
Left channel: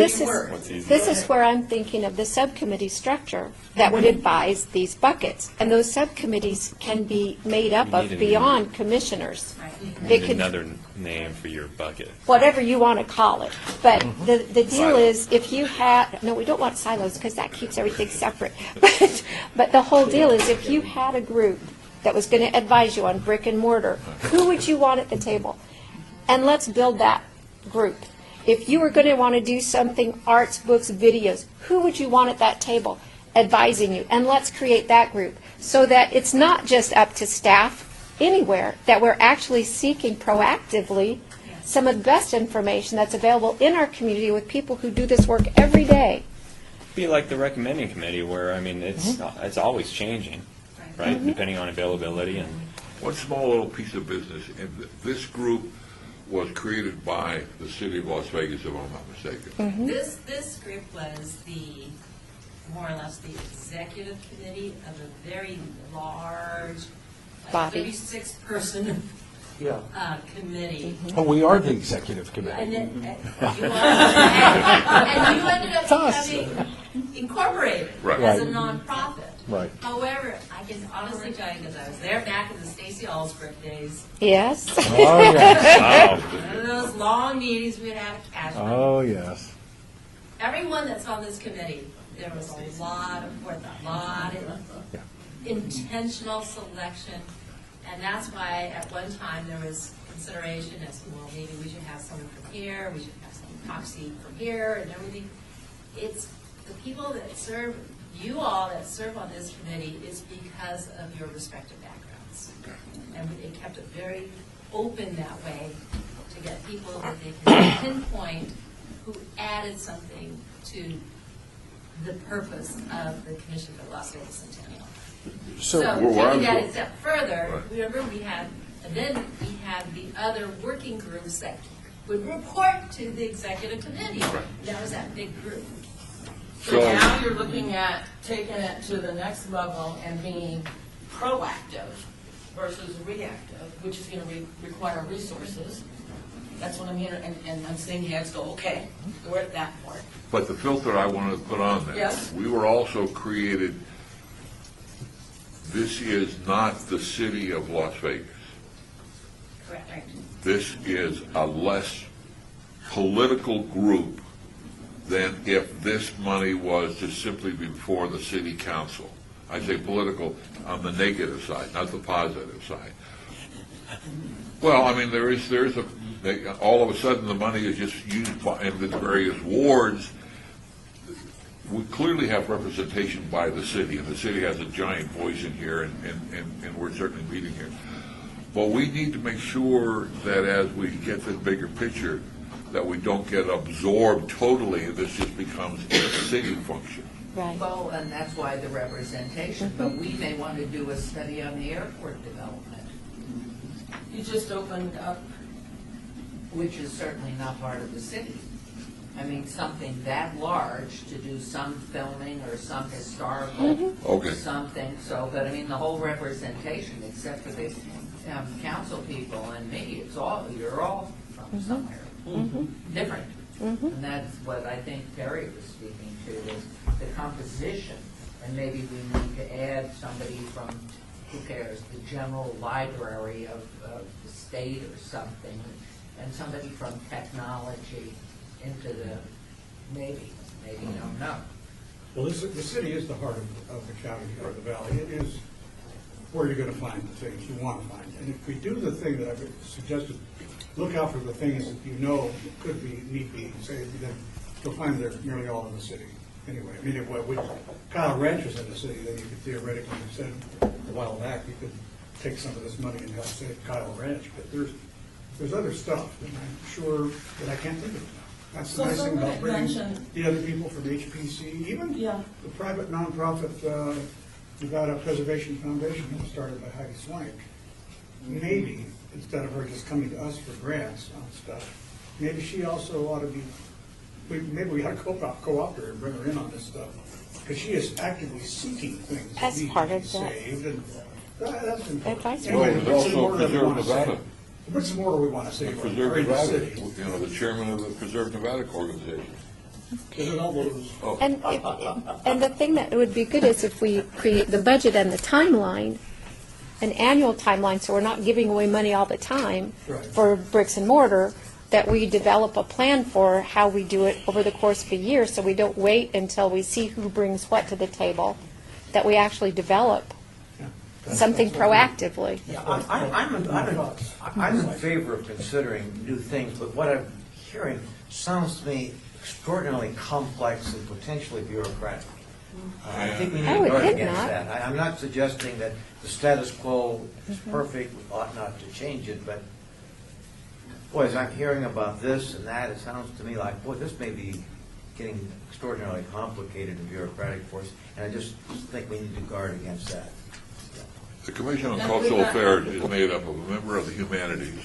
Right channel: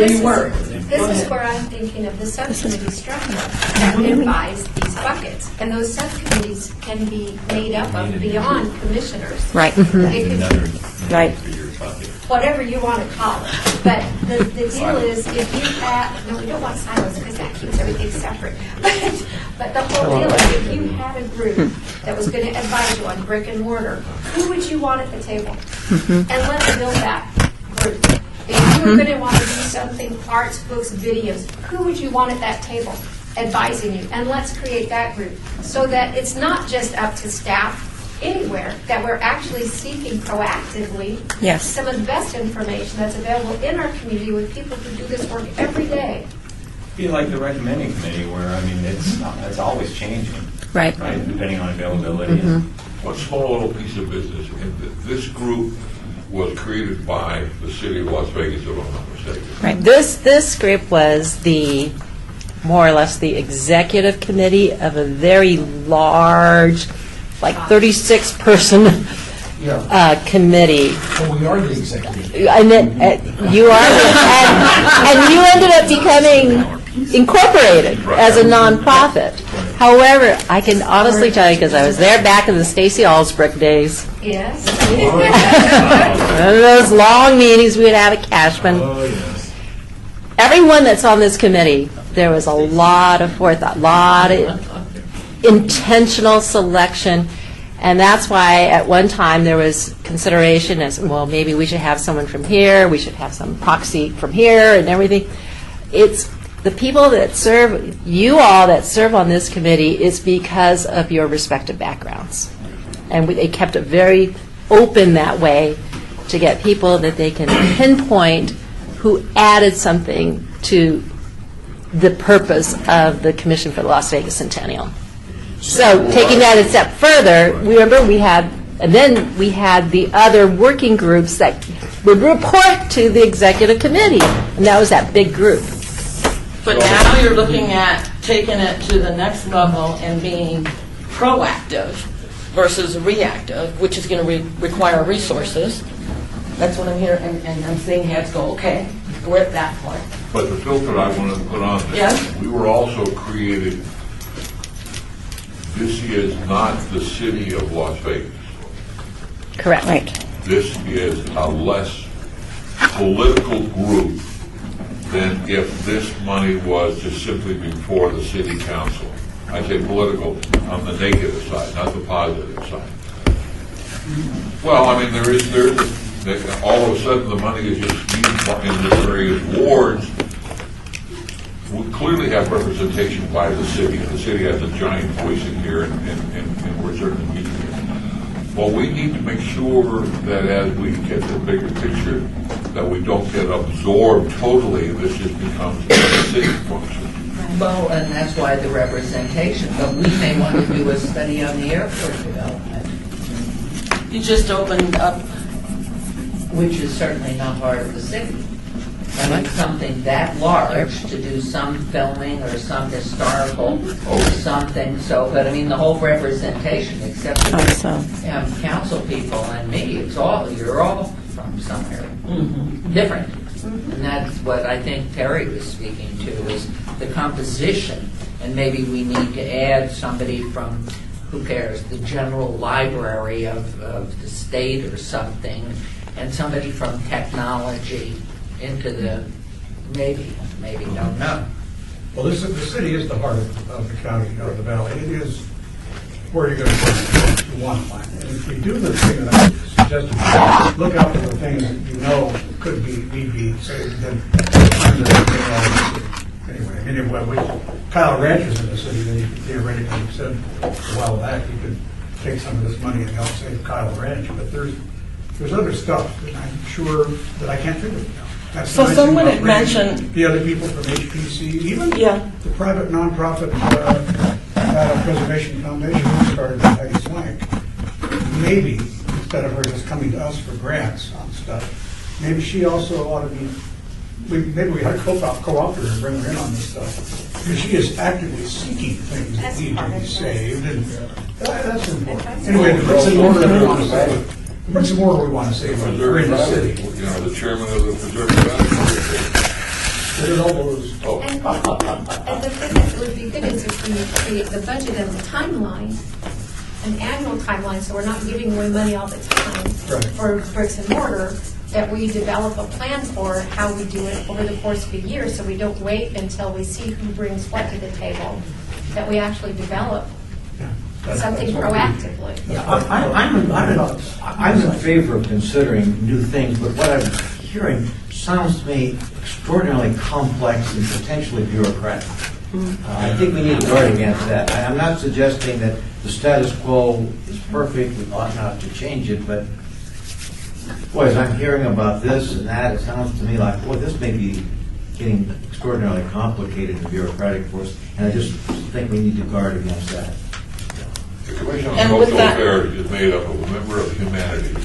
you were. This is where I'm thinking of the subcommittee structure that would advise these buckets. And those subcommittees can be made up of beyond commissioners. Right. They could, Another name for your bucket. whatever you want to call it. But the deal is, if you have, no, we don't want silos because that keeps everything separate. But the whole deal is, if you had a group that was going to advise you on brick and mortar, who would you want at the table? And let's build that group. If you were going to want to do something, arts, books, videos, who would you want at that table advising you? And let's create that group so that it's not just up to staff anywhere, that we're actually seeking proactively some of the best information that's available in our community with people who do this work every day. Be like the recommending committee, where it's always changing, right? Depending on availability. One small little piece of business in this group was created by the city of Las Vegas, if I'm not mistaken. Right. This group was the, more or less, the executive committee of a very large, like 36-person committee. Well, we are the executive. And then, you are, and you ended up becoming incorporated as a nonprofit. However, I can honestly tell you, because I was there back in the Stacey Allsbrook days, Yes. one of those long meetings we would have at Cashman. Oh, yes. Everyone that's on this committee, there was a lot of forethought, a lot of intentional selection, and that's why at one time there was consideration as, well, maybe we should have someone from here, we should have some proxy from here and everything. It's the people that serve, you all that serve on this committee, is because of your respective backgrounds. And they kept it very open that way to get people that they can pinpoint who added something to the purpose of the Commission for the Las Vegas Centennial. So taking that a step further, remember we had the other working groups that would report to the executive committee, and that was that big group. But now you're looking at taking it to the next level and being proactive versus reactive, which is going to require resources. That's what I'm hearing, and I'm seeing heads go, okay, we're at that point. But the filter I wanted to put on this, Yes? we were also created, this is not the city of Las Vegas. Correct. Right. This is a less political group than if this money was to simply before the city council. I say political on the negative side, not the positive side. Well, I mean, there is all of a sudden the money is just used in the various wards. We clearly have representation by the city, and the city has a giant voice in here, and we're certainly meeting here. But we need to make sure that as we get the bigger picture, that we don't get absorbed totally, this just becomes a city function. Well, and that's why the representation, but we may want to do a study on the airport development, You just opened up. which is certainly not part of the city. I mean, something that large to do some filming or some historical or something, so, but I mean, the whole representation, except for council people and me, you're all from somewhere different. And that's what I think Terry was speaking to, is the composition. And maybe we need to add somebody from, who cares, the general library of the state or something, and somebody from technology into the, maybe, don't know. Well, the city is the heart of the county, of the valley. It is where you're going to find what you want to find. And if we do the thing that I suggested, look out for the things that you know could be, need be, saved, then anyway, I mean, Kyle Ranch is in the city, then you theoretically said a while back you could take some of this money and help save Kyle Ranch, but there's other stuff that I'm sure that I can't think of now. That's So the nice someone thing had about bringing mentioned- the other people from HPC, even Yeah. the private nonprofit Data Preservation Foundation who started with Peggy Swank. Maybe, instead of her just coming to us for grants on stuff, maybe she also ought to be, maybe we ought to co-opt her and bring her in on this stuff. Because she is actively seeking things that need to be saved, and that's important. Anyway, the bricks and mortar we want to save. The bricks and mortar we want to save are in the city. You know, the chairman of the Preserve Valley. And the thing that would be good is if we create the budget and the timeline, an annual timeline, so we're not giving away money all the time Right. for bricks and mortar, that we develop a plan for how we do it over the course of a year, so we don't wait until we see who brings what to the table, that we actually develop something proactively. I'm in favor of considering new things, but what I'm hearing sounds to me extraordinarily complex and potentially bureaucratic. I think we need to guard against that. I'm not suggesting that the status quo is perfect, we ought not to change it, but boy, as I'm hearing about this and that, it sounds to me like, boy, this may be getting extraordinarily complicated and bureaucratic for us, and I just think we need to guard against that. The Commission on And with Social that- Affairs is made up of a member of the humanities,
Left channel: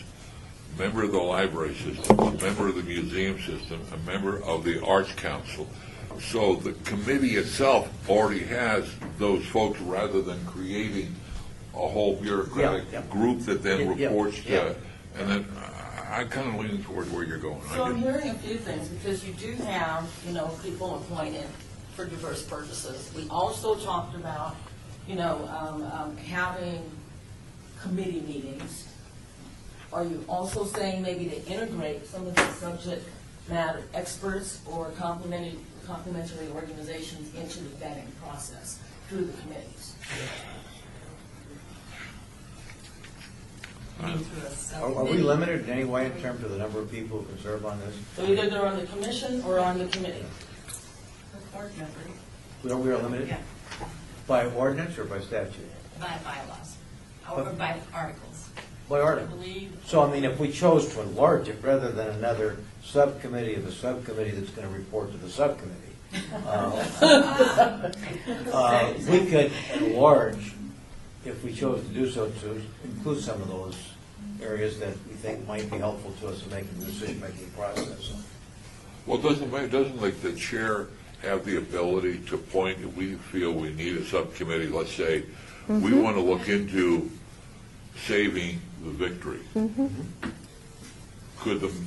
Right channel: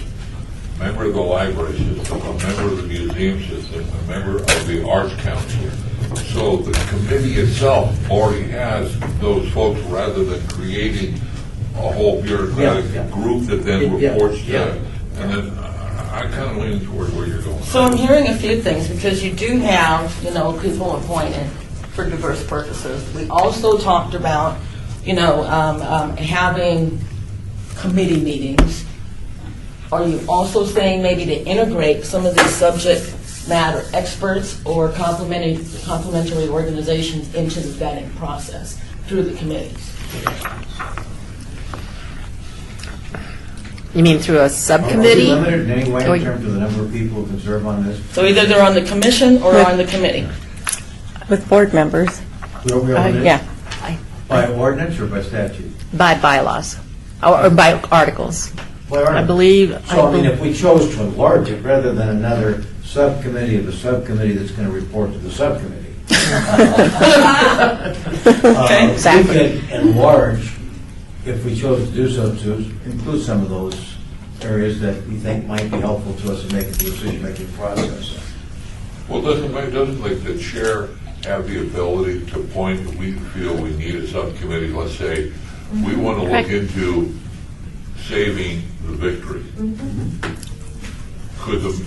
member of the library system, a member of the museum system, a member of the arts council. So the committee itself already has those folks rather than creating a whole bureaucratic group that then reports to. And then I kind of lean toward where you're going. So I'm hearing a few things, because you do have, people appointed for diverse purposes. We also talked about, having committee meetings. Are you also saying maybe to integrate some of these subject matter experts or complementary organizations into the vetting process through the committees? You mean through a subcommittee? Are we limited in any way in terms of the number of people who can serve on this? So either they're on the commission or on the committee? With board members. We're limited? Yeah. By ordinance or by statute? By bylaws, or by articles. By ordinance. I believe. So, if we chose to enlarge it, rather than another subcommittee of a subcommittee that's going to report to the subcommittee. We could enlarge, if we chose to do so, to include some of those areas that we think might be helpful to us in making the decision-making process. Well, doesn't the chair have the ability to appoint, if we feel we need a subcommittee, let's say, we want to look into saving the victory.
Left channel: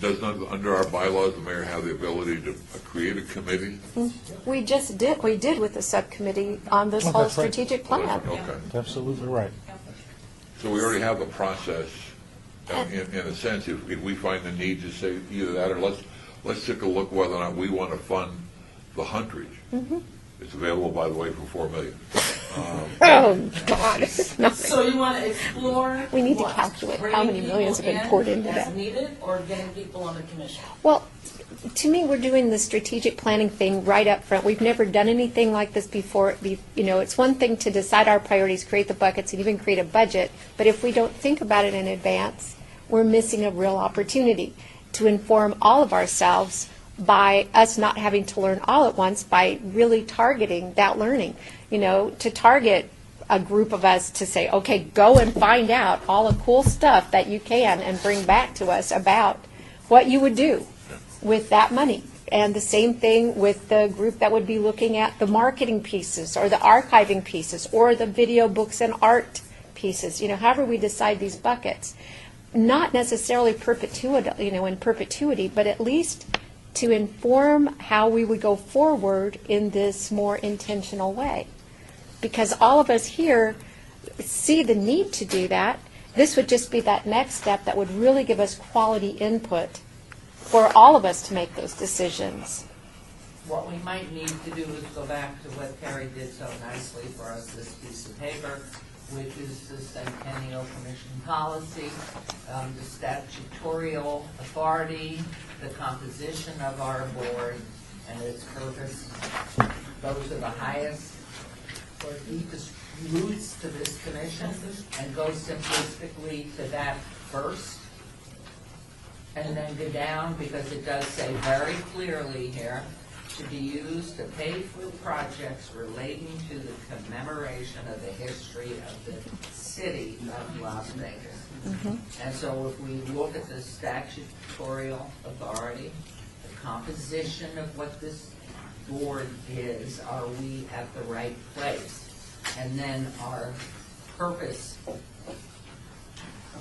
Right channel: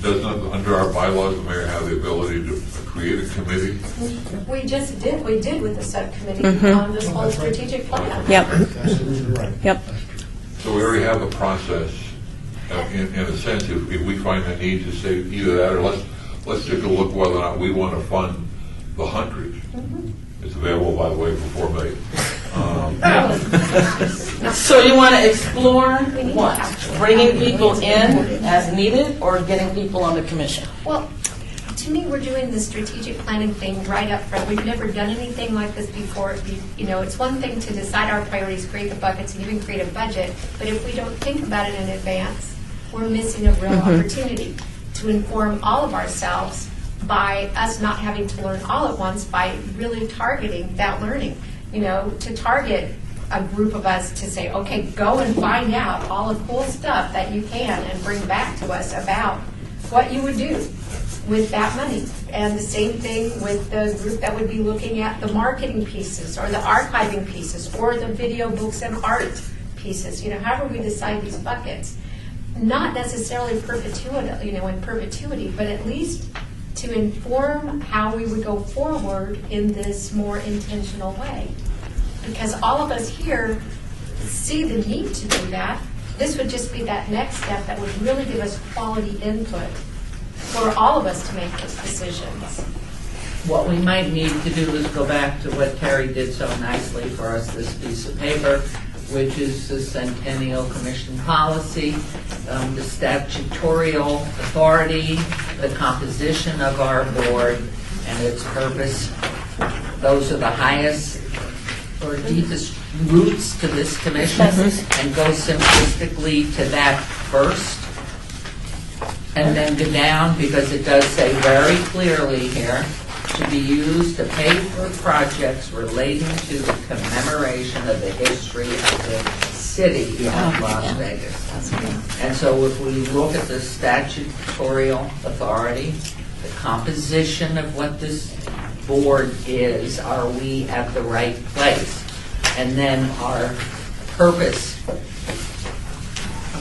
Doesn't under our bylaws, the mayor have the ability to create a committee? We did with the subcommittee on this whole strategic plan. Yep. Absolutely right. Yep. So we already have the process, in a sense, if we find the need to say either that, or let's take a look whether or not we want to fund the Huntridge. It's available, by the way, for $4 million. So you want to explore what? Bringing people in as needed, or getting people on the commission? Well, to me, we're doing the strategic planning thing right up front. We've never done anything like this before. It's one thing to decide our priorities, create the buckets, and even create a budget, but if we don't think about it in advance, we're missing a real opportunity to inform all of ourselves by us not having to learn all at once, by really targeting that learning. To target a group of us to say, okay, go and find out all the cool stuff that you can and bring back to us about what you would do with that money. And the same thing with the group that would be looking at the marketing pieces or the archiving pieces or the video books and art pieces. However we decide these buckets, not necessarily in perpetuity, but at least to inform how we would go forward in this more intentional way. Because all of us here see the need to do that. This would just be that next step that would really give us quality input for all of us to make those decisions. What we might need to do is go back to what Terry did so nicely for us, this piece of paper, which is the Centennial Commission policy, the statutorial authority, the composition of our board, and its purpose. Those are the highest or deepest roots to this commission, and go simplistically to that first, and then go down, because it does say very clearly here, to be used to pay for projects relating to the commemoration of the history of the city of Las Vegas. And so if we look at the statutorial authority, the composition of what this board is, are we at the right place? And then our purpose.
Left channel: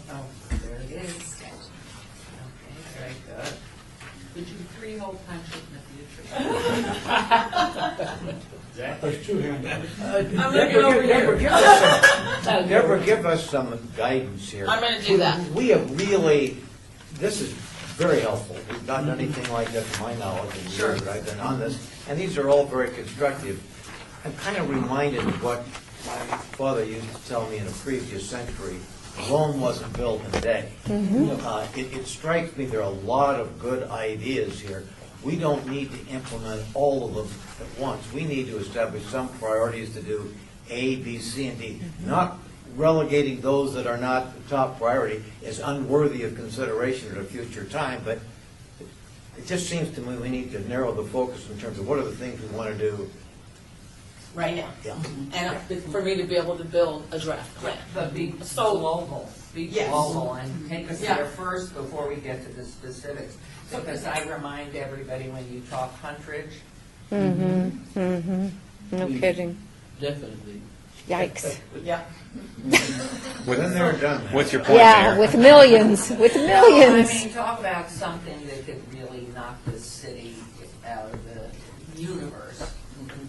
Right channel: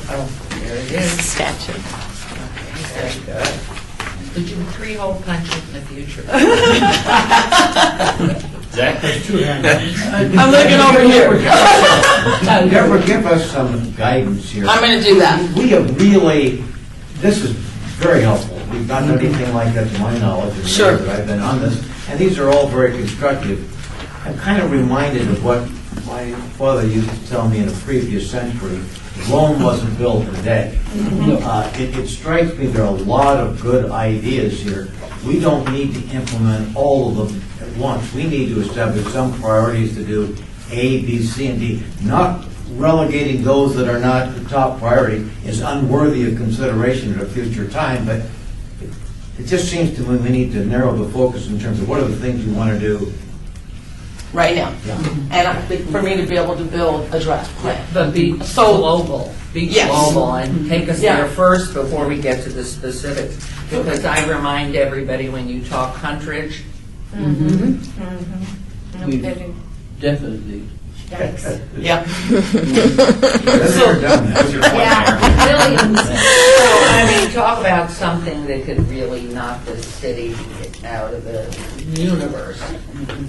Oh, there it is. Statute. Very good. Did you three-hole punch it in the future? Zach, there's two hands. I'm looking over here. Deborah, give us some guidance here. I'm going to do that. We have really, this is very helpful. We've not done anything like that to my knowledge in the years that I've been on this, and these are all very constructive. I'm kind of reminded of what my father used to tell me in a previous century. Rome wasn't built in a day. It strikes me there are a lot of good ideas here. We don't need to implement all of them at once. We need to establish some priorities to do A, B, C, and D. Not relegating those that are not the top priority is unworthy of consideration at a future time, but it just seems to me we need to narrow the focus in terms of what are the things we want to do Right now. Yeah. And for me to be able to build a draft plan. But be so global. speak Yes. global and take us Yeah. there first before we get to the specifics. Because I remind everybody when you talk Huntridge, No kidding. Definitely. Yikes. Yeah. That's never done that. Yeah, with millions. I mean, talk about something that could really knock this city out of the universe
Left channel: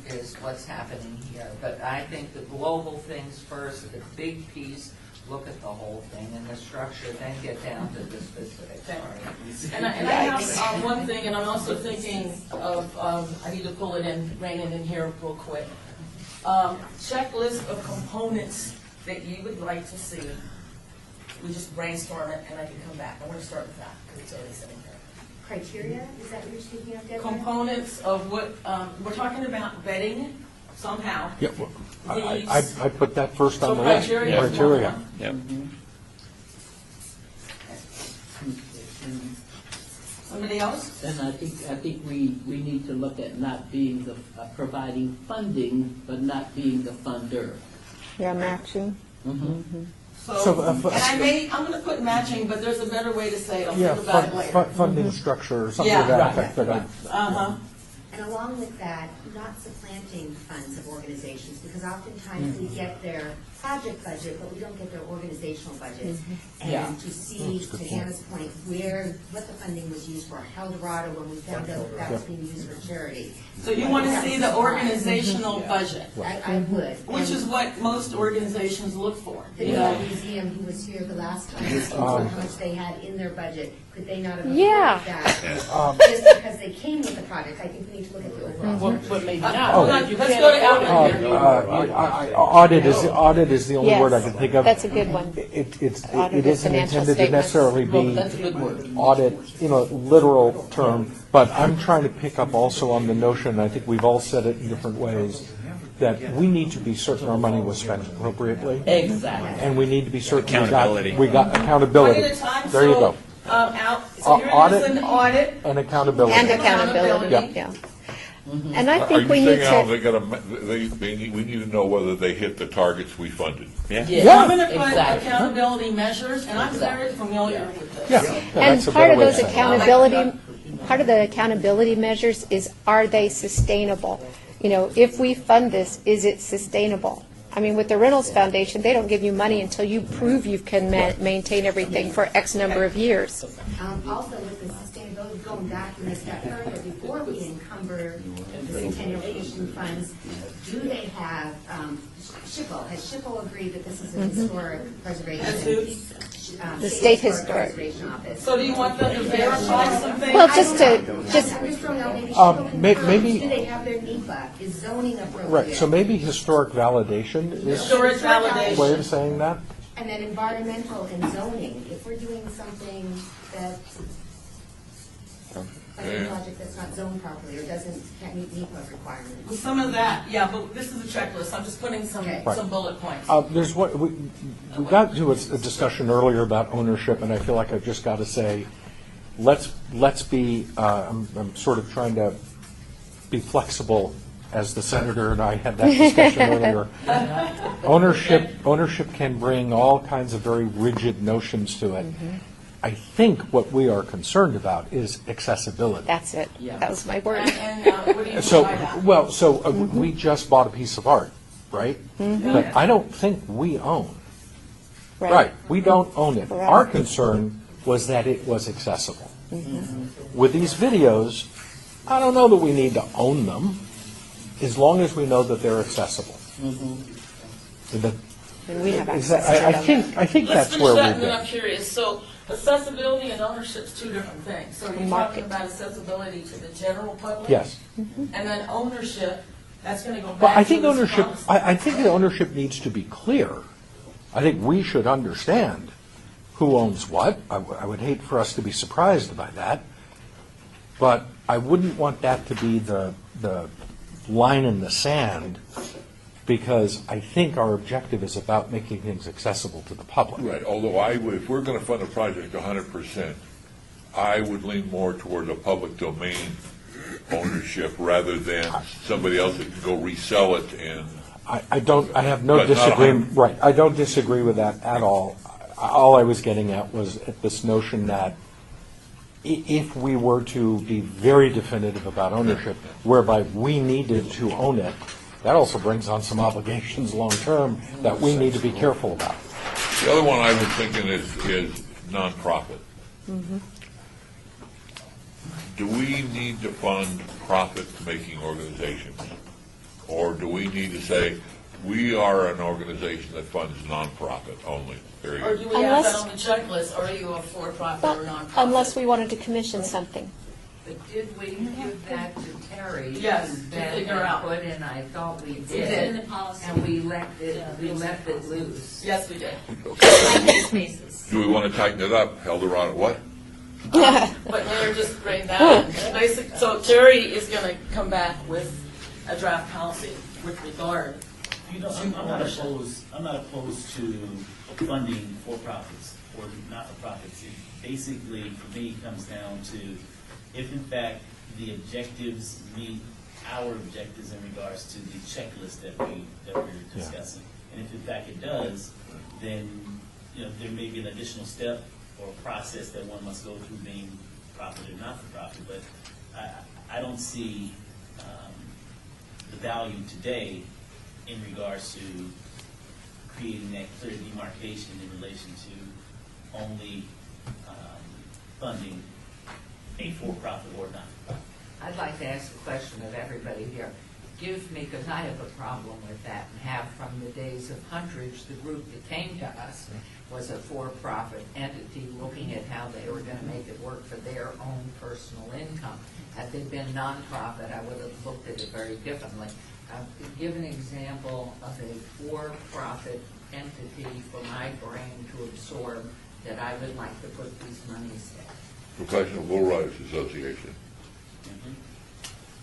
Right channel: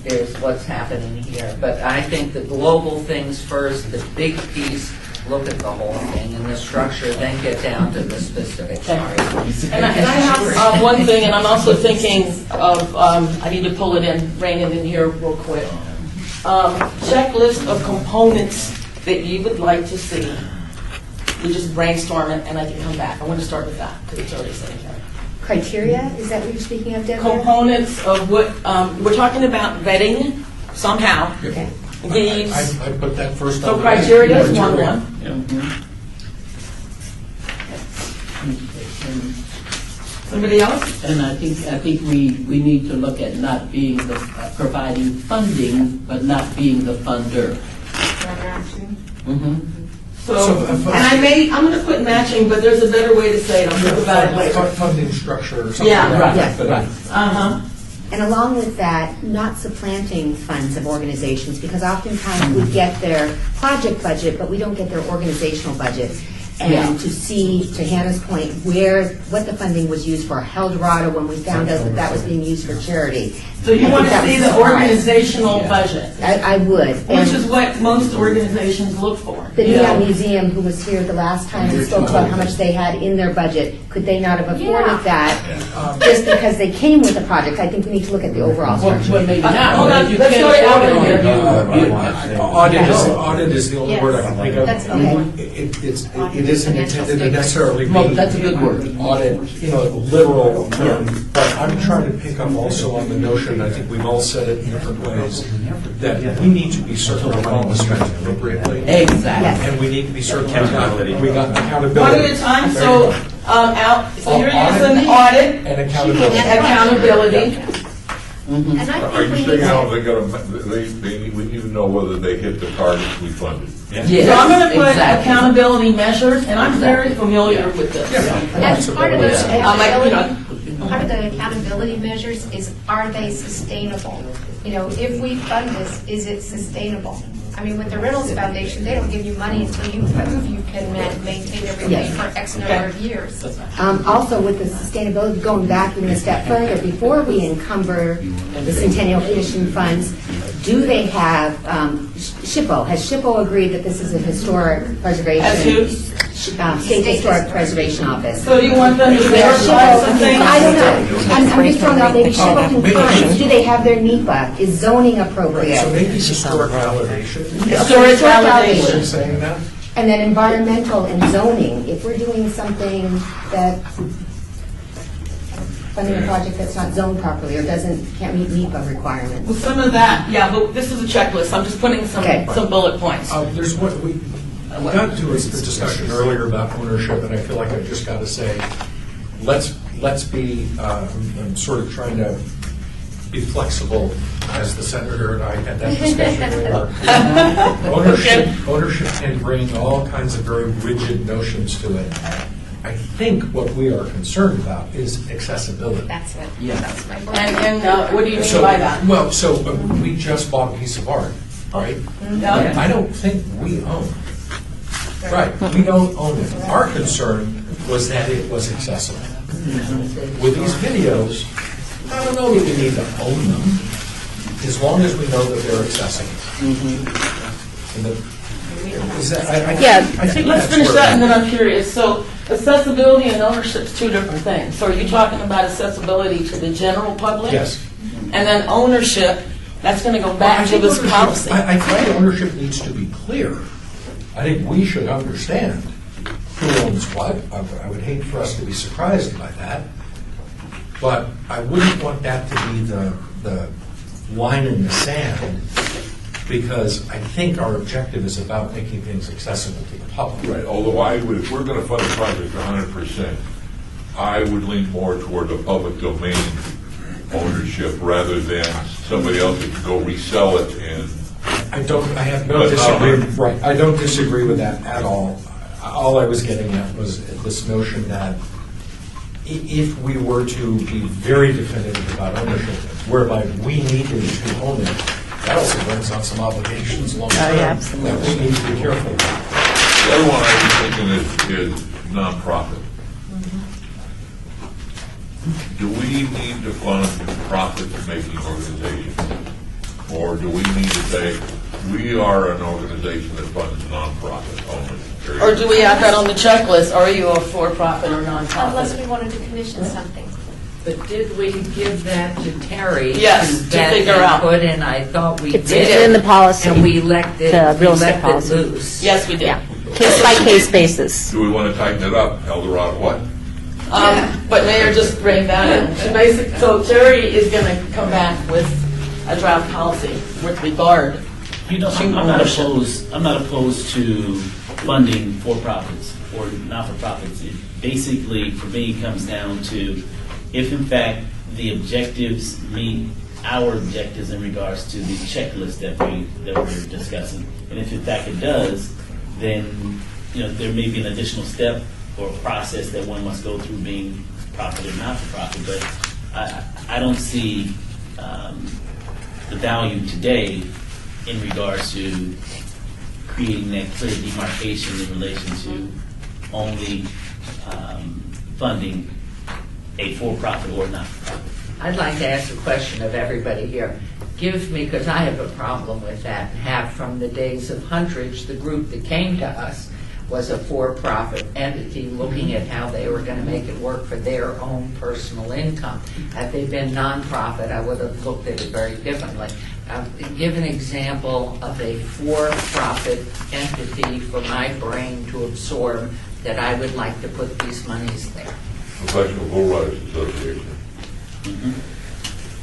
is what's happening here. But I think the global things first, the big piece, look at the whole thing and the structure, then get down to the specifics. Sorry. And I have one thing, and I'm also thinking of, I need to pull it in, rein it in here real quick. Checklist of components that you would like to see. We just brainstorm it, and I can come back. I want to start with that, because it's already sitting here. Criteria, is that what you're speaking of, Deborah? Components of what, we're talking about vetting somehow. Yeah. These, I put that first on so the criteria is one criteria. one. Somebody else? And I think we need to look at not being the, providing funding, but not being the funder. You're matching. So, and I'm going to put matching, but there's a better way to say it. I'll think about it later. Funding structure or something Yeah, like right, that. right. Uh-huh. And along with that, not supplanting funds of organizations, because oftentimes we get their project budget, but we don't get their organizational budget. And to see, to Hannah's point, what the funding was used for, Eldorado, when we found out that was being used for charity. So you want to see the organizational budget? I would. Which is what most organizations look for. The Neon Museum, who was here the last time and spoke about how much they had in their budget, could they not have afforded that just because they came with a project? I think we need to look at the overall structure. Well, maybe not. Hold on, You let's can't go to afford it. Audit is the only Yes. word I can think of. That's a good one. It isn't Financial intended to statements. necessarily be. Well, that's a good word. Audit, the literal term, but I'm trying to pick up also on the notion, I think we've all said it in different ways, that we need to be certain our money was spent appropriately. Exactly. And we need to be certain Accountability. we got One accountability. at a time, There you so, go. so here it is an audit And accountability. and accountability. And I Are think you we need thinking how to, they gotta, we need to know whether they hit the targets we funded. So I'm going to put exactly. accountability measures, and I'm very familiar with this. and part of those I'm like, accountability, part of the accountability measures is, are they sustainable? You know, if we fund this, is it sustainable? I mean, with the Reynolds Foundation, they don't give you money until you prove you can maintain everything for X number of years. Also, with the sustainability, going back even a step further, before we encumber the Centennial Commission funds, do they have, SHPO, has SHPO agreed that this is a historic preservation? As who? State Historic Preservation Office. So do you want them to verify something? Well, I don't know. I'm just throwing out, maybe SHPO confirms, do they have their NEPA? Is zoning Right, appropriate? so maybe historic validation. Historic What validation. I'm saying that? And then environmental and zoning, if we're doing something that, funding a project that's not zoned properly or can't meet NEPA Well, requirements. some of that, yeah, but this is a checklist. I'm just putting Okay. some bullet points. There's what, we got to a discussion earlier about ownership, and I feel like I've just got to say, let's be, I'm sort of trying to be flexible, as the senator and I had that discussion earlier. Ownership can bring all kinds of very rigid notions to it. I think what we are concerned about is accessibility. That's it. That was my word. And what do you mean So, by that? well, so we just bought a piece of art, right? Yeah. But I don't think we own. Right, we don't own it. Our concern was that it was accessible. With these videos, I don't know that we need to own them, as long as we know that they're accessible. And is that, I think Let's that's finish where that, and we- then I'm curious. So accessibility and ownership is two different things. So are you talking about accessibility to the general public? Yes. And then ownership, that's going to go Well, I back to think this ownership- policy. I think the ownership needs to be clear. I think we should understand who owns what. I would hate for us to be surprised by that. But I wouldn't want that to be the line in the sand, because I think our objective is about making things accessible to the public. Right, although if we're gonna fund a project 100%, I would lean more toward a public domain ownership rather than somebody else who could go resell it and. I have no But not disagreement. Right, I don't disagree with that at all. all I was getting at was this notion that if we were to be very definitive about ownership, whereby we needed to own it, that also brings on some obligations long-term that we need to be careful about. The other one I was thinking is nonprofit. Do we need to fund profit-making organizations? Or do we need to say, we are an organization that funds nonprofit only? Period? Or do we add that on the checklist? Are you a for-profit or nonprofit? Unless we wanted to commission something. But did we give that to Terry? Yes, to vet figure and out. Put in, I thought we It's did. in the policy, And we left it, the we real estate left it policy. loose. Yes, we did. Yeah, case-by-case basis. Do we want to tighten it up? Eldorado what? But Mayor, just bring that in. So Terry is going to come back with a draft policy with regard. You know, I'm not opposed. I'm not opposed to funding for-profits or not-for-profits. It basically, for me, comes down to if, in fact, the objectives meet our objectives in regards to the checklist that we're discussing, and if in fact it does, then there may be an additional step or process that one must go through being profit or not-for-profit. But I don't see the value today in regards to creating that clear demarcation in relation to only funding a for-profit or not-for-profit. I'd like to ask a question of everybody here. Give me, because I have a problem with that, and have from the days of Huntridge, the group that came to us was a for-profit entity looking at how they were going to make it work for their own personal income. Had they been nonprofit, I would have looked at it very differently. Give an example of a for-profit entity for my brain to absorb that I would like to put these monies there. Professional Bull Riders Association.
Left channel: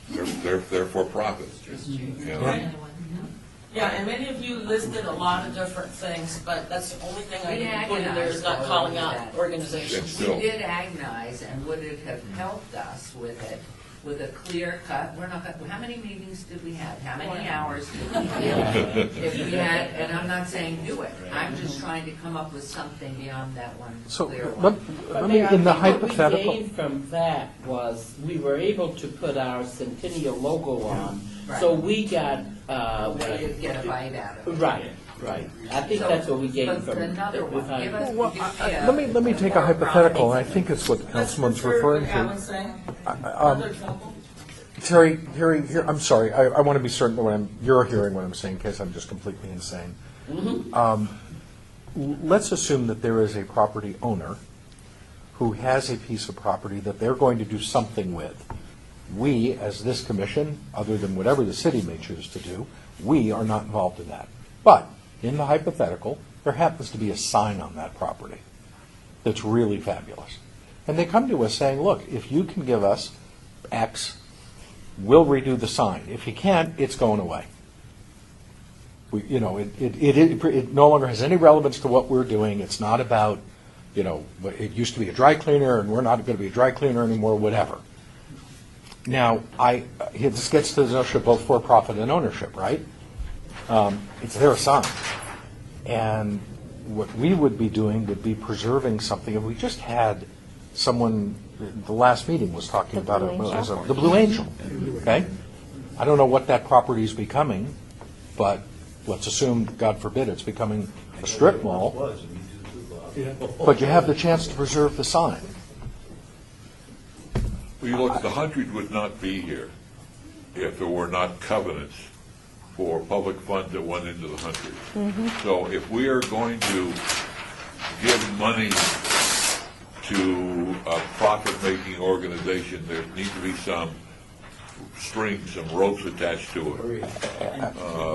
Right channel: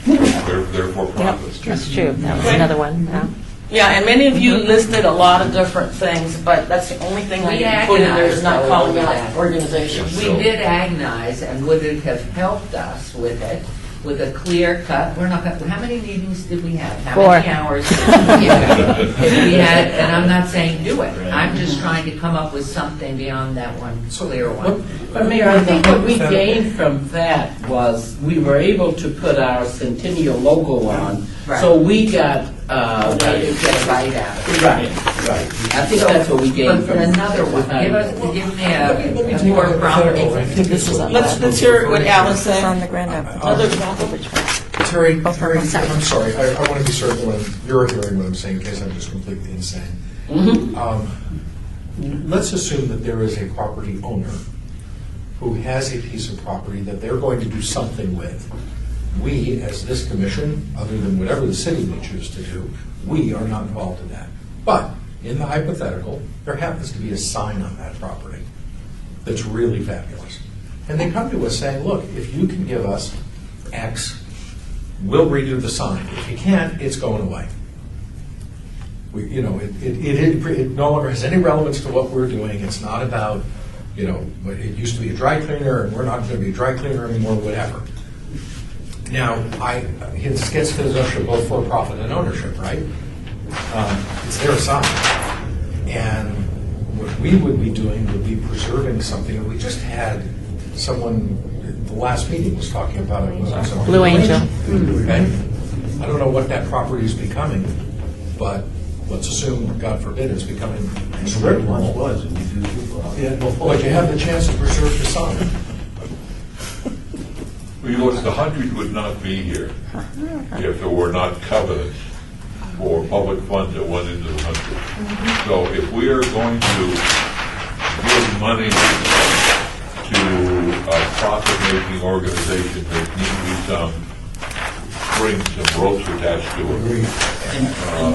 They're for profits. That's true. That was another one. Yeah. Yeah, and many of you listed a lot of different things, but that's the only thing I We didn't put in there is not agonized calling over out that. organizations. We did agonize, and would it have helped us with it, with a clear cut? We're not. How many meetings did we have? How 4. many hours did we give? If we had, and I'm not saying do it. I'm just trying to come up with something beyond that one clear one. But Mayor, I think what we gained from that was we were able to put our Centennial logo on, Right. so we got. You get a bite out of it. Right. I think that's what we gained But from another one, give me a Take a more hypothetical. proper. I think this is Let's hear what Alan said. Other Terry, I'm sorry. I want to be certain when you're hearing what I'm saying, in case I'm just completely insane. Let's assume that there is a property owner who has a piece of property that they're going to do something with. We, as this commission, other than whatever the city may choose to do, we are not involved in that. But in the hypothetical, there happens to be a sign on that property that's really fabulous. And they come to us saying, look, if you can give us X, we'll redo the sign. If you can't, it's going away. It no longer has any relevance to what we're doing. It's not about, it used to be a dry cleaner and we're not going to be a dry cleaner anymore, whatever. Now, this gets to the notion of both for-profit and ownership, right? It's their sign. And what we would be doing would be preserving something. We just had someone, the last meeting was talking about a Blue Angel. And I don't know what that property is becoming, but let's assume, God forbid, it's becoming a strip mall. But you have the chance to preserve the sign. The hundred would not be here if there were not covenants for public funds that went into the hundred. So if we are going to give money to a profit-making organization, there need to be some strings, some ropes attached to it.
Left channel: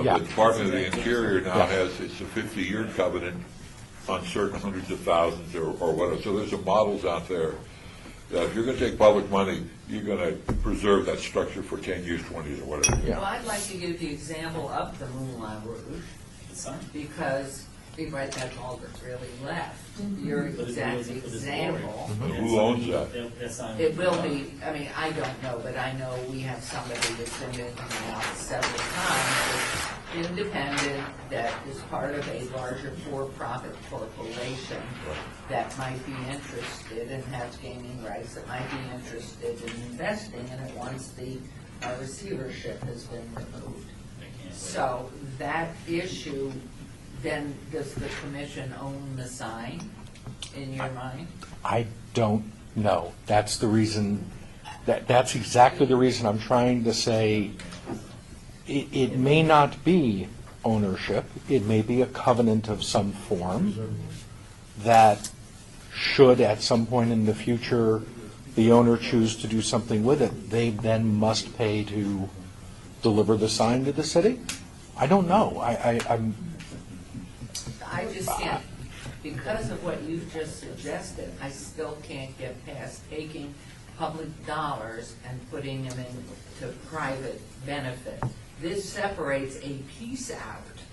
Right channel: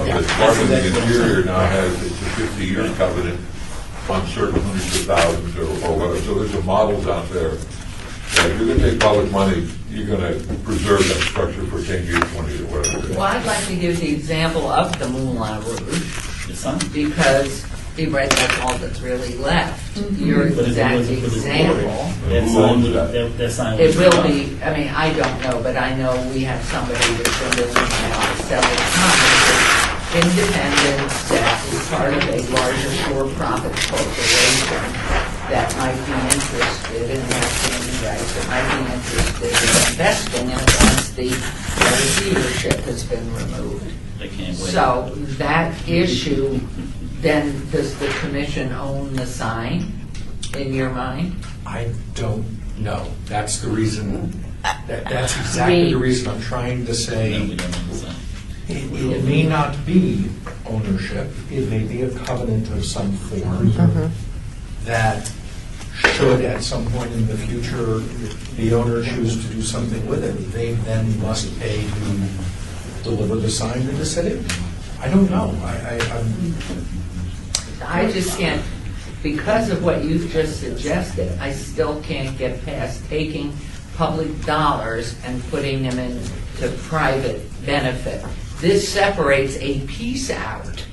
The Department of the Interior now has, it's a 50-year covenant on certain hundreds of thousands or whatever. So there's some models out there that if you're going to take public money, you're going to preserve that structure for 10 years, 20 years, whatever. Well, I'd like to give the example of the Moulin Rouge, because that's all that's really left. Your exact example. Who owns that? That sign It will be, I don't know, but I know we have somebody that's been living now several times. independent that is part of a larger for-profit corporation that might be interested in acting rights, that might be interested in investing in it once the receivership has been removed. I can't wait. So that issue, then does the commission own the sign in your mind? I don't know. That's the reason, that's exactly the reason I'm trying to say, it may not be ownership, it may be a covenant of some form that should at some point in the future the owner choose to do something with it, they then must pay to deliver the sign to the city? I don't know. I just can't, because of what you've just suggested, I still can't get past taking public dollars and putting them into private benefit. This separates a piece out,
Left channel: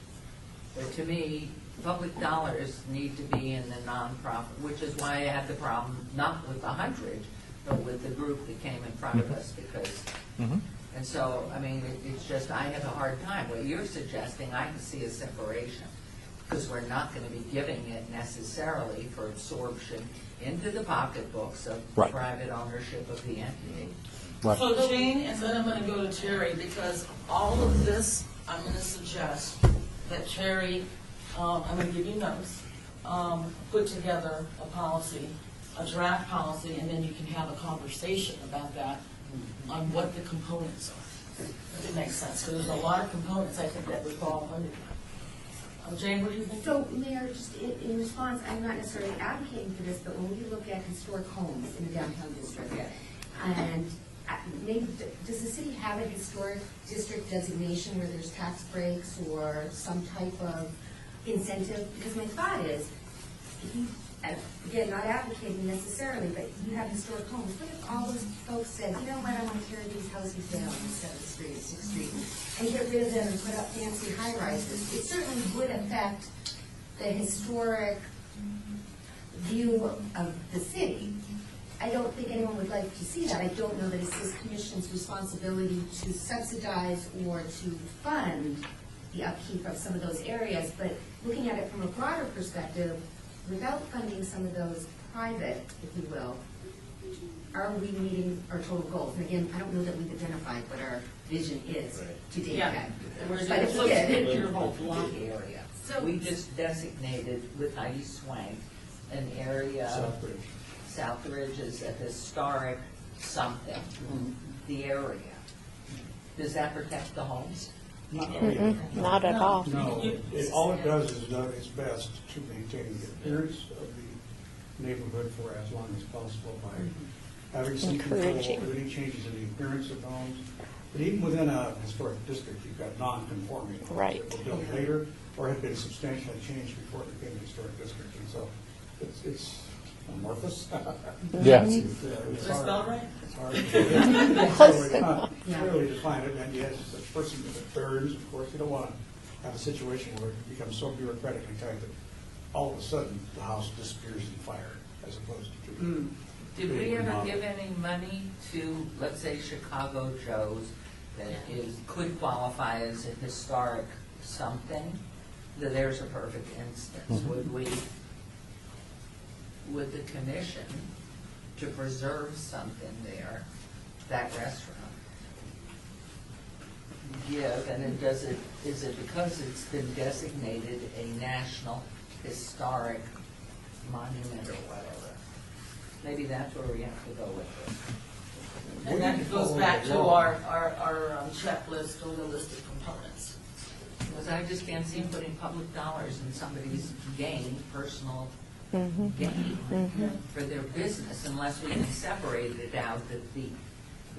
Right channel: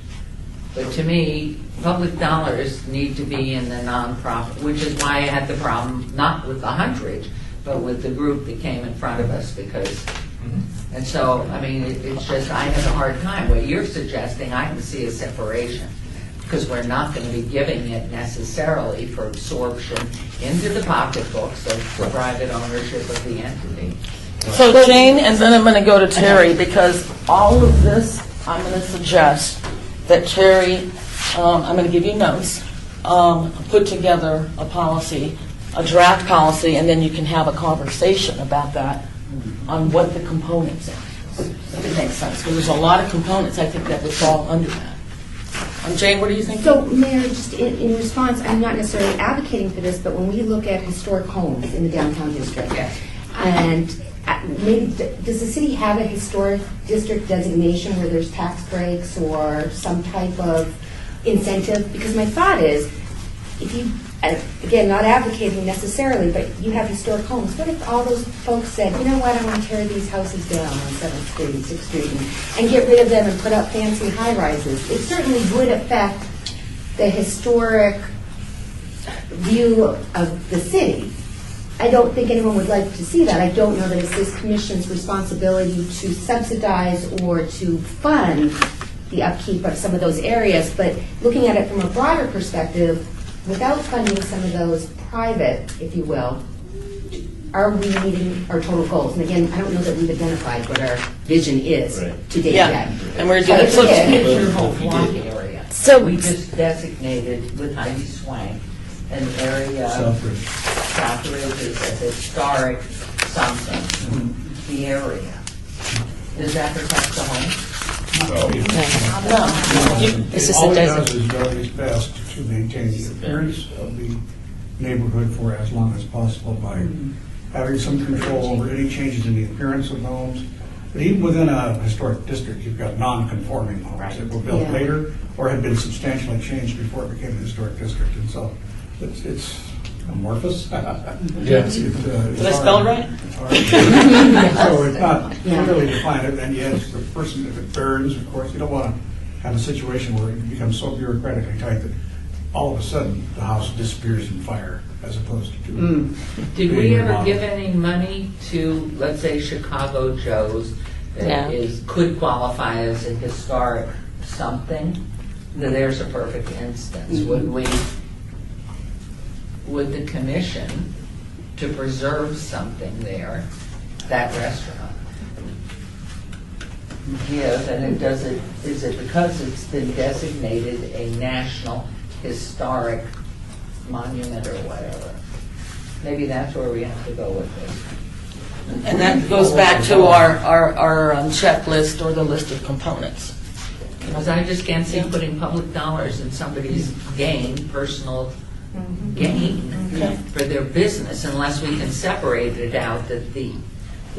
but to me, public dollars need to be in the nonprofit, which is why I had the problem, not with the 100, but with the group that came in front of us, because, and so, I mean, it's just, I have a hard time. What you're suggesting, I can see a separation, because we're not going to be giving it necessarily for absorption into the pocketbooks of private ownership of the entity. So Jane, and then I'm going to go to Terry, because all of this, I'm going to suggest that Terry, I'm going to give you notes, put together a policy, a draft policy, and then you can have a conversation about that on what the components are, if it makes sense. Because there's a lot of components, I think, that would fall under that. Jane, what do you think? So, Mayor, just in response, I'm not necessarily advocating for this, but when we look at historic homes in the downtown district, and maybe, does the city have a historic district designation where there's tax breaks or some type of incentive? Because my thought is, if you, again, not advocating necessarily, but you have historic homes, what if all those folks said, you know what, I want to tear these houses down on 7th Street and 6th Street and get rid of them and put up fancy high-rises? It certainly would affect the historic view of the city. I don't think anyone would like to see that. I don't know that it's this commission's responsibility to subsidize or to fund the upkeep of some of those areas, but looking at it from a broader perspective, without funding some of those private, if you will, are we meeting our total goals? And again, I don't know that we've identified what our vision is to date yet. And we're But doing it's your whole block area. So we just designated with Heidi Swank an area of Southridge is a historic something, the area. Does that protect the home? No. It's just All a it does desert. is do its best to maintain the appearance of the neighborhood for as long as possible by having some control over any changes in the appearance of homes. But even within a historic district, you've got non-conforming homes that were built later or had been substantially changed before it became a historic district. And so it's amorphous. Yes. Did I spell it right? It's hard. So it's not clearly defined, and yet the person, if it burns, of course, you don't want to have a situation where it becomes so bureaucratically tight that all of a sudden the house disappears in fire as opposed to. Did we ever give any money to, let's say, Chicago Joe's that could qualify as a historic something? Now, there's a perfect instance. Would the commission, to preserve something there, that restaurant, give, and is it because it's been designated a national historic monument or whatever? Maybe that's where we have to go with this. And that goes back to our checklist or the list of components. Because I just can't see putting public dollars in somebody's gain, personal gain for their business unless we can separate it out that the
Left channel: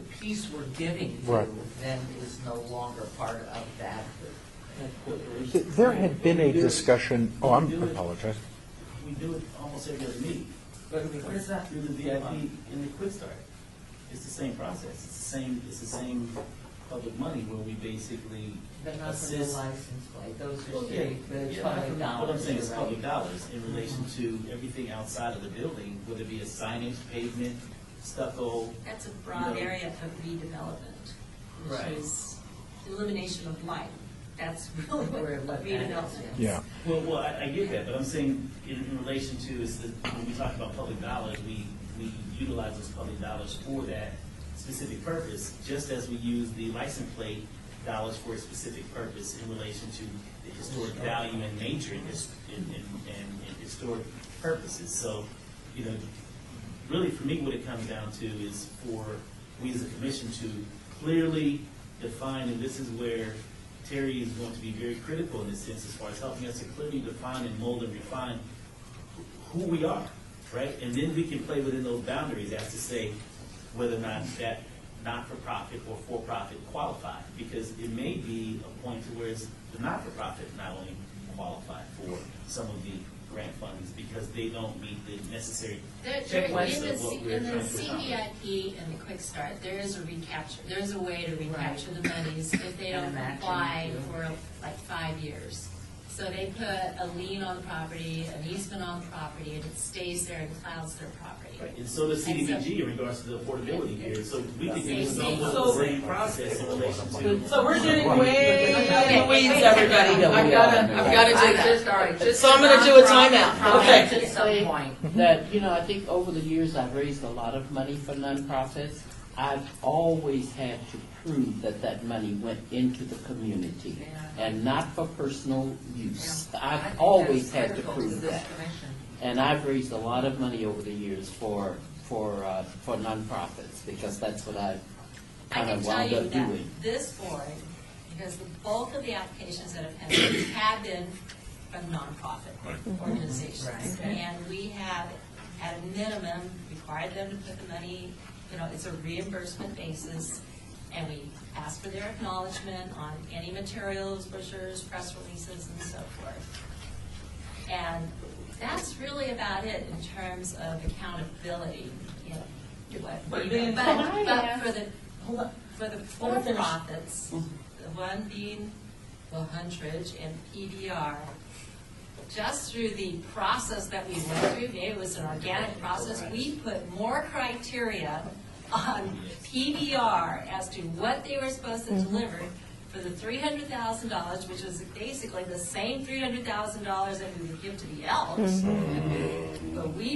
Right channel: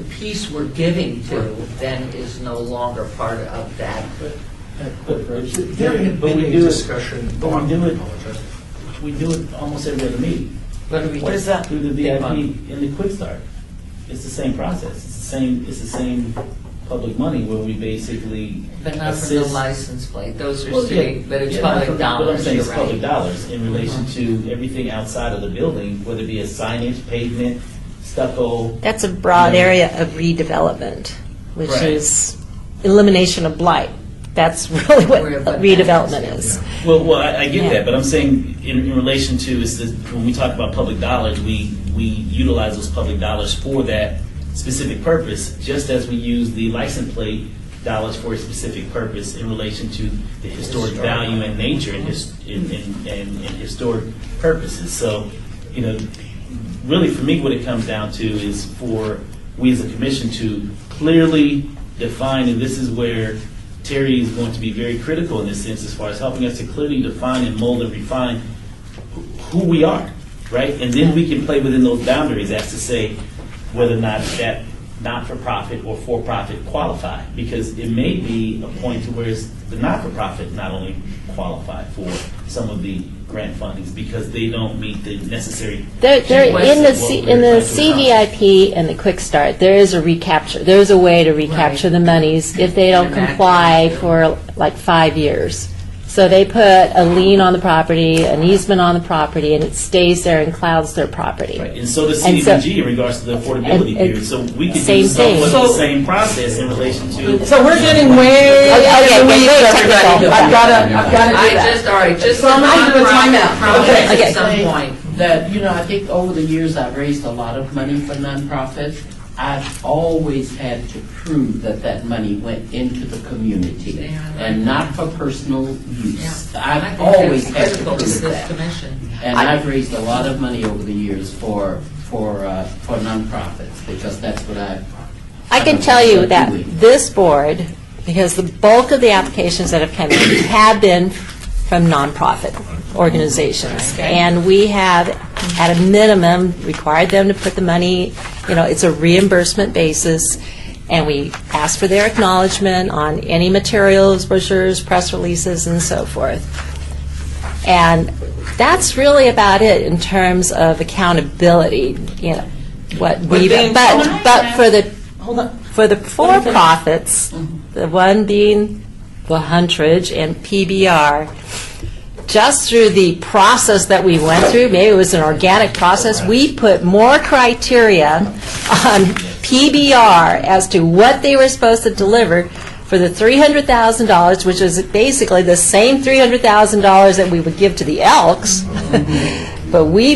piece we're giving to then is no longer part of that. There had been a discussion. We do it almost every other meeting. What is that? Through the VIP and the Quick Start. It's the same process. It's the same public money where we basically But not for the license plate. Those are Well, state, yeah, but it's yeah, public What I'm dollars, saying you're is public right. dollars in relation to everything outside of the building, whether it be a signage, pavement, stucco. That's a broad area of redevelopment, which Right. is elimination of blight. That's really what Where the redevelopment is. Well, I get Yeah. that, but I'm saying in relation to, is that when we talk about public dollars, we utilize those public dollars for that specific purpose, just as we use the license plate dollars for a specific purpose in relation to the historic value and nature and historic purposes. So, really for me, what it comes down to is for we as a commission to clearly define, and this is where Terry is going to be very critical in this sense as far as helping us to clearly define and mold and refine who we are, right? And then we can play within those boundaries as to say whether or not that not-for-profit or for-profit qualify, because it may be a point to where the not-for-profit not only qualify for some of the grant fundings because they don't meet the necessary. They're in the trying to CVIP and the Quick Start. There is a recapture. There is a way to recapture the monies if they don't comply for like 5 years. So they put a lien on the property, an easement on the property, and it stays there and clouds their property. Right. And so does CDBG in regards to the affordability period. So we could Same do somewhat thing. the same process in relation to. So we're getting way Okay, in the weeds, very everybody. technical. I've got to do I that. just, all right, just. So I'm gonna do a timeout. Promise Okay. at some point. That, I think over the years I've raised a lot of money for nonprofits. I've always had to prove that that money went into the community and not for personal use. I I've think always that's had to critical to prove this that. commission. And I've raised a lot of money over the years for nonprofits because that's what I can tell you that this board, because the bulk of the applications that have come in have been from nonprofit organizations. And we have, at a minimum, required them to put the money, it's a reimbursement basis, and we ask for their acknowledgement on any materials, brochures, press releases, and so forth. And that's really about it in terms of accountability, what we, but for the Hold on. for the for-profits, the one being the Huntridge and PBR, just through the process that we went through, maybe it was an organic process, we put more criteria on PBR as to what they were supposed to deliver for the $300,000, which is basically the same $300,000 that we would give to the Elks. But we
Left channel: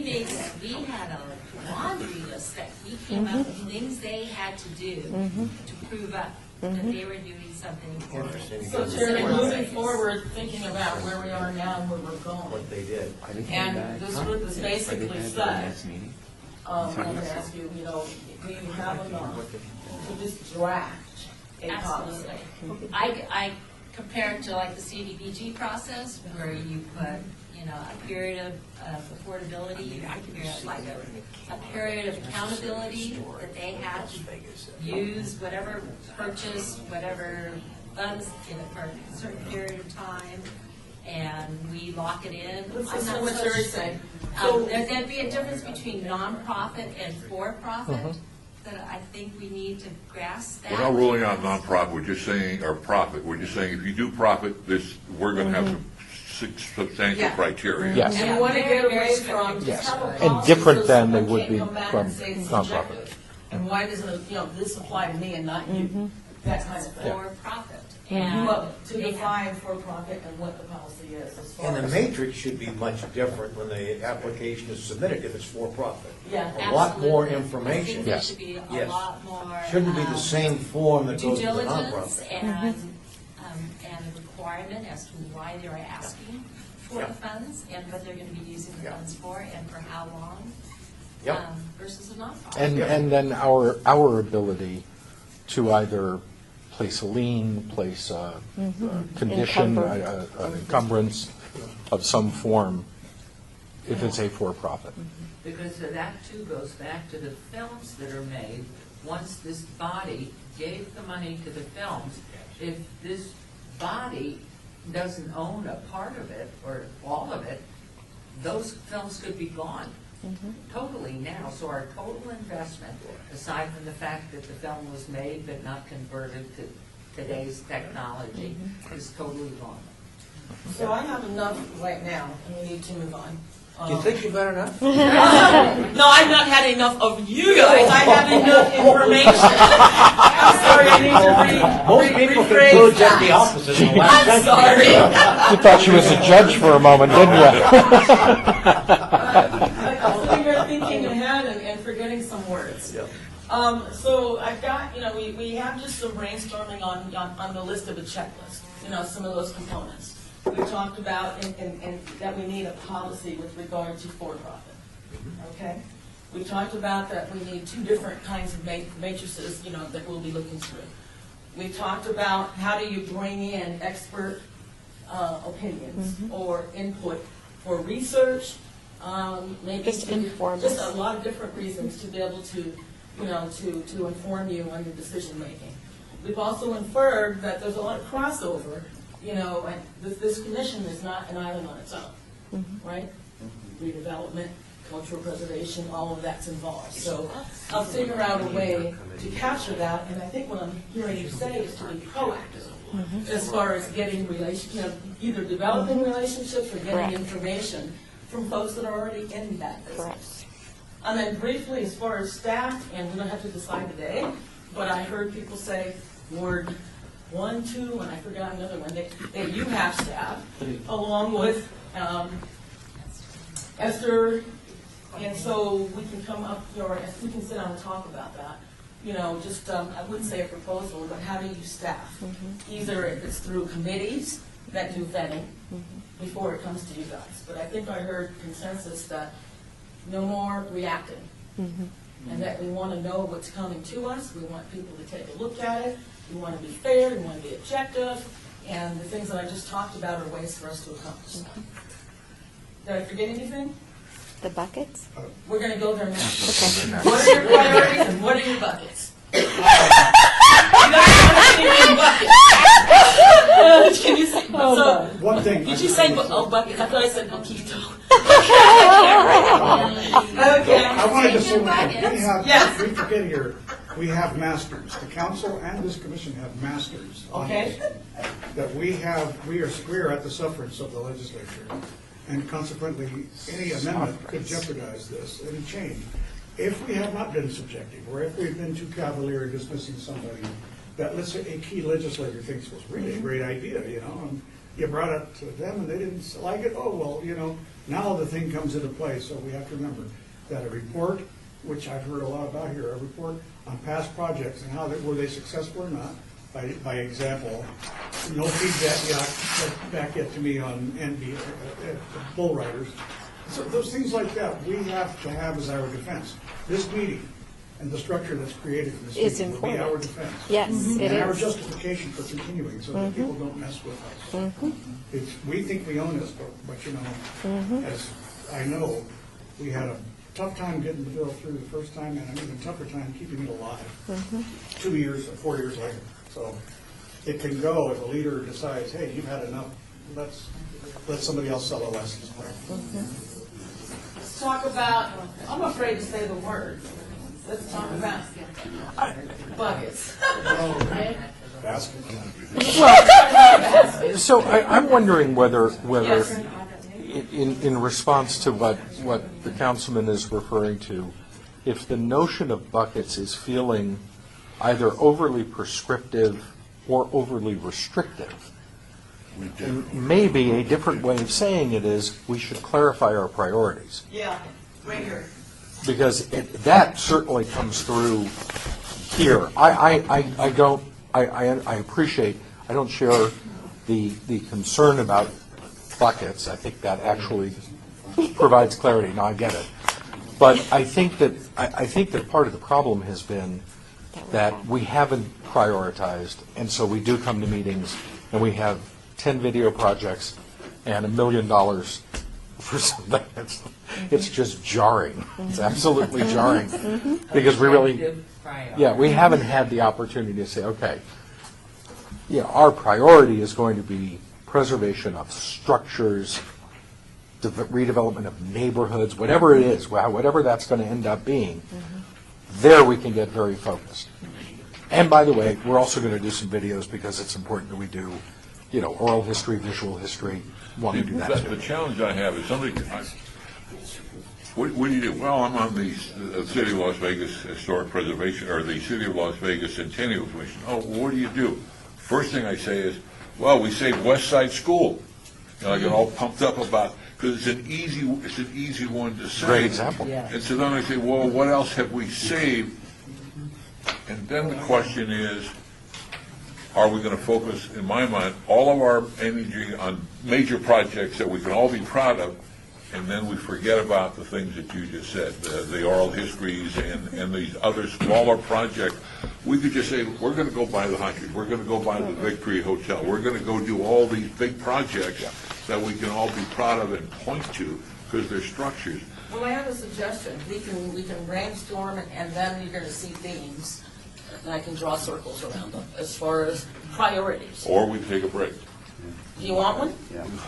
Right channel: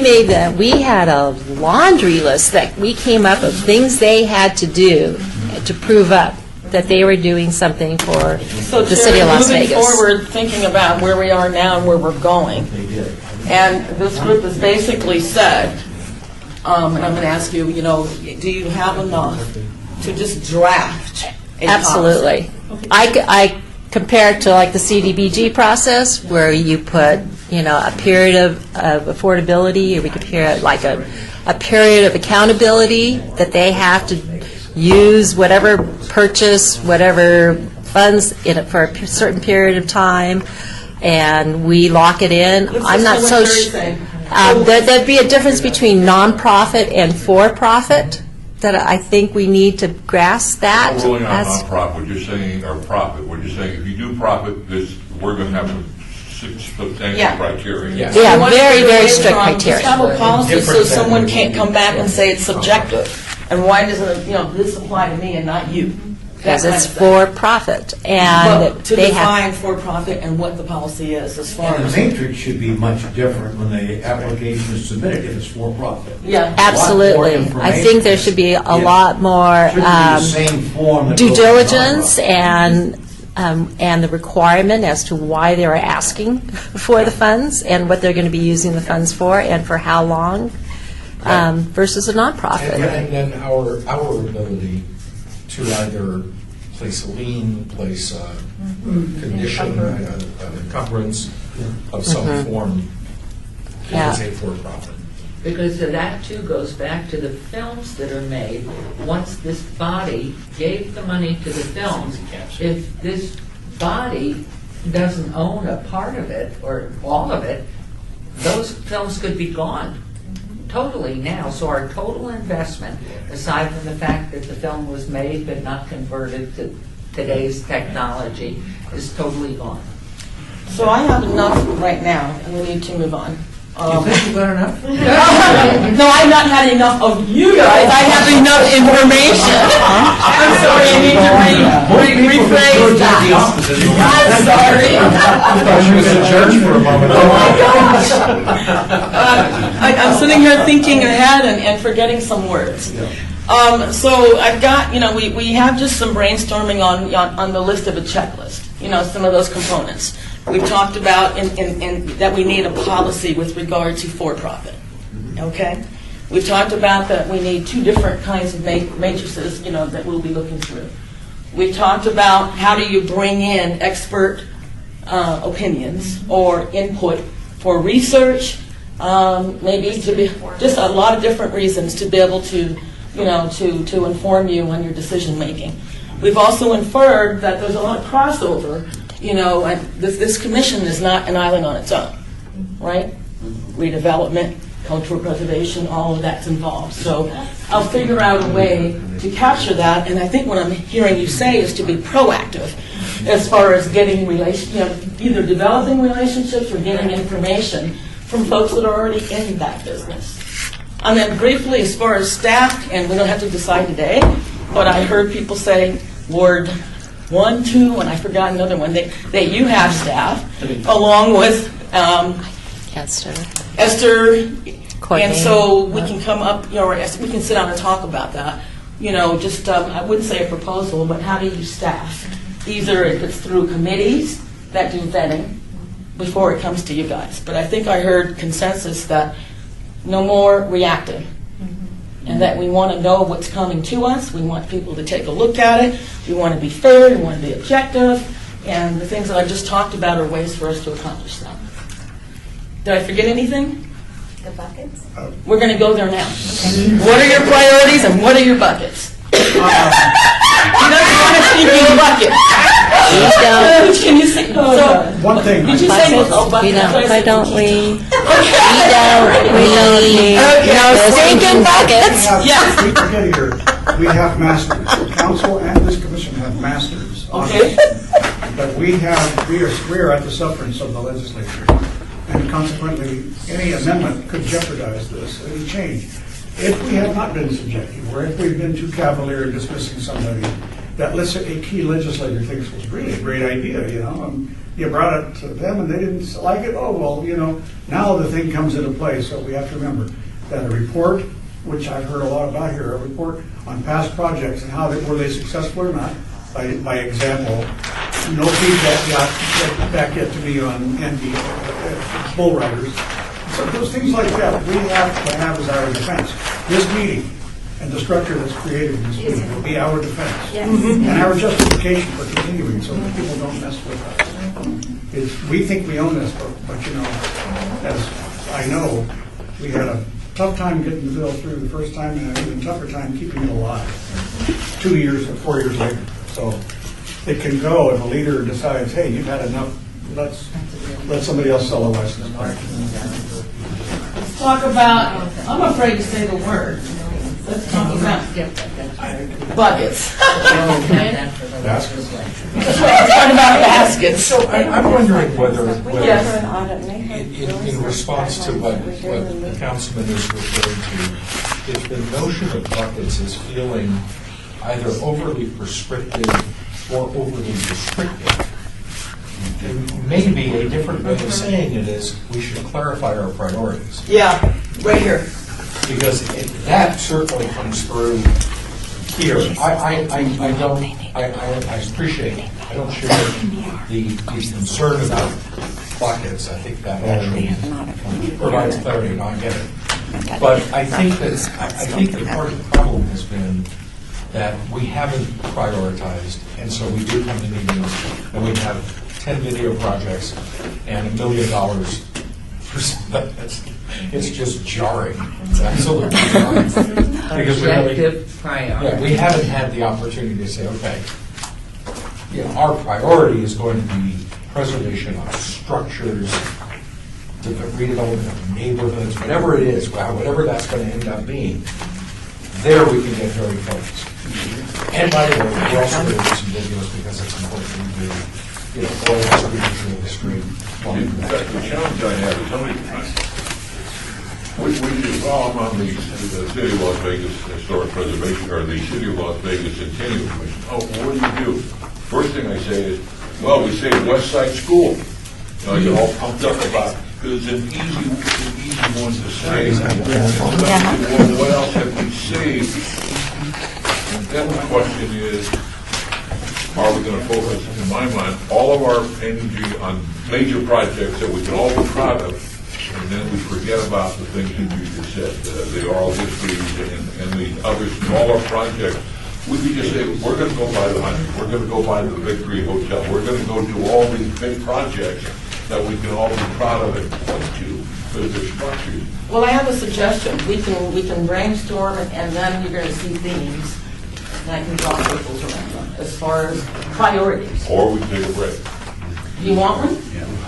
had a laundry list that we came up with things they had to do to prove up that they were doing something for So the city of Las moving Vegas. forward, thinking about where we are now and where we're going. And this group has basically said, and I'm going to ask you, do you have enough to just draft a Absolutely. I compare it to like the CDBG process where you put, a period of affordability, or we compare it like a period of accountability that they have to use whatever purchase, whatever funds in it for a certain period of time, and we lock it in. I'm not so sure. There'd be a difference between nonprofit and for-profit that I think we need to grasp that. We're ruling on nonprofit, we're just saying, or profit, we're just saying, if you do profit, we're going to have some substantial criteria. Yeah, You want to very, get very away strict from- criteria. Just have a policy so Different than someone we can't would come back from- and say it's subjective. And why doesn't it, this apply to me and not you? Because That it's kind of thing. for-profit, and But to they have. define for-profit and what the policy is as far And as. the matrix should be much different when the application is submitted if it's for-profit. Yeah. Absolutely. I think there should be a lot more Shouldn't be the same form that due goes to diligence nonprofit. and the requirement as to why they're asking for the funds and what they're going to be using the funds for and for how long versus a nonprofit. And then our ability to either place a lien, place a condition, an encumbrance of some form if Yeah. it's a for-profit. Because that too goes back to the films that are made. Once this body gave the money to the films, if this body doesn't own a part of it or all of it, those films could be gone totally now. So our total investment, aside from the fact that the film was made but not converted to today's technology, is totally gone. So I have enough right now, and we need to move on. You think you've got enough? No, I've not had enough of you guys. I have enough information. I'm sorry, I need to rephrase that. I'm sorry. I thought she was a judge for a moment. I'm sitting here thinking ahead and forgetting some words. So I've got, we have just some brainstorming on the list of a checklist, some of those components. We've talked about that we need a policy with regard to for-profit, okay? We've talked about that we need 2 different kinds of matrices, that we'll be looking through. We've talked about how do you bring in expert opinions or input for research, maybe to be, just a lot of different reasons to be able to, to inform you on your decision making. We've also inferred that there's a lot of crossover, and this commission is not an island on its own, right? Redevelopment, cultural preservation, all of that's involved. So I'll figure out a way to capture that, and I think what I'm hearing you say is to be proactive as far as getting either developing relationships or getting information from folks that are already in that business. And then briefly, as far as staff, and we don't have to decide today, but I heard people say Ward 1, 2, and I forgot another one, that you have staff, along with Esther, Courtney. and so we can come up, we can sit down and talk about that. Just, I wouldn't say a proposal, but how do you staff? Either if it's through committees that do vetting before it comes to you guys. But I think I heard consensus that no more reactive. And that we want to know what's coming to us. We want people to take a look at it. We want to be fair. We want to be objective. And the things that I just talked about are ways for us to accomplish that. Did I forget anything? The buckets? We're going to go there now. What are your priorities and what are your buckets? You're not thinking buckets. Can you say? So, One thing. did you say buckets? Why don't we? We don't need no stinking buckets. Yes. We forget here, we have masters. The council and this commission have masters on Okay. this. But we are at the sufferance of the legislature. And consequently, any amendment could jeopardize this, any change. If we have not been subjective, or if we've been too cavalier in dismissing somebody that a key legislator thinks was really a great idea, and you brought it to them and they didn't like it, oh, well, now the thing comes into play. So we have to remember that a report, which I've heard a lot about here, a report on past projects and how were they successful or not, by example, no feedback back yet to me on bull riders. So those things like that, we have to have as our defense. This meeting and the structure that's created in this meeting will be our defense. Yes. And our justification for continuing, so that people don't mess with us. We think we own this, but as I know, we had a tough time getting the bill through the first time, and an even tougher time keeping it alive 2 years or 4 years later. So it can go if a leader decides, hey, you've had enough, let's let somebody else sell a license. Let's talk about, I'm afraid to say the word. Let's talk about buckets. Baskets. Well, let's talk about baskets. So I'm wondering whether Yes. in response to what the councilman is referring to, if the notion of buckets is feeling either overly prescriptive or overly restrictive, maybe a different way of saying it is we should clarify our priorities. Yeah, right here. Because that certainly comes through here. I appreciate, I don't share the concern about buckets. I think that actually provides clarity, and I get it. But I think that part of the problem has been that we haven't prioritized, and so we do come to meetings and we have 10 video projects and $1 million for something. It's just jarring. It's absolutely jarring. Because we haven't had the opportunity to say, okay, our priority is going to be preservation of structures, the redevelopment of neighborhoods, whatever it is, whatever that's going to end up being. There we can get very focused. And by the way, we're also going to do some videos because it's important that we do, oral history, visual history. The challenge I have is What do you do? Well, I'm on the City of Las Vegas Historic Preservation, or the City of Las Vegas Centennial Commission. Oh, well, what do you do? First thing I say is, well, we saved West Side School. I get all pumped up about it, because it's an easy one to say. And then I say, well, what else have we saved? And then the question is, are we going to focus, in my mind, all of our energy on major projects that we can all be proud of, and then we forget about the things that you just said, the oral histories and the other smaller projects. We could just say, we're going to go buy the 100, we're going to go buy the Victory Hotel, we're going to go do all these big projects that we can all be proud of and point to, because they're structured. Well, I have a suggestion. We can brainstorm, and then you're going to see themes, and I can draw circles around them as far as priorities. Or we take a break. Do you want one?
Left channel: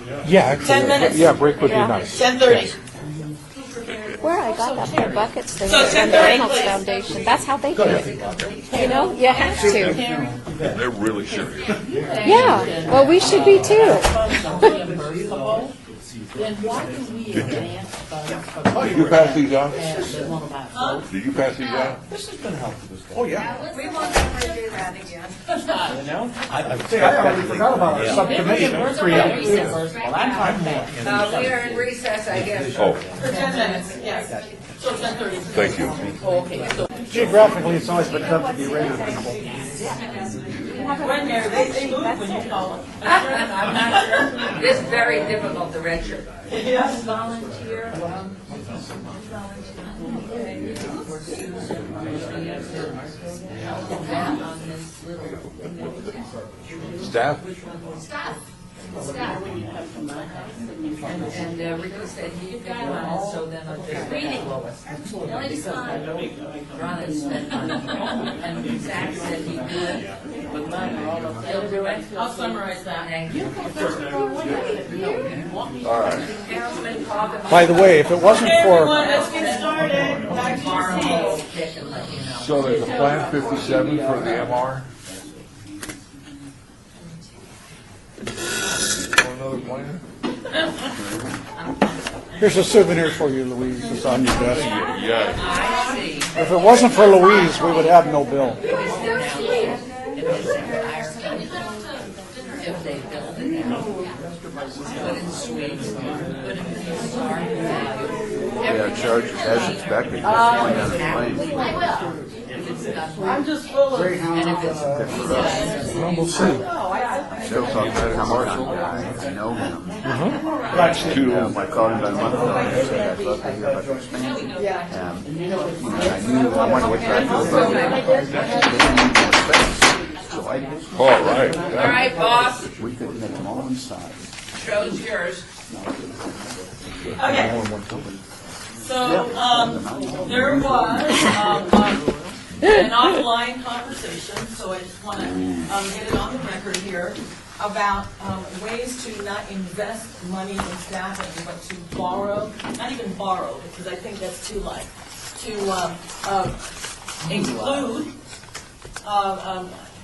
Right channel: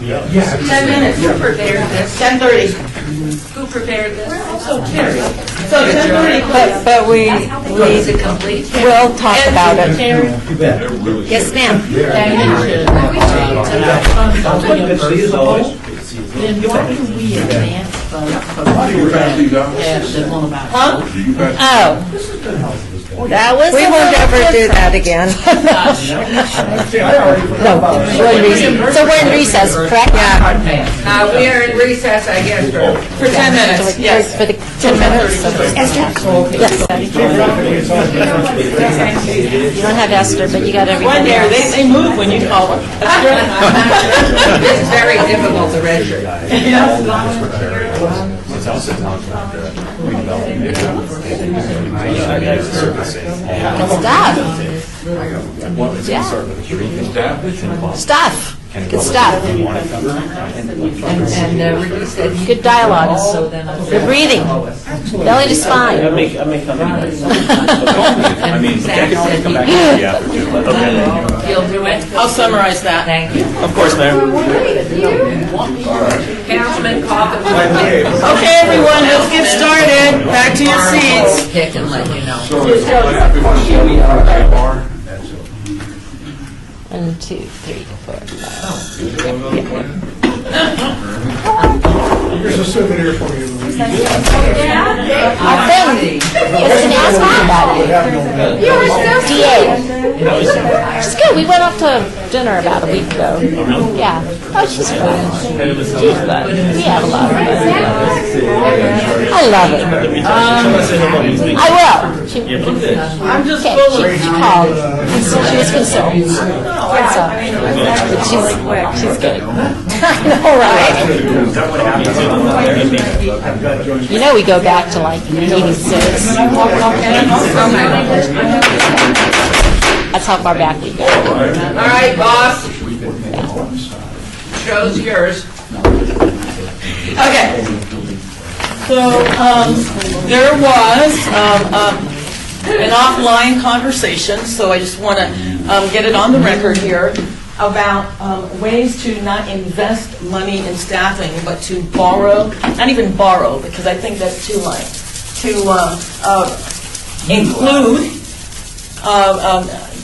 Yeah. 10 minutes. Who prepared this? 10:30. Who prepared this? So 10:30. But we, That's how they do it. Is it complete? we'll talk about it. They're really Yes, good. ma'am. Yeah, well, we should be too. Good to see you as always. Then why do we advance Do you pass these out? Huh? Do you pass these Oh, out? That was we a won't little ever do that again. So we're in recess, correct? Now, we are in recess, I guess, For 10 minutes, yes. For the 10 minutes? Yes. You don't have Esther, but you got One everybody there, else. they move when you call them. It's very difficult to register. Stuff. Good stuff. And reduce that. Good dialogue. So then Good breathing. Belly to spine. I may come in. I mean, come back and see after too, but okay. You'll do it? I'll summarize that. Thank you. Of course, Mayor. Councilman Coffin. By the way, Okay, everyone, let's get started. Back to your seats. Pick and let you know. 1, 2, 3, 4, 5. Here's a souvenir for you, Louise. Our friend. If it wasn't for Louise, we would have no bed. You were so DA. She's good. We went off to dinner about a week ago. Yeah. Oh, she's fun. She's fun. We have a lot of fun. I love it. I will. I'm just Okay, full of. she called. She was concerned. But she's good. All right. You know, we go back to like 86. That's how far back we go. All right, boss. Show's yours. Okay. So, there was an offline conversation, so I just want to get it on the record here, about ways to not invest money in staffing, but to borrow, not even borrow, because I think that's too light, to include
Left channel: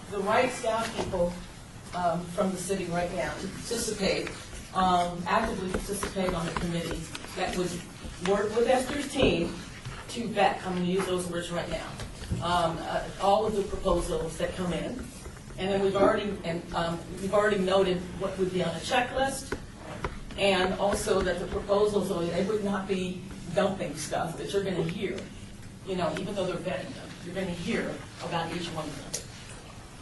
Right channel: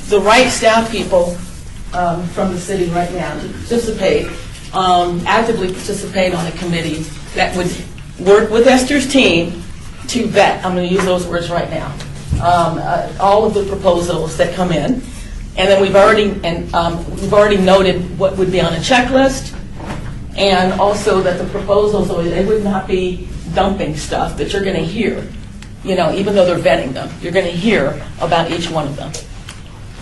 the right staff people from the city right now to participate, actively participate on a committee that would work with Esther's team to vet, I'm going to use those words right now, all of the proposals that come in. And then we've already noted what would be on a checklist, and also that the proposals, they would not be dumping stuff that you're going to hear, you know, even though they're vetting them. You're going to hear about each one of them.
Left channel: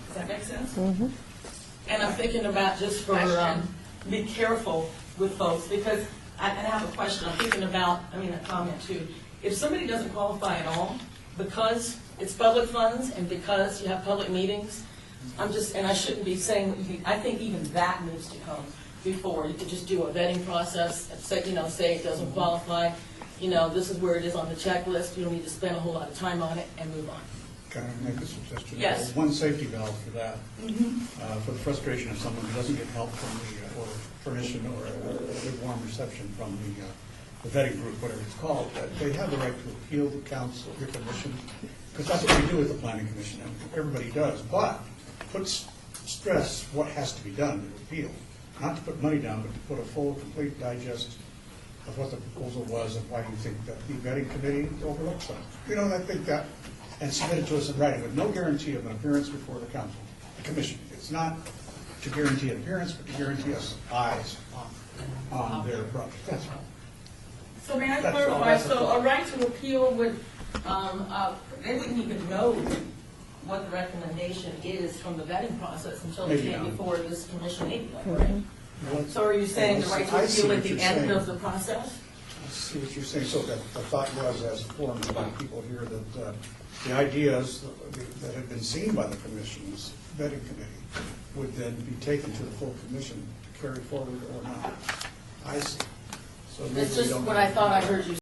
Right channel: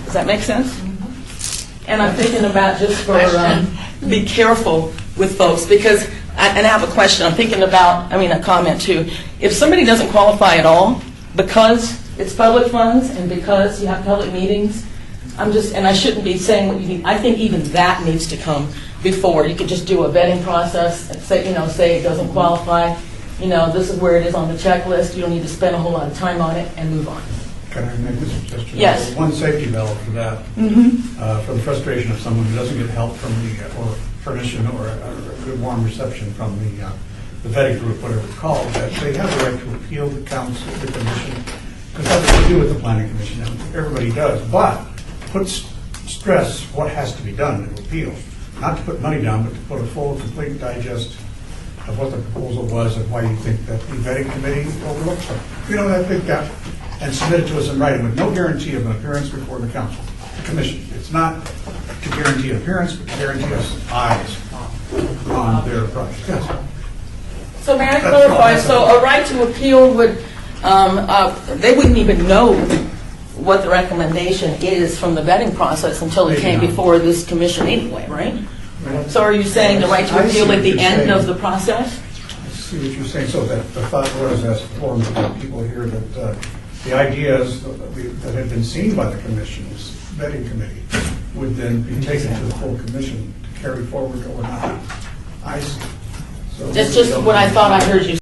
Does that make sense? Mm-hmm. And I'm thinking about just for, be careful with folks, because, and I have a question, I'm thinking about, a comment too. If somebody doesn't qualify at all, because it's public funds and because you have public meetings, and I shouldn't be saying what you need. I think even that needs to come before. You could just do a vetting process and say it doesn't qualify. This is where it is on the checklist. You don't need to spend a whole lot of time on it, and move on. Can I make a suggestion? Yes. One safety valve for that, for the frustration of someone who doesn't get help from or permission or a good warm reception from the vetting group, whatever it's called, that they have the right to appeal the council, the commission, because that's what we do with the planning commission. Everybody does, but stress what has to be done to appeal. Not to put money down, but to put a full, complete, digest of what the proposal was and why you think that the vetting committee overlooked something. That big gap, and submit it to us in writing with no guarantee of an appearance before the council, the commission. It's not to guarantee appearance, but to guarantee us eyes on their project. Yes. So may I clarify, so a right to appeal would, they wouldn't even know what the recommendation is from the vetting process until it came before this commission anyway, right? So are you saying the right to appeal at the end of the process? I see what you're saying. So that the thought was, as forum of people here, that the ideas that had been seen by the commission's vetting committee would then be taken to the full commission to carry forward or not. I see. So That's just what I thought I heard you